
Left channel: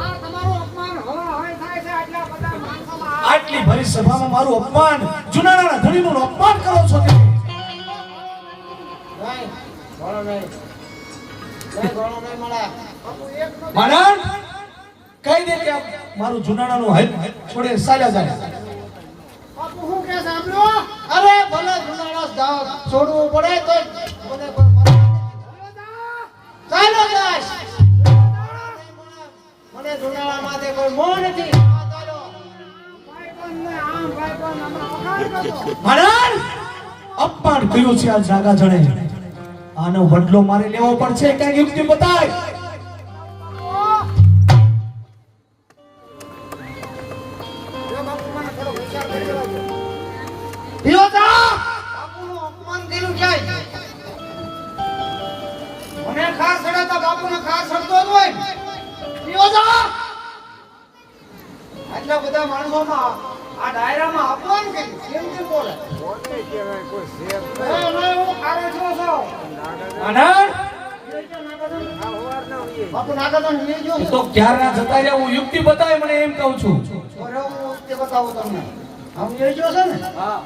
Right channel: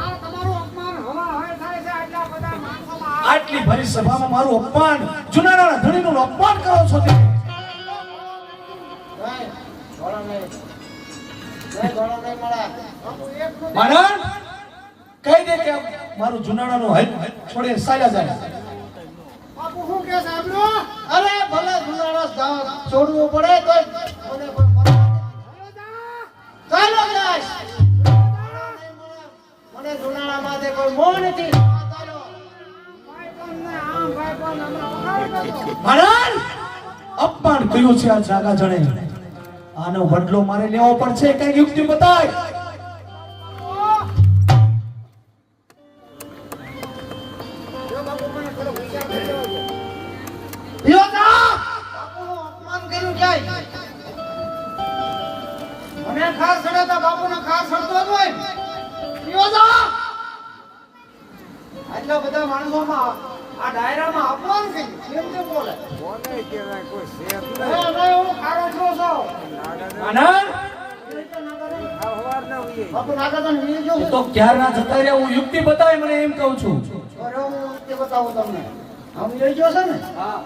આ તમારું અપમાન હવા હોય થાય છે આટલા બધા માણસોમાં. આટલી ભરી સભામાં મારું અપમાન, જુનાળાના ધણીનું અપમાન કરો છો તે. નહીં, ઘોડો નહીં. નહીં, ઘોડો નહીં મળે. બાપુ એક નો માનન કહી દે કે મારું જુનાળાનું હાલ છોડે ચાલ્યા જાય. બાપુ શું કે સાંભળ્યો? અરે ભલે જુનાળો છોડવું પડે તો મને પણ ચાલો જાશ. મને જુનાળા માટે કોઈ મોહ નથી. ચાલો. ભાઈબંધ ને આમ ભાઈબંધ હમણાં વખાણ કરતો. માનન અપમાન કર્યું છે આ જાગા જણે. આનો બદલો મારે લેવો પડશે. કઈ યુક્તિ બતાય. જો બાપુ મને થોડો વિચાર કરી લેવા દો. પિયોતા! બાપુનું અપમાન કર્યું ક્યાંય? મને ખાર સડે તો બાપુને ખાર સડતો જ હોય. પિયોતા! આટલા બધા માણસોમાં આ ડાયરામાં અપમાન કર્યું. કેમ કેમ બોલે? નહીં, હું ખારો છું છું. માનન બાપુ નાગાદન વી ગયો એ છે. તો ક્યારના જતા રહ્યા. હું યુક્તિ બતાય મને એમ કહું છું. અરે હું તે બતાવું તમને. આમ જોઈ ગયો છે ને? હા.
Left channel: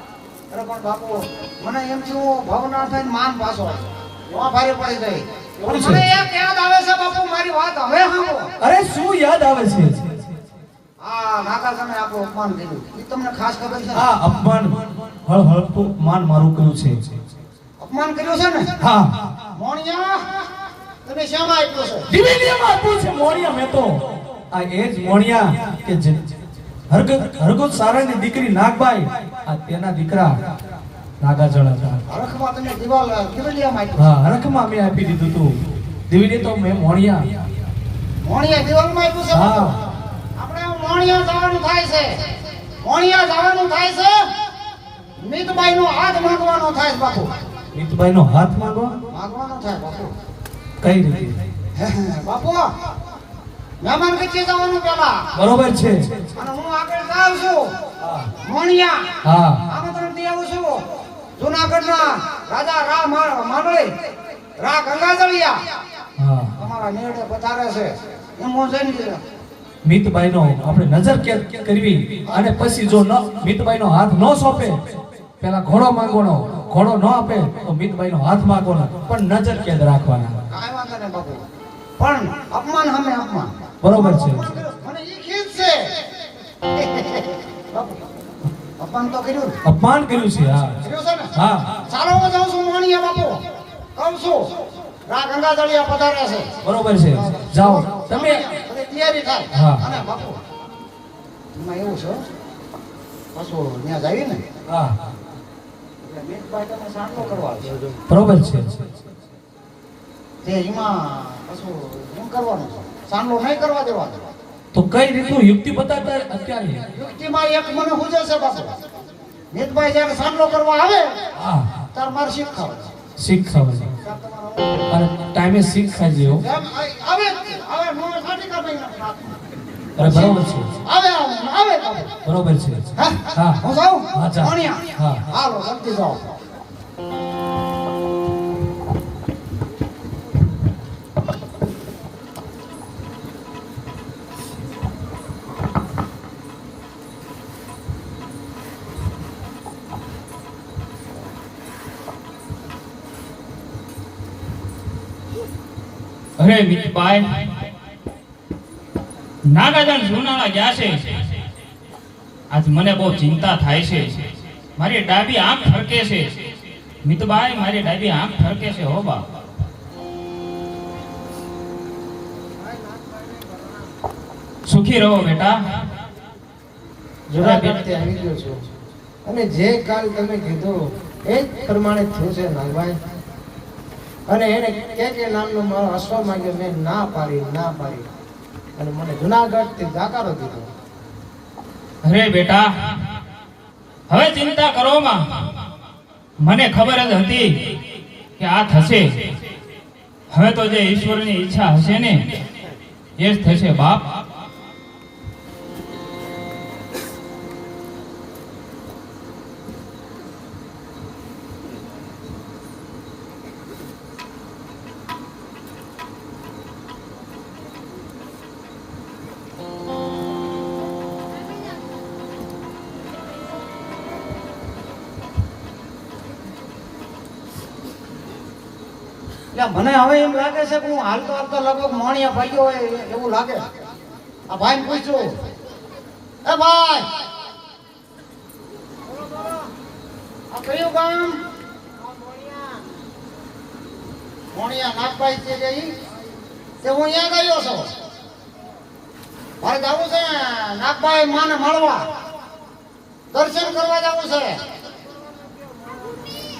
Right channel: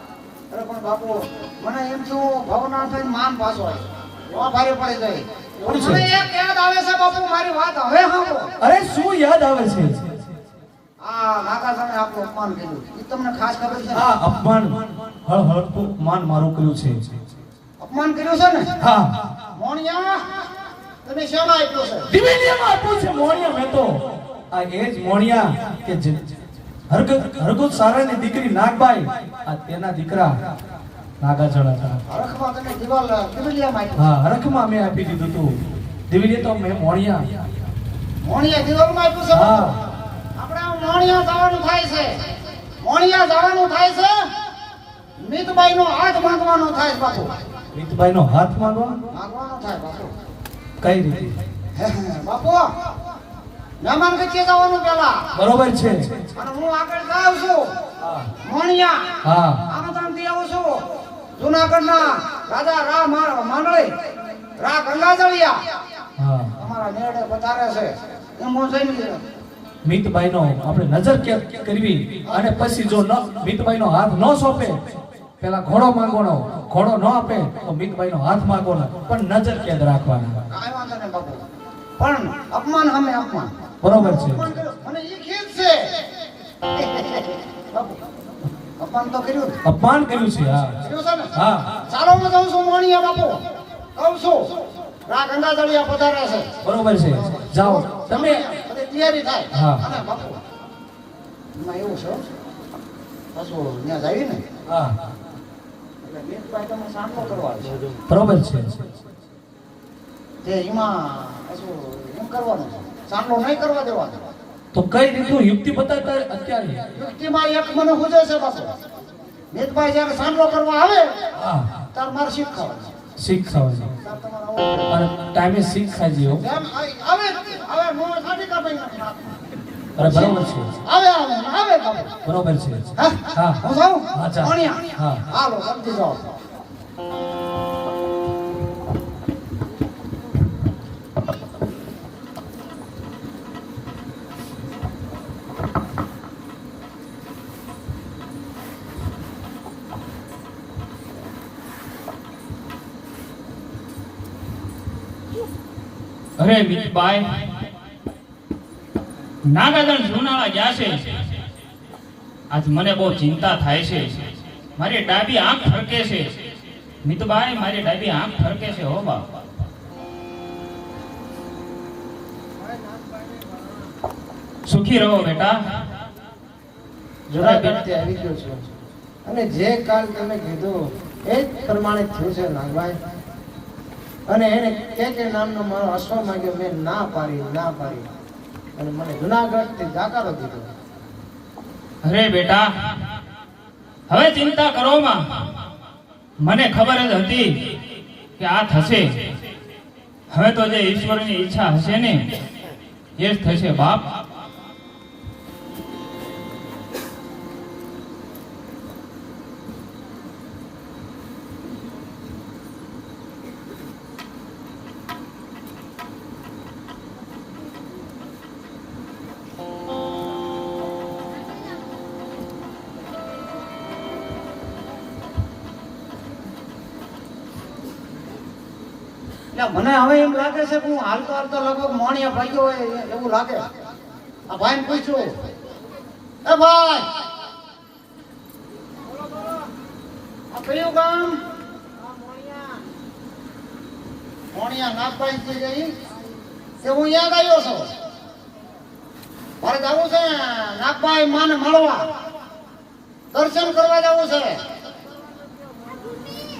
અરે પણ બાપુ મને એમ શું ભાવના થઈને માન પાછો. નો ભારે પડી ગઈ. કોણ છે? મને એક યાદ આવે છે બાપુ, મારી વાત હવે સાંભળો. અરે શું યાદ આવે છે? આ નાગાદને આપણું અપમાન કર્યું. એ તમને ખાસ ખબર છે? આ અપમાન હળહળતું માન મારું કર્યું છે. અપમાન કર્યું છે ને? હા, મોણિયા તમે શામાં આપ્યો છે? દિવ્યમાં આપ્યું છે મોણિયા. મેં તો આ એ જ મોણિયા કે જે હરગત સારાની દીકરી નાગબાઈ, આ તેના દીકરા નાગાજળ હતા. હરખમાં તમે દિવાલ દિવલિયામાં આપ્યો. હા, હરખમાં મેં આપી દીધું તું. દિવ્ય તો મેં મોણિયા. મોણિયા દિવાલમાં આપ્યું છે? હા, આપણે મોણિયા જવાનું થાય છે. મોણિયા જવાનું થાય છે. મીતબાઈનો હાથ માંગવાનો થાય છે બાપુ. મિતભાઈ નો હાથ માંગવા માંગવાનો થાય બાપુ. કઈ રીતે? બાપુ મહેમાન કચ્ચે જવાનું પેલા. બરોબર છે. અને હું આગળ જાઉં છું. મોણિયા હા, આમંત્રણ થી આવું છું. જુનાગઢના રાજા રા માંડળી રા ગંગાજળિયા હા. તમારા મેળે પધારે છે. એમ હું જઈને મિતભાઈ નો આપણે નજર કેદ કરવી અને પછી જો મિતભાઈ નો હાથ ન સોંપે પેલા ઘોડો માંગવાનો. ઘોડો ન આપે તો મિતભાઈ નો હાથ માંગવાનો, પણ નજર કેદ રાખવાના. કાંઈ વાંધો નહીં બાપુ. પણ અપમાન સામે અપમાન. બરોબર છે. અને ઈ ખીજ છે. બાપુ, અપમાન તો કર્યું ને? અપમાન કર્યું છે. હા, કર્યું છે ને? હા. ચાલો હું જાઉં છું મોણિયા બાપુ. કહું છું રા ગંગાજળિયા પધારે છે. બરોબર છે. જાઓ તમે. બધી તૈયારી થાય. હા. અને બાપુ એમાં એવું છે પાછું ત્યાં જઈએ ને હા, એટલે મીતભાઈ તમે સાંટલો કરવા છે. બરોબર છે. તે એમાં પાછું શું કરવાનું છે? સાંટલો નહીં કરવા દેવા દો. તો કઈ રીતનું યુક્તિ બતાવતા અત્યારે? યુક્તિમાં એક મને હુજો છે બાપુ. મીતભાઈ જ્યારે સાંટલો કરવા આવે હા, તાર મારે શીખાવે. શીખવાડે. અને ટાઈમે શીખાઈ જેવો. જેમ આવે હવે મોં સાટી કાઢી નાખે હાથમાં. અરે બરોબર છે. આવે આવે આવે બાપુ. બરોબર છે. હા હા. હું જાઉં? હા, જા. મોણિયા. હા. હાલો જલ્દી જાઓ. અરે મિતભાઈ, નાગાજળ જુનાળા ગયા છે. આજ મને બહુ ચિંતા થાય છે. મારી ડાબી આંખ ફરકે છે. મિતભાઈ, મારી ડાબી આંખ ફરકે છે. હો બાપ. સુખી રહો બેટા. જુનાગઢથી આવી ગયો છું અને જે કાલ તમે કીધું એ જ પ્રમાણે થયું છે નાગભાઈ. અને એને કે નામનો મારો અશ્વ માંગ્યો, મેં ના પાડી અને મને જુનાગઢથી જાકારો દીધો. અરે બેટા, હવે ચિંતા કરો માં. મને ખબર જ હતી કે આ થશે. હવે તો જે ઈશ્વરની ઈચ્છા હશે ને એ જ થશે બાપ. એટલે મને હવે એમ લાગે છે કે હું હાલતો હાલતો લગભગ મોણિયા ભાગ્યો હોય એવું લાગે. આ ભાઈને પૂછ્યું, એ ભાઈ આ કયું ગામ? મોણિયા નાગભાઈ છે કે ઈ? કે હું યાદ આવ્યો છું. મારે જવું છે નાગભાઈ માને મળવા, દર્શન કરવા જવું છે.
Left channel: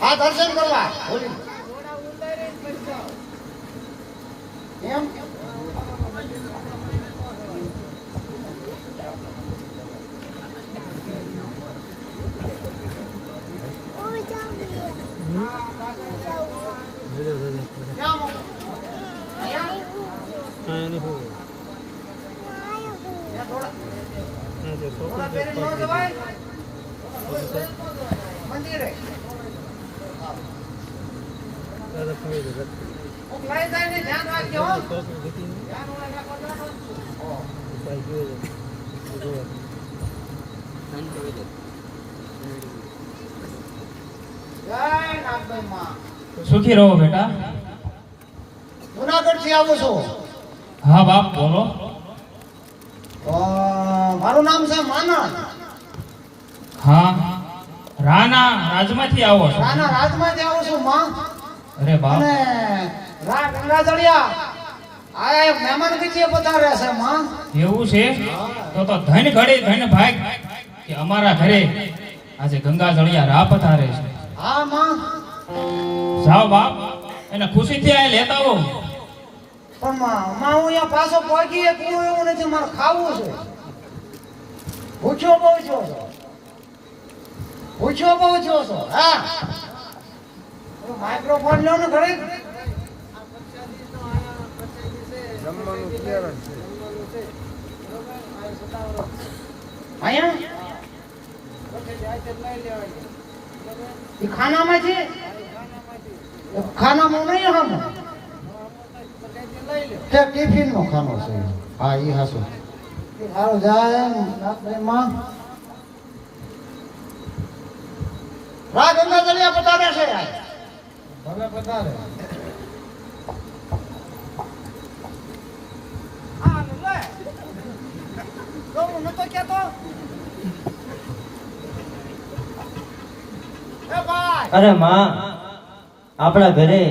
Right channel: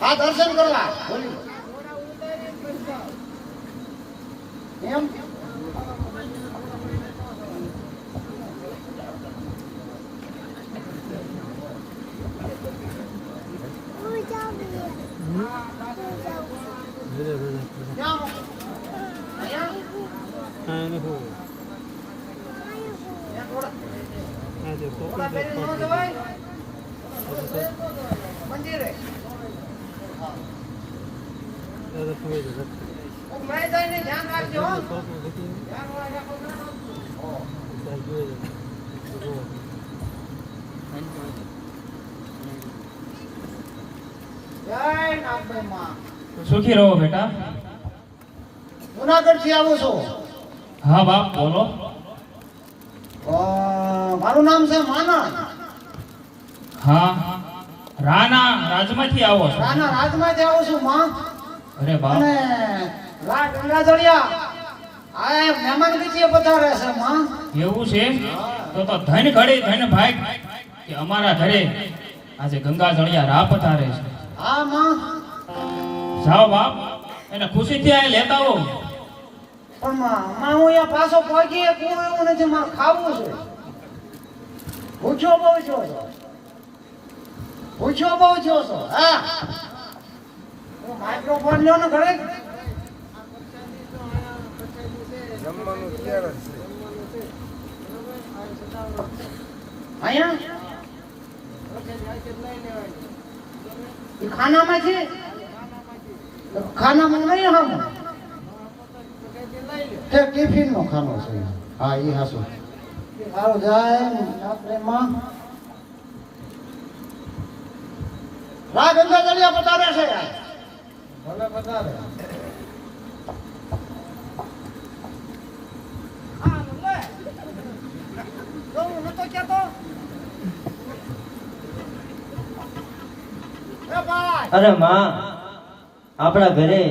હા દર્શન કરવા બોલી એમ. મંદિરે લઈ જાય ધ્યાન રાખજો. જય નાગભાઈ માં. સુખી રહો બેટા. જુનાગઢ થી આવું છું. હા બાપ બોલો. મારું નામ છે માનવ. હા રાના રાજમાંથી આવો છો? રાના રાજમાંથી આવું છું માં. અરે બાપ. અને રા ગંગાધડિયા આ મહેમાન ગતિએ પધારે છે માં. એવું છે? તો ધન ઘડી ધન ભાગ કે અમારા ઘરે આજે ગંગા જળિયા રા પધારે છે. હા માં. જાઓ બાપ એને ખુશીથી અહીં લેતા આવો. પણ માં હું અહીંયા પાછો પહોંચી શકું એવું નથી. મારે ખાવું છે. પૂછ્યો બહુ છો. પૂછ્યો બહુ છો. હા માઇક્રોફોન લો ને ઘરે. અહીંયા ખાનામાં છે. ખાનામાં નહીં હમ તે ટિફિન નો ખાનો છે. હા એ હાસું સારું જાય આપણે માં. રા ગંગા દરિયા પધારે છે. ભલે પધારે. હા લે તો હું નતો કહેતો. એ ભાઈ અરે માં, આપણા ઘરે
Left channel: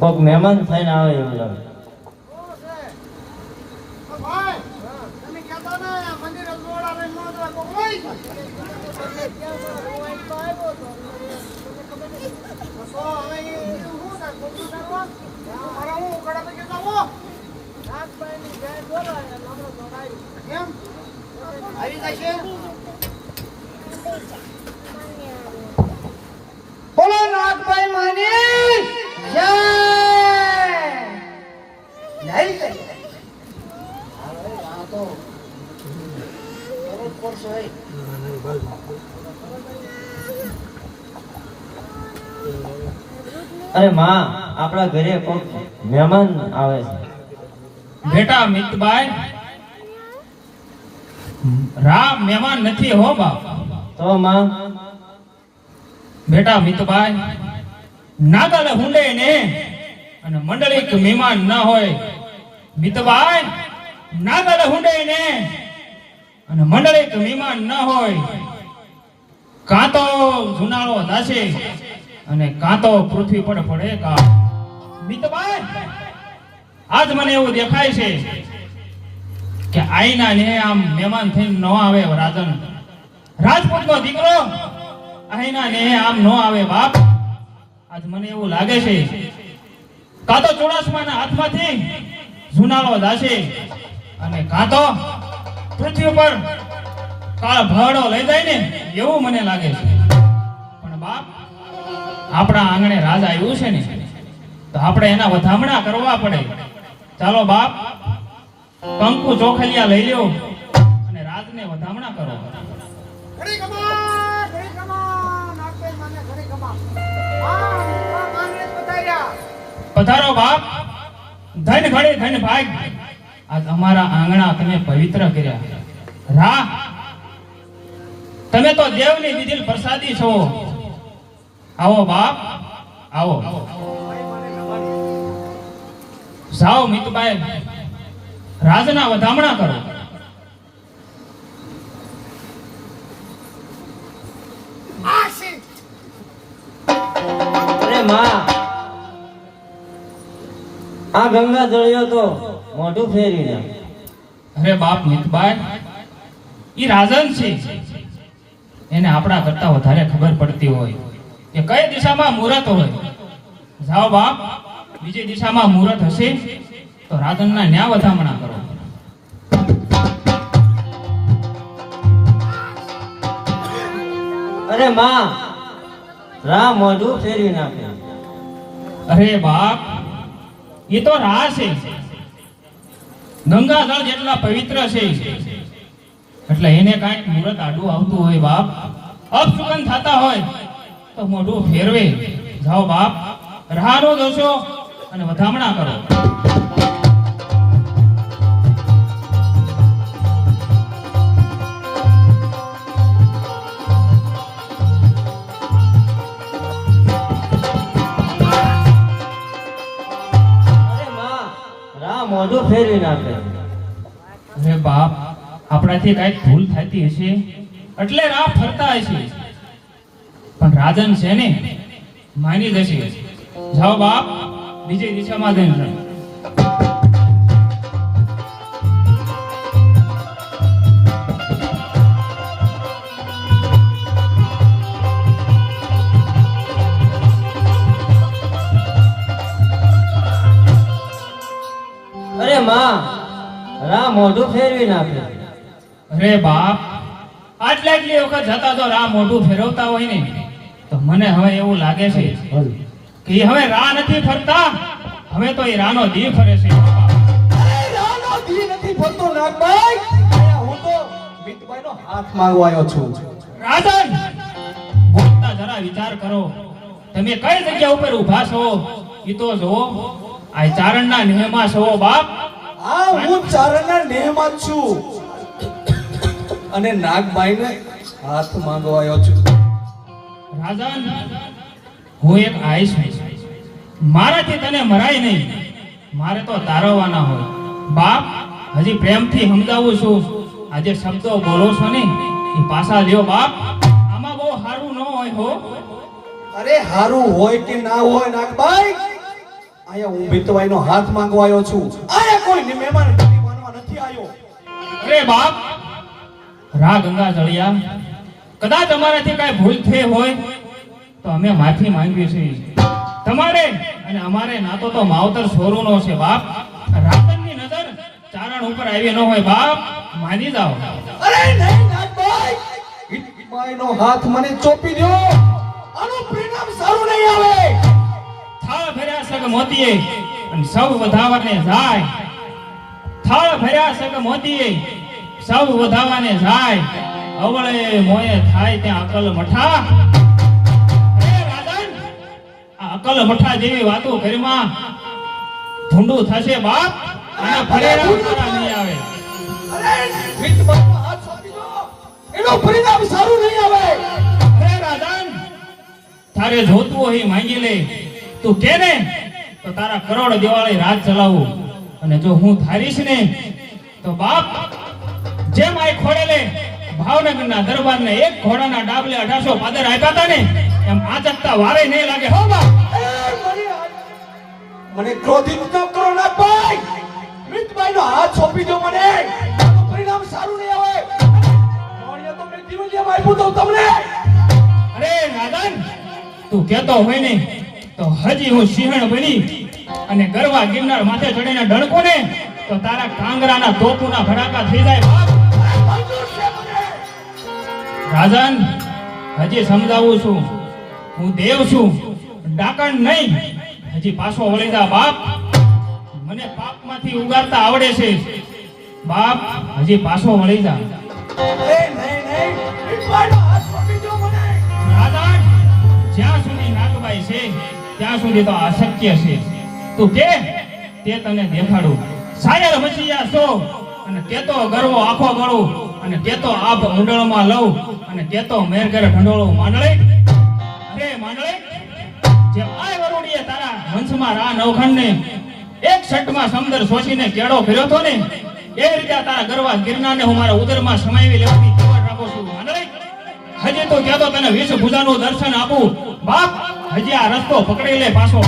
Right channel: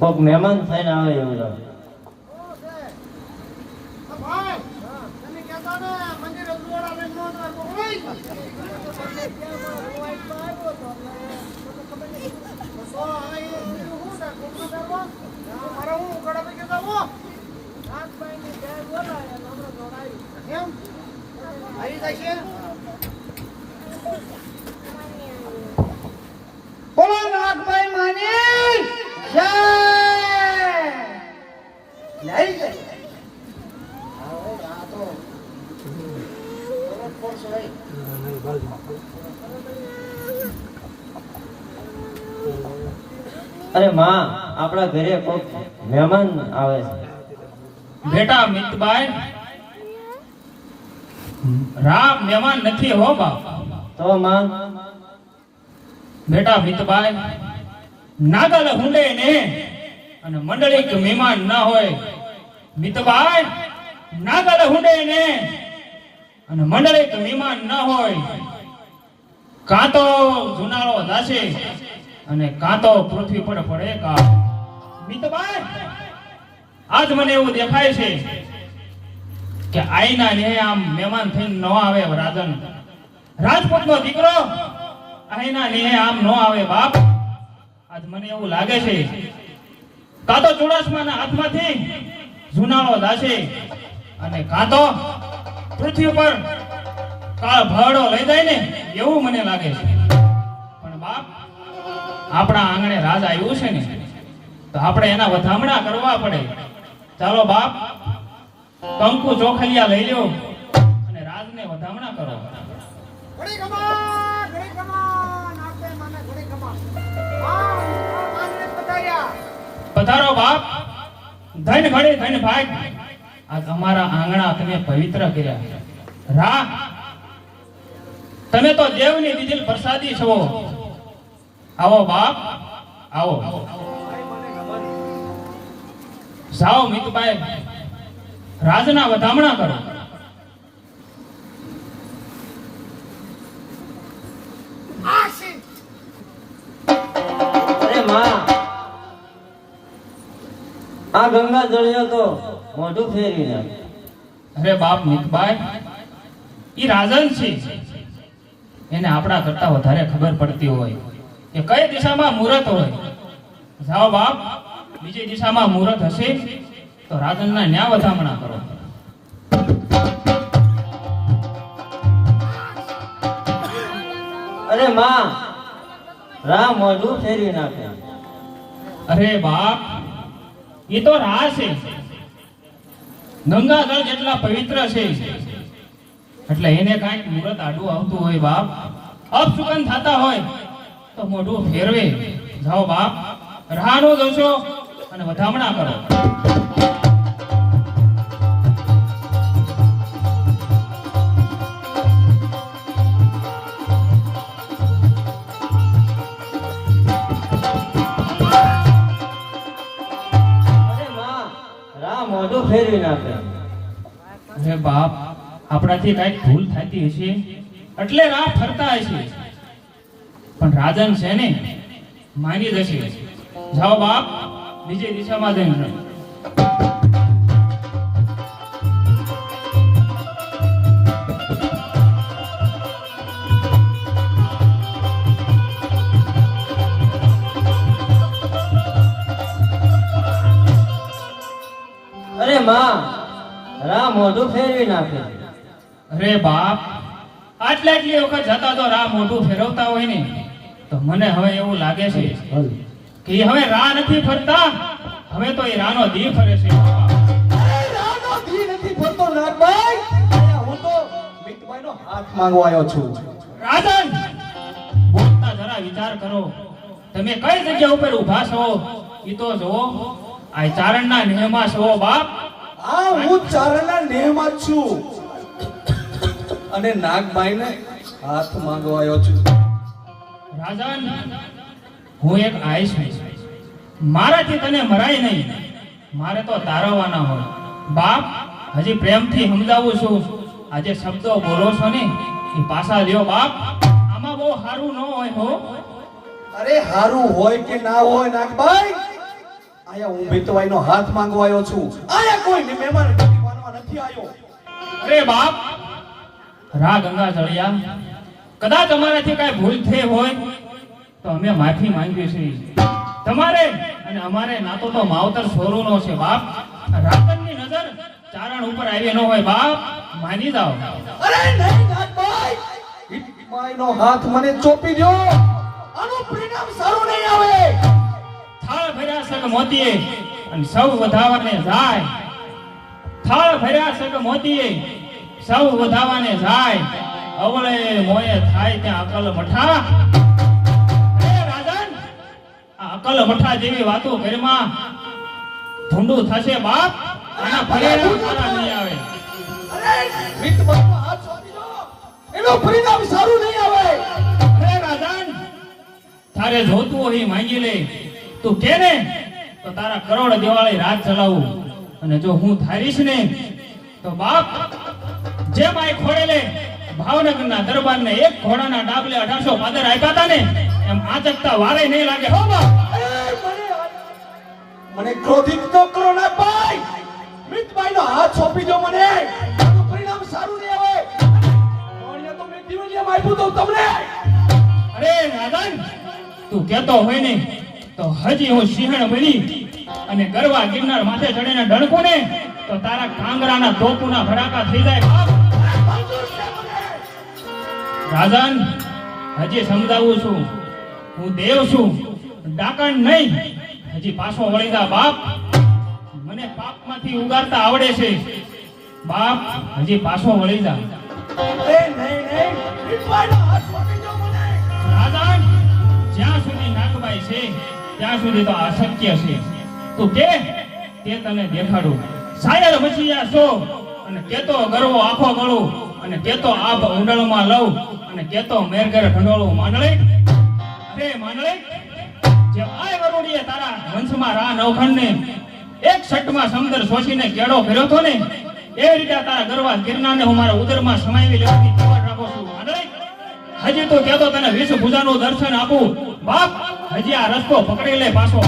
કોક મહેમાન થઈને આવે એવું લાગે. ભાઈ તમે કહેતા ને મંદિરે જોડા લઈને નો જવા કોઈ. બોલો નાગભાઈ માની જય. નહીં જય. હવે આ તો બરોબર છે ભાઈ. અરે માં, આપણા ઘરે કોક મહેમાન આવે છે. બેટા મિતભાઈ રામ મહેમાન નથી હો બાપ. તો માં બેટા મિતભાઈ નાગલ હુંડે ને અને મંડળિક મહેમાન ના હોય. મિતભાઈ નાગલ હુંડે ને અને મંડળિક મહેમાન ના હોય. કાં તો જુનાળો દાશે અને કાં તો પૃથ્વી પર પડે કા. મિતભાઈ આજ મને એવું દેખાય છે કે આઈના ને આમ મહેમાન થઈને ન આવે. રાજન રાજપૂતનો દીકરો આઈના ને આમ ન આવે બાપ. આજ મને એવું લાગે છે કાં તો ચોડાસમાના હાથમાંથી જુનાળો દાશે અને કાં તો પૃથ્વી પર કાળ ભાડો લઈ જાય ને એવું મને લાગે છે. પણ બાપ આપણા આંગણે રાજ આવ્યું છે ને તો આપણે એના વધામણા કરવા પડે. ચાલો બાપ કંકુ ચોખલિયા લઈ લ્યો અને રાજને વધામણા કરો. ઘડી કમા નાગભાઈ માને ઘડી કમા. હા માંગણે પધાર્યા. પધારો બાપ. ધન ઘડે ધન ભાગ. આ તમારા આંગણા તમે પવિત્ર કર્યા. રા તમે તો દેવની દીધેલ પ્રસાદી છો. આવો બાપ આવો. ભાઈ મને જાઓ મિતભાઈ રાજના વધામણા કરો. અરે માં, આ ગંગા જળિયો તો મોઢું ફેરી નાખ. અરે બાપ મિતભાઈ, ઈ રાજન છે, એને આપણા કરતા વધારે ખબર પડતી હોય કે કઈ દિશામાં મુહૂર્ત હોય. જાઓ બાપ, બીજી દિશામાં મુહૂર્ત હશે તો રાજનના ન્યા વધામણા કરો. અરે માં, રામ મોઢું ફેરવી નાખે. અરે બાપ, એ તો રા છે, ગંગા જળ જેટલા પવિત્ર છે એટલે એને કાંઈક મુહૂર્ત આડું આવતું હોય બાપ, અપશુકન થતા હોય તો મોઢું ફેરવે. જાઓ બાપ, રાહનો દોષો અને વધામણા કરો. અરે માં, રામ મોઢું ફેરવી નાખે. અરે બાપ, આપણાથી કાંઈક ભૂલ થતી હશે એટલે રાહ ફરતા હશે, પણ રાજન છે ને માની જશે. જાઓ બાપ, બીજી દિશામાં જઈને. અરે માં, રામ મોઢું ફેરવી નાખે. અરે બાપ, આટલી વખત જતા તો રાહ મોઢું ફેરવતા હોય ને તો મને હવે એવું લાગે છે કે એ હવે રાહ નથી ફરતા, હવે તો એ રાહનો દી ફરે છે. અરે રાનો દી નથી ફરતો નાગભાઈ, અહીંયા હું તો મિતભાઈનો હાથ માંગવા આવ્યો છું. રાજન, બોલતા જરા વિચાર કરો, તમે કઈ જગ્યા ઉપર ઊભા છો એ તો જો. આ ચારણના નિયમમાં છો બાપ. આ હું ચારણના નેહમાં જ છું અને નાગભાઈને હાથ માંગવા આવ્યો છું. રાજન, હું એક આઈશ છું, મારાથી તને મરાય નહીં, મારે તો તારવવાના હોય. બાપ, હજી પ્રેમથી સમજાવું છું, આજે શબ્દો બોલો છો ને એ પાછા લ્યો બાપ, આમાં બહુ સારું ન હોય હો. અરે હારું હોય કે ના હોય નાગભાઈ, અહીંયા હું મિતભાઈનો હાથ માંગવા આવ્યો છું. અહીંયા કોઈ મહેમાન માનવા નથી આવ્યો. અરે બાપ, રા ગંગા જળિયા, કદાચ અમારાથી કાંઈ ભૂલ થઈ હોય તો અમે માફી માંગીએ છીએ. તમારે અને અમારે નાતો તો માવતર સોરુનો છે બાપ. રાતનની નજર ચારણ ઉપર આવી ન હોય બાપ, માની જાઓ. અરે નહીં નાગભાઈ, મિતભાઈનો હાથ મને ચોપી દો, આનું પરિણામ સારું નહીં આવે. થાળ ભર્યા સગ મોતીએ અને સૌ વધાવરને જાય. થાળ ભર્યા સગ મોતીએ સૌ વધાવાને જાય. અવળે મોયે થાય ત્યાં અકલ મઠા. અરે રાજન, આ અકલ મઠા જેવી વાતો ઘરમાં ધૂંડું થશે બાપ, આના પરિણામ સારા નહીં આવે. અરે મિતભાઈનો હાથ ચોપી દો, એનું પરિણામ સારું નહીં આવે. અરે રાજન, તારે જોતું હોય માંગી લે, તું કે ને તો તારા કરોડ દિવાળી રાત ચલાવું. અને જો હું ધારીશ ને તો બાપ, જેમ આ ખોડેલે ભાવનગરના દરબારને એક ઘોડાના ડાબલે 1800 પાદર આપ્યા હતા ને, એમ આચકતા વારે નહીં લાગે હો બાપ. મને ક્રોધિત ન કરો નાગભાઈ, મિતભાઈનો હાથ સોંપી દો મને, એનું પરિણામ સારું નહીં આવે. મોણિયા તો મેં દિવેલિયામાં આપ્યું તો તમને. અરે રાજન, તું કહેતો હોય ને તો હજી હું સિંહણ બની અને ગરવા ગિરનાર માથે ચડીને ડણકું ને તો તારા કાંગરાના તોપુના ભડાકા થઈ જાય બાપ. રાજન, હજી સમજાવું છું, હું દેવ છું, ડાકણ નહીં. હજી પાછો વળી જા બાપ, મને પાપમાંથી ઉગારતા આવડે છે બાપ, હજી પાછો વળી જા. નહીં, મિતભાઈનો હાથ સોંપી દો મને. રાજન, જ્યાં સુધી નાગબાઈ છે ત્યાં સુધી તો અશક્ય છે. તું કે તે તને દેખાડું. સાયર મચિયા છો અને કેતો ગરવો આખો ગળું અને કેતો આપ મંડળમાં લઉં અને કેતો મેરગર ઢંડોળું માંડળે. અરે માંડળે, જે આ ગરુડીએ તારા વંશમાં રા નવખંડને એક શટમાં સમંદર શોષીને કેળો કર્યો હતો ને એવી રીતે તારા ગરવા ગિરનારને હું મારા ઉદરમાં સમાવી લેવાની તૈયાર રાખું છું. મંડળી, હજી તો કહેતો તને 20 ભુજાનું દર્શન આપું. બાપ, હજી આ રસ્તો પકડી લે પાછો.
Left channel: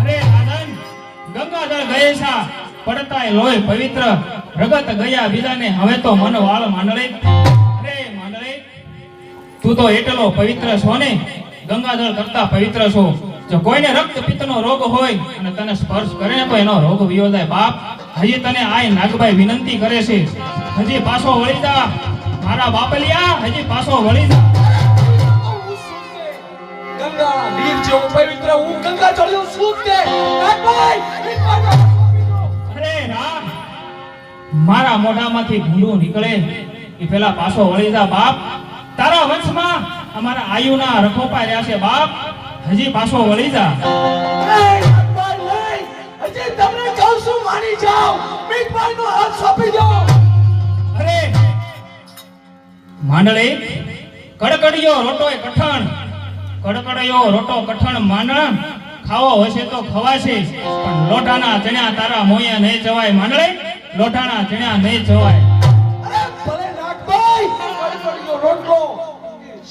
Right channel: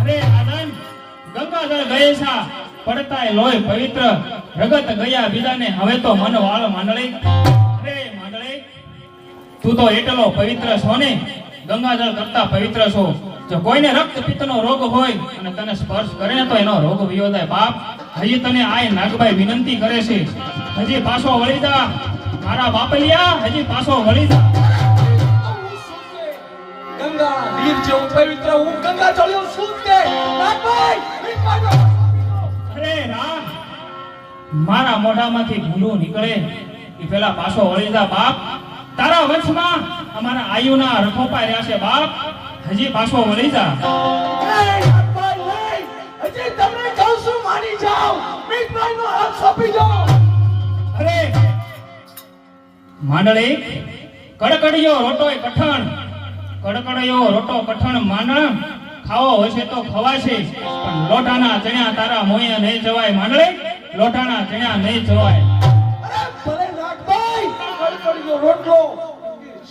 અરે રાજન, ગંગાજળ ગયેશા પડતાય લોહી પવિત્ર પ્રગટ ગયા બીજાને હવે તો મન વાળ માંડળી. અરે માંડળી, તું તો એટલો પવિત્ર છો ને, ગંગાજળ કરતા પવિત્ર છો. જો કોઈને રક્તપિત્તનો રોગ હોય અને તને સ્પર્શ કરે ને તો એનો રોગ વિયો જાય. બાપ, હજી તને આય નાગભાઈ વિનંતી કરે છે, હજી પાછો વળી જા મારા બાપલિયા, હજી પાછો વળી જા. ગંગા વીર જેવો પવિત્ર હું ગંગા ચડ્યો છું તે નાગભાઈ અરે રામ, મારા મોઢામાંથી ભૂંડું નીકળે એ પેલા પાછો વળી જા. બાપ, તારા વંશમાં અમારા આયુના રખોપા રહ્યા છે. બાપ, હજી પાછો વળી જા. હજી તમને કહું છું માની જાઓ, મીઠભાઈનો હાથ સોંપી દો. અરે માંડળી, કડકડિયો રોટોય કઠણ, કડકડિયો રોટો કઠણ માંડણ ખાવો હશે તો ખવાશે, પણ લોટાના ચણ્યા તારા મોયા નહીં જવાય. માંડળી, લોટાના ચણ્યા નહીં જવાય. ભલે નાગભાઈ કડકડિયો રોટલો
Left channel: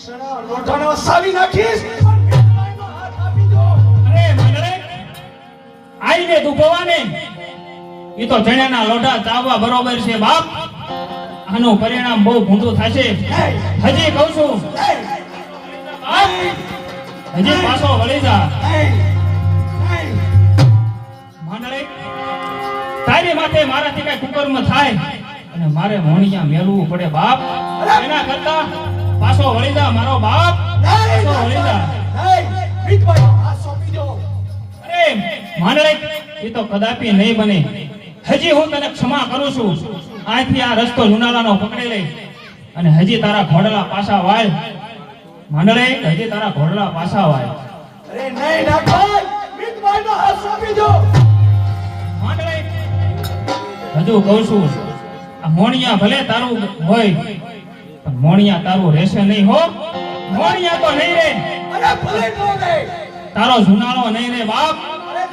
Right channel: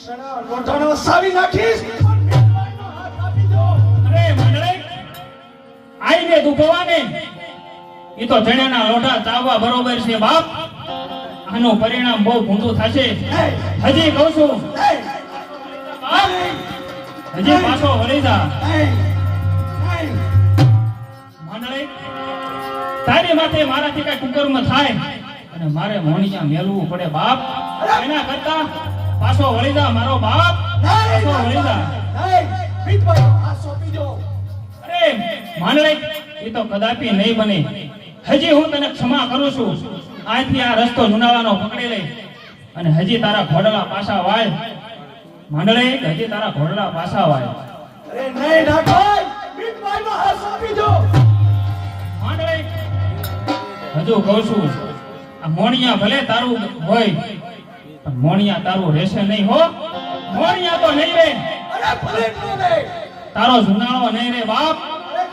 સણા લોટાનો સાવી નાખીશ, પણ મીઠભાઈનો હાથ આપી દો. અરે માંડળી, આઈને દુભવાને ઈ તો ચણ્યાના લોટા ચાવવા બરોબર છે. બાપ, આનું પરિણામ બહુ ભૂંડું થશે. હજી કહું છું, બાપ, હજી પાછો વળી જા. માંડળી, તારી માથે મારાથી કઈ કુકર્મ થાય અને મારે મોણિયા મેળવવું પડે. બાપ, એના કરતા પાછો વળી જા મારો બાપ, પાછો વળી જા. મીઠભાઈનો હાથ સોંપી દો. અરે માંડળી, એ તો કદાપી નહીં બને. હજી હું તને ક્ષમા કરું છું. આજથી આ રસ્તો લુણાવાનો પકડી લઈ અને હજી તારા ઘોડલા પાછા વાળ. માંડળી, હજી તારા ઘોડલા પાછા વાળ. અરે નહીં નાગભાઈ, મીઠભાઈનો હાથ સોંપી દો. માંડળી, હજુ કહું છું, આ મોણિયા ભલે તારું હોય પણ મોણિયા તારું રહેશે નહીં હો. મોણિયા તો નહીં રે, અરે ભલે નો રે, તારો જુનાળો નહીં રે. બાપ,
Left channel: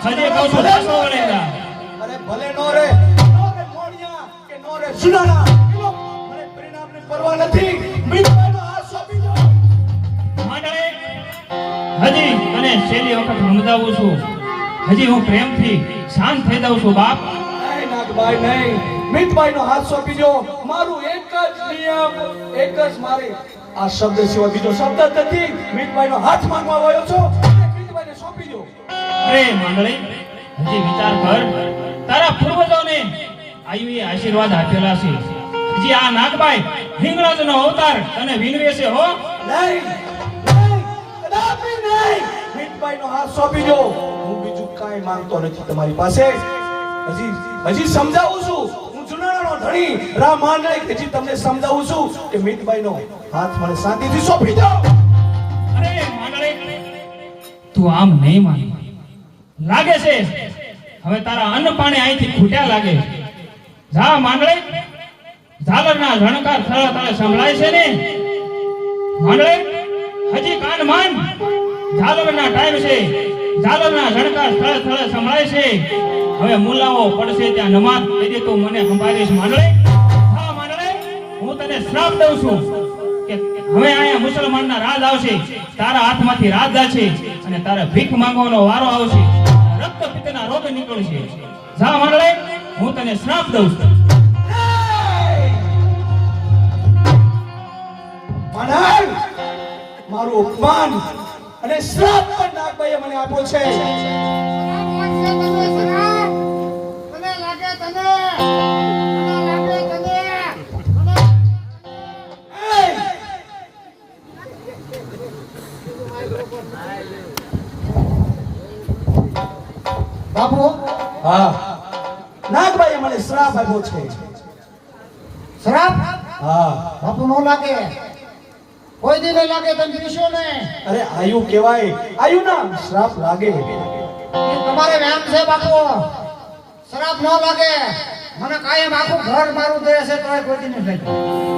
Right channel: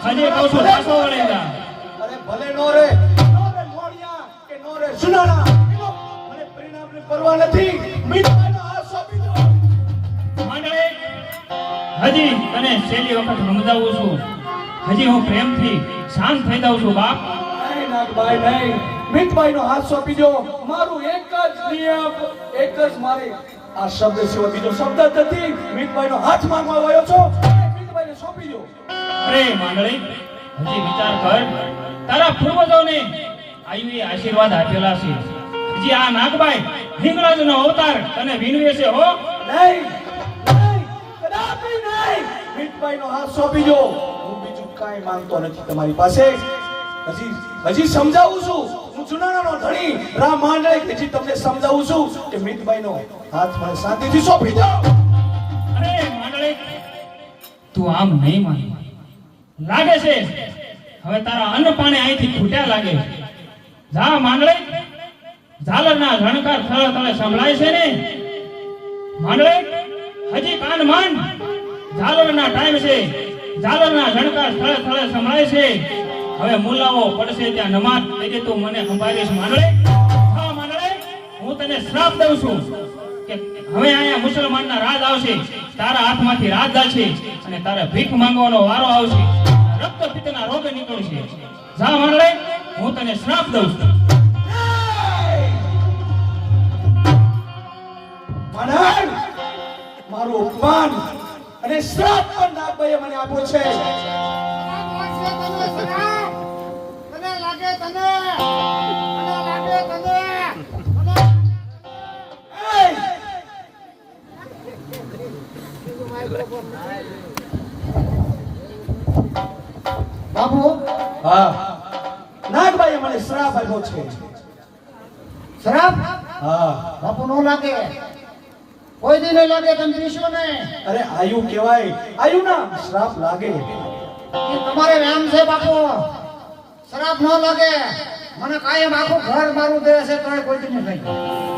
હજી કહું છું, પાછો વળી જા. અરે ભલે નો રે મોણિયા કે નો રે સુનાણા, મને પરિણામની પરવા નથી. મીઠભાઈનો હાથ સોંપી દો. માંડળી, હજી તને છેલ્લી વખત સમજાવું છું, હજી હું પ્રેમથી શાંત થઈ જાઉં છું. બાપ, નહીં નાગભાઈ નહીં, મીઠભાઈનો હાથ સોંપી દો. મારું એક જ નિયમ, એક જ મારે આ શબ્દ સિવાય બીજો શબ્દ જ નથી. મીઠભાઈનો હાથ માંગવા આવ્યો છો, મીઠભાઈને સોંપી દો. અરે માંડળી, હજી વિચાર કર. તારા પૂર્વજોને આયુએ આશીર્વાદ આપેલા છે. હજી આ નાગભાઈ હિંગળાજનો અવતાર તને વિનવે છે હો. નહીં નહીં, કદાપી નહીં. મીઠભાઈનો હાથ સોંપી દો. હું બીજું કાંઈ માંગતો નથી તમારી પાસે. હજી સમજાવું છું, હું જુનાણાનો ધણી રામ માંડળી, હજી તમને સમજાવું છું કે મીઠભાઈનો હાથ મને શાંતિથી સોંપી દો. અરે માંડળી, તું આમ નહીં માન. લાગે છે હવે તારા અન્ન પાણી અહીંથી ખૂટ્યા લાગે. જા માંડળી, ઝાલરના ઝણકાર થળે થળે સંભળાય છે ને. માંડળી, હજી કાન માંડ. ઝાલરના ટાઈમ છે, ઝાલરના ઝણકાર થળે થળે સંભળાય છે. હવે મુલાવો પડશે ત્યાં નમાજ તેથી તું મને સંભાળીશ. માંડળી, હા માંડળી, હું તને શ્રાપ દઉં છું કે હવે અહીંયા મુસલમાનના રાજ આવશે, તારા હાથમાંથી રાજ જાશે અને તારે ભીખ માંગવાનો વારો આવશે. રક્તપિત્તના રોગ નીકળશે. જા માંડળી, હું તને શ્રાપ દઉં છું. માનવ, મારું અપમાન અને શ્રાપ પણ નાગભાઈએ મને આપ્યો છે. મને લાગે તને, મને લાગે તને, બાપુ, હા, નાગભાઈએ મને શ્રાપ આપ્યો છે. શ્રાપ હા, બાપુ નો લાગે, કોઈ દી નહીં લાગે. તમે પીશો ને અરે આયુ કહેવાય, આયુ ના શ્રાપ લાગે. એ તમારે વેમ છે બાપુ. શ્રાપ નો લાગે. મને કાયમ આખું ઘર મારું દે છે તો કોઈ દી નહીં લાગે.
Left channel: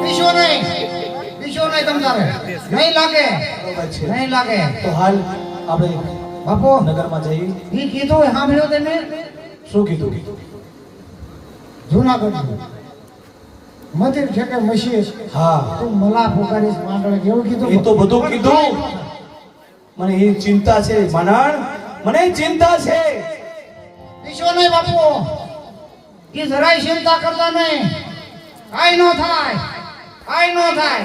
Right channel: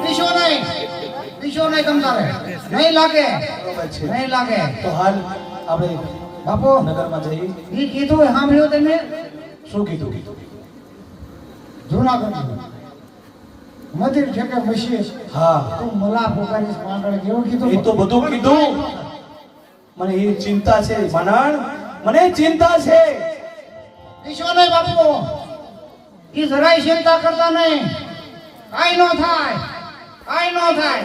પીશો નહીં, પીશો નહીં તમારે નહીં લાગે, બરોબર છે. નહીં લાગે. તો હાલ આપણે બાપુ નગરમાં જઈએ. ઈ કીધું એ સાંભળ્યું તમે શું કીધું? જુનાગઢ મંદિર છે કે મસીહ હા, તું મલા પોકારીશ માંડળ કેવું કીધું એ તો બધું કીધું. મને એ ચિંતા છે માંડણ, મને ચિંતા છે. વિશ્વ નહીં બાપુ ઈ જરાય ચિંતા કરતા નહીં કાઈ ન થાય કાઈ ન થાય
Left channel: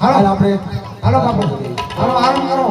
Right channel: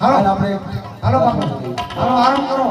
હાલ હાલો આપણે હાલો બાપુ હાલો આરામ કરો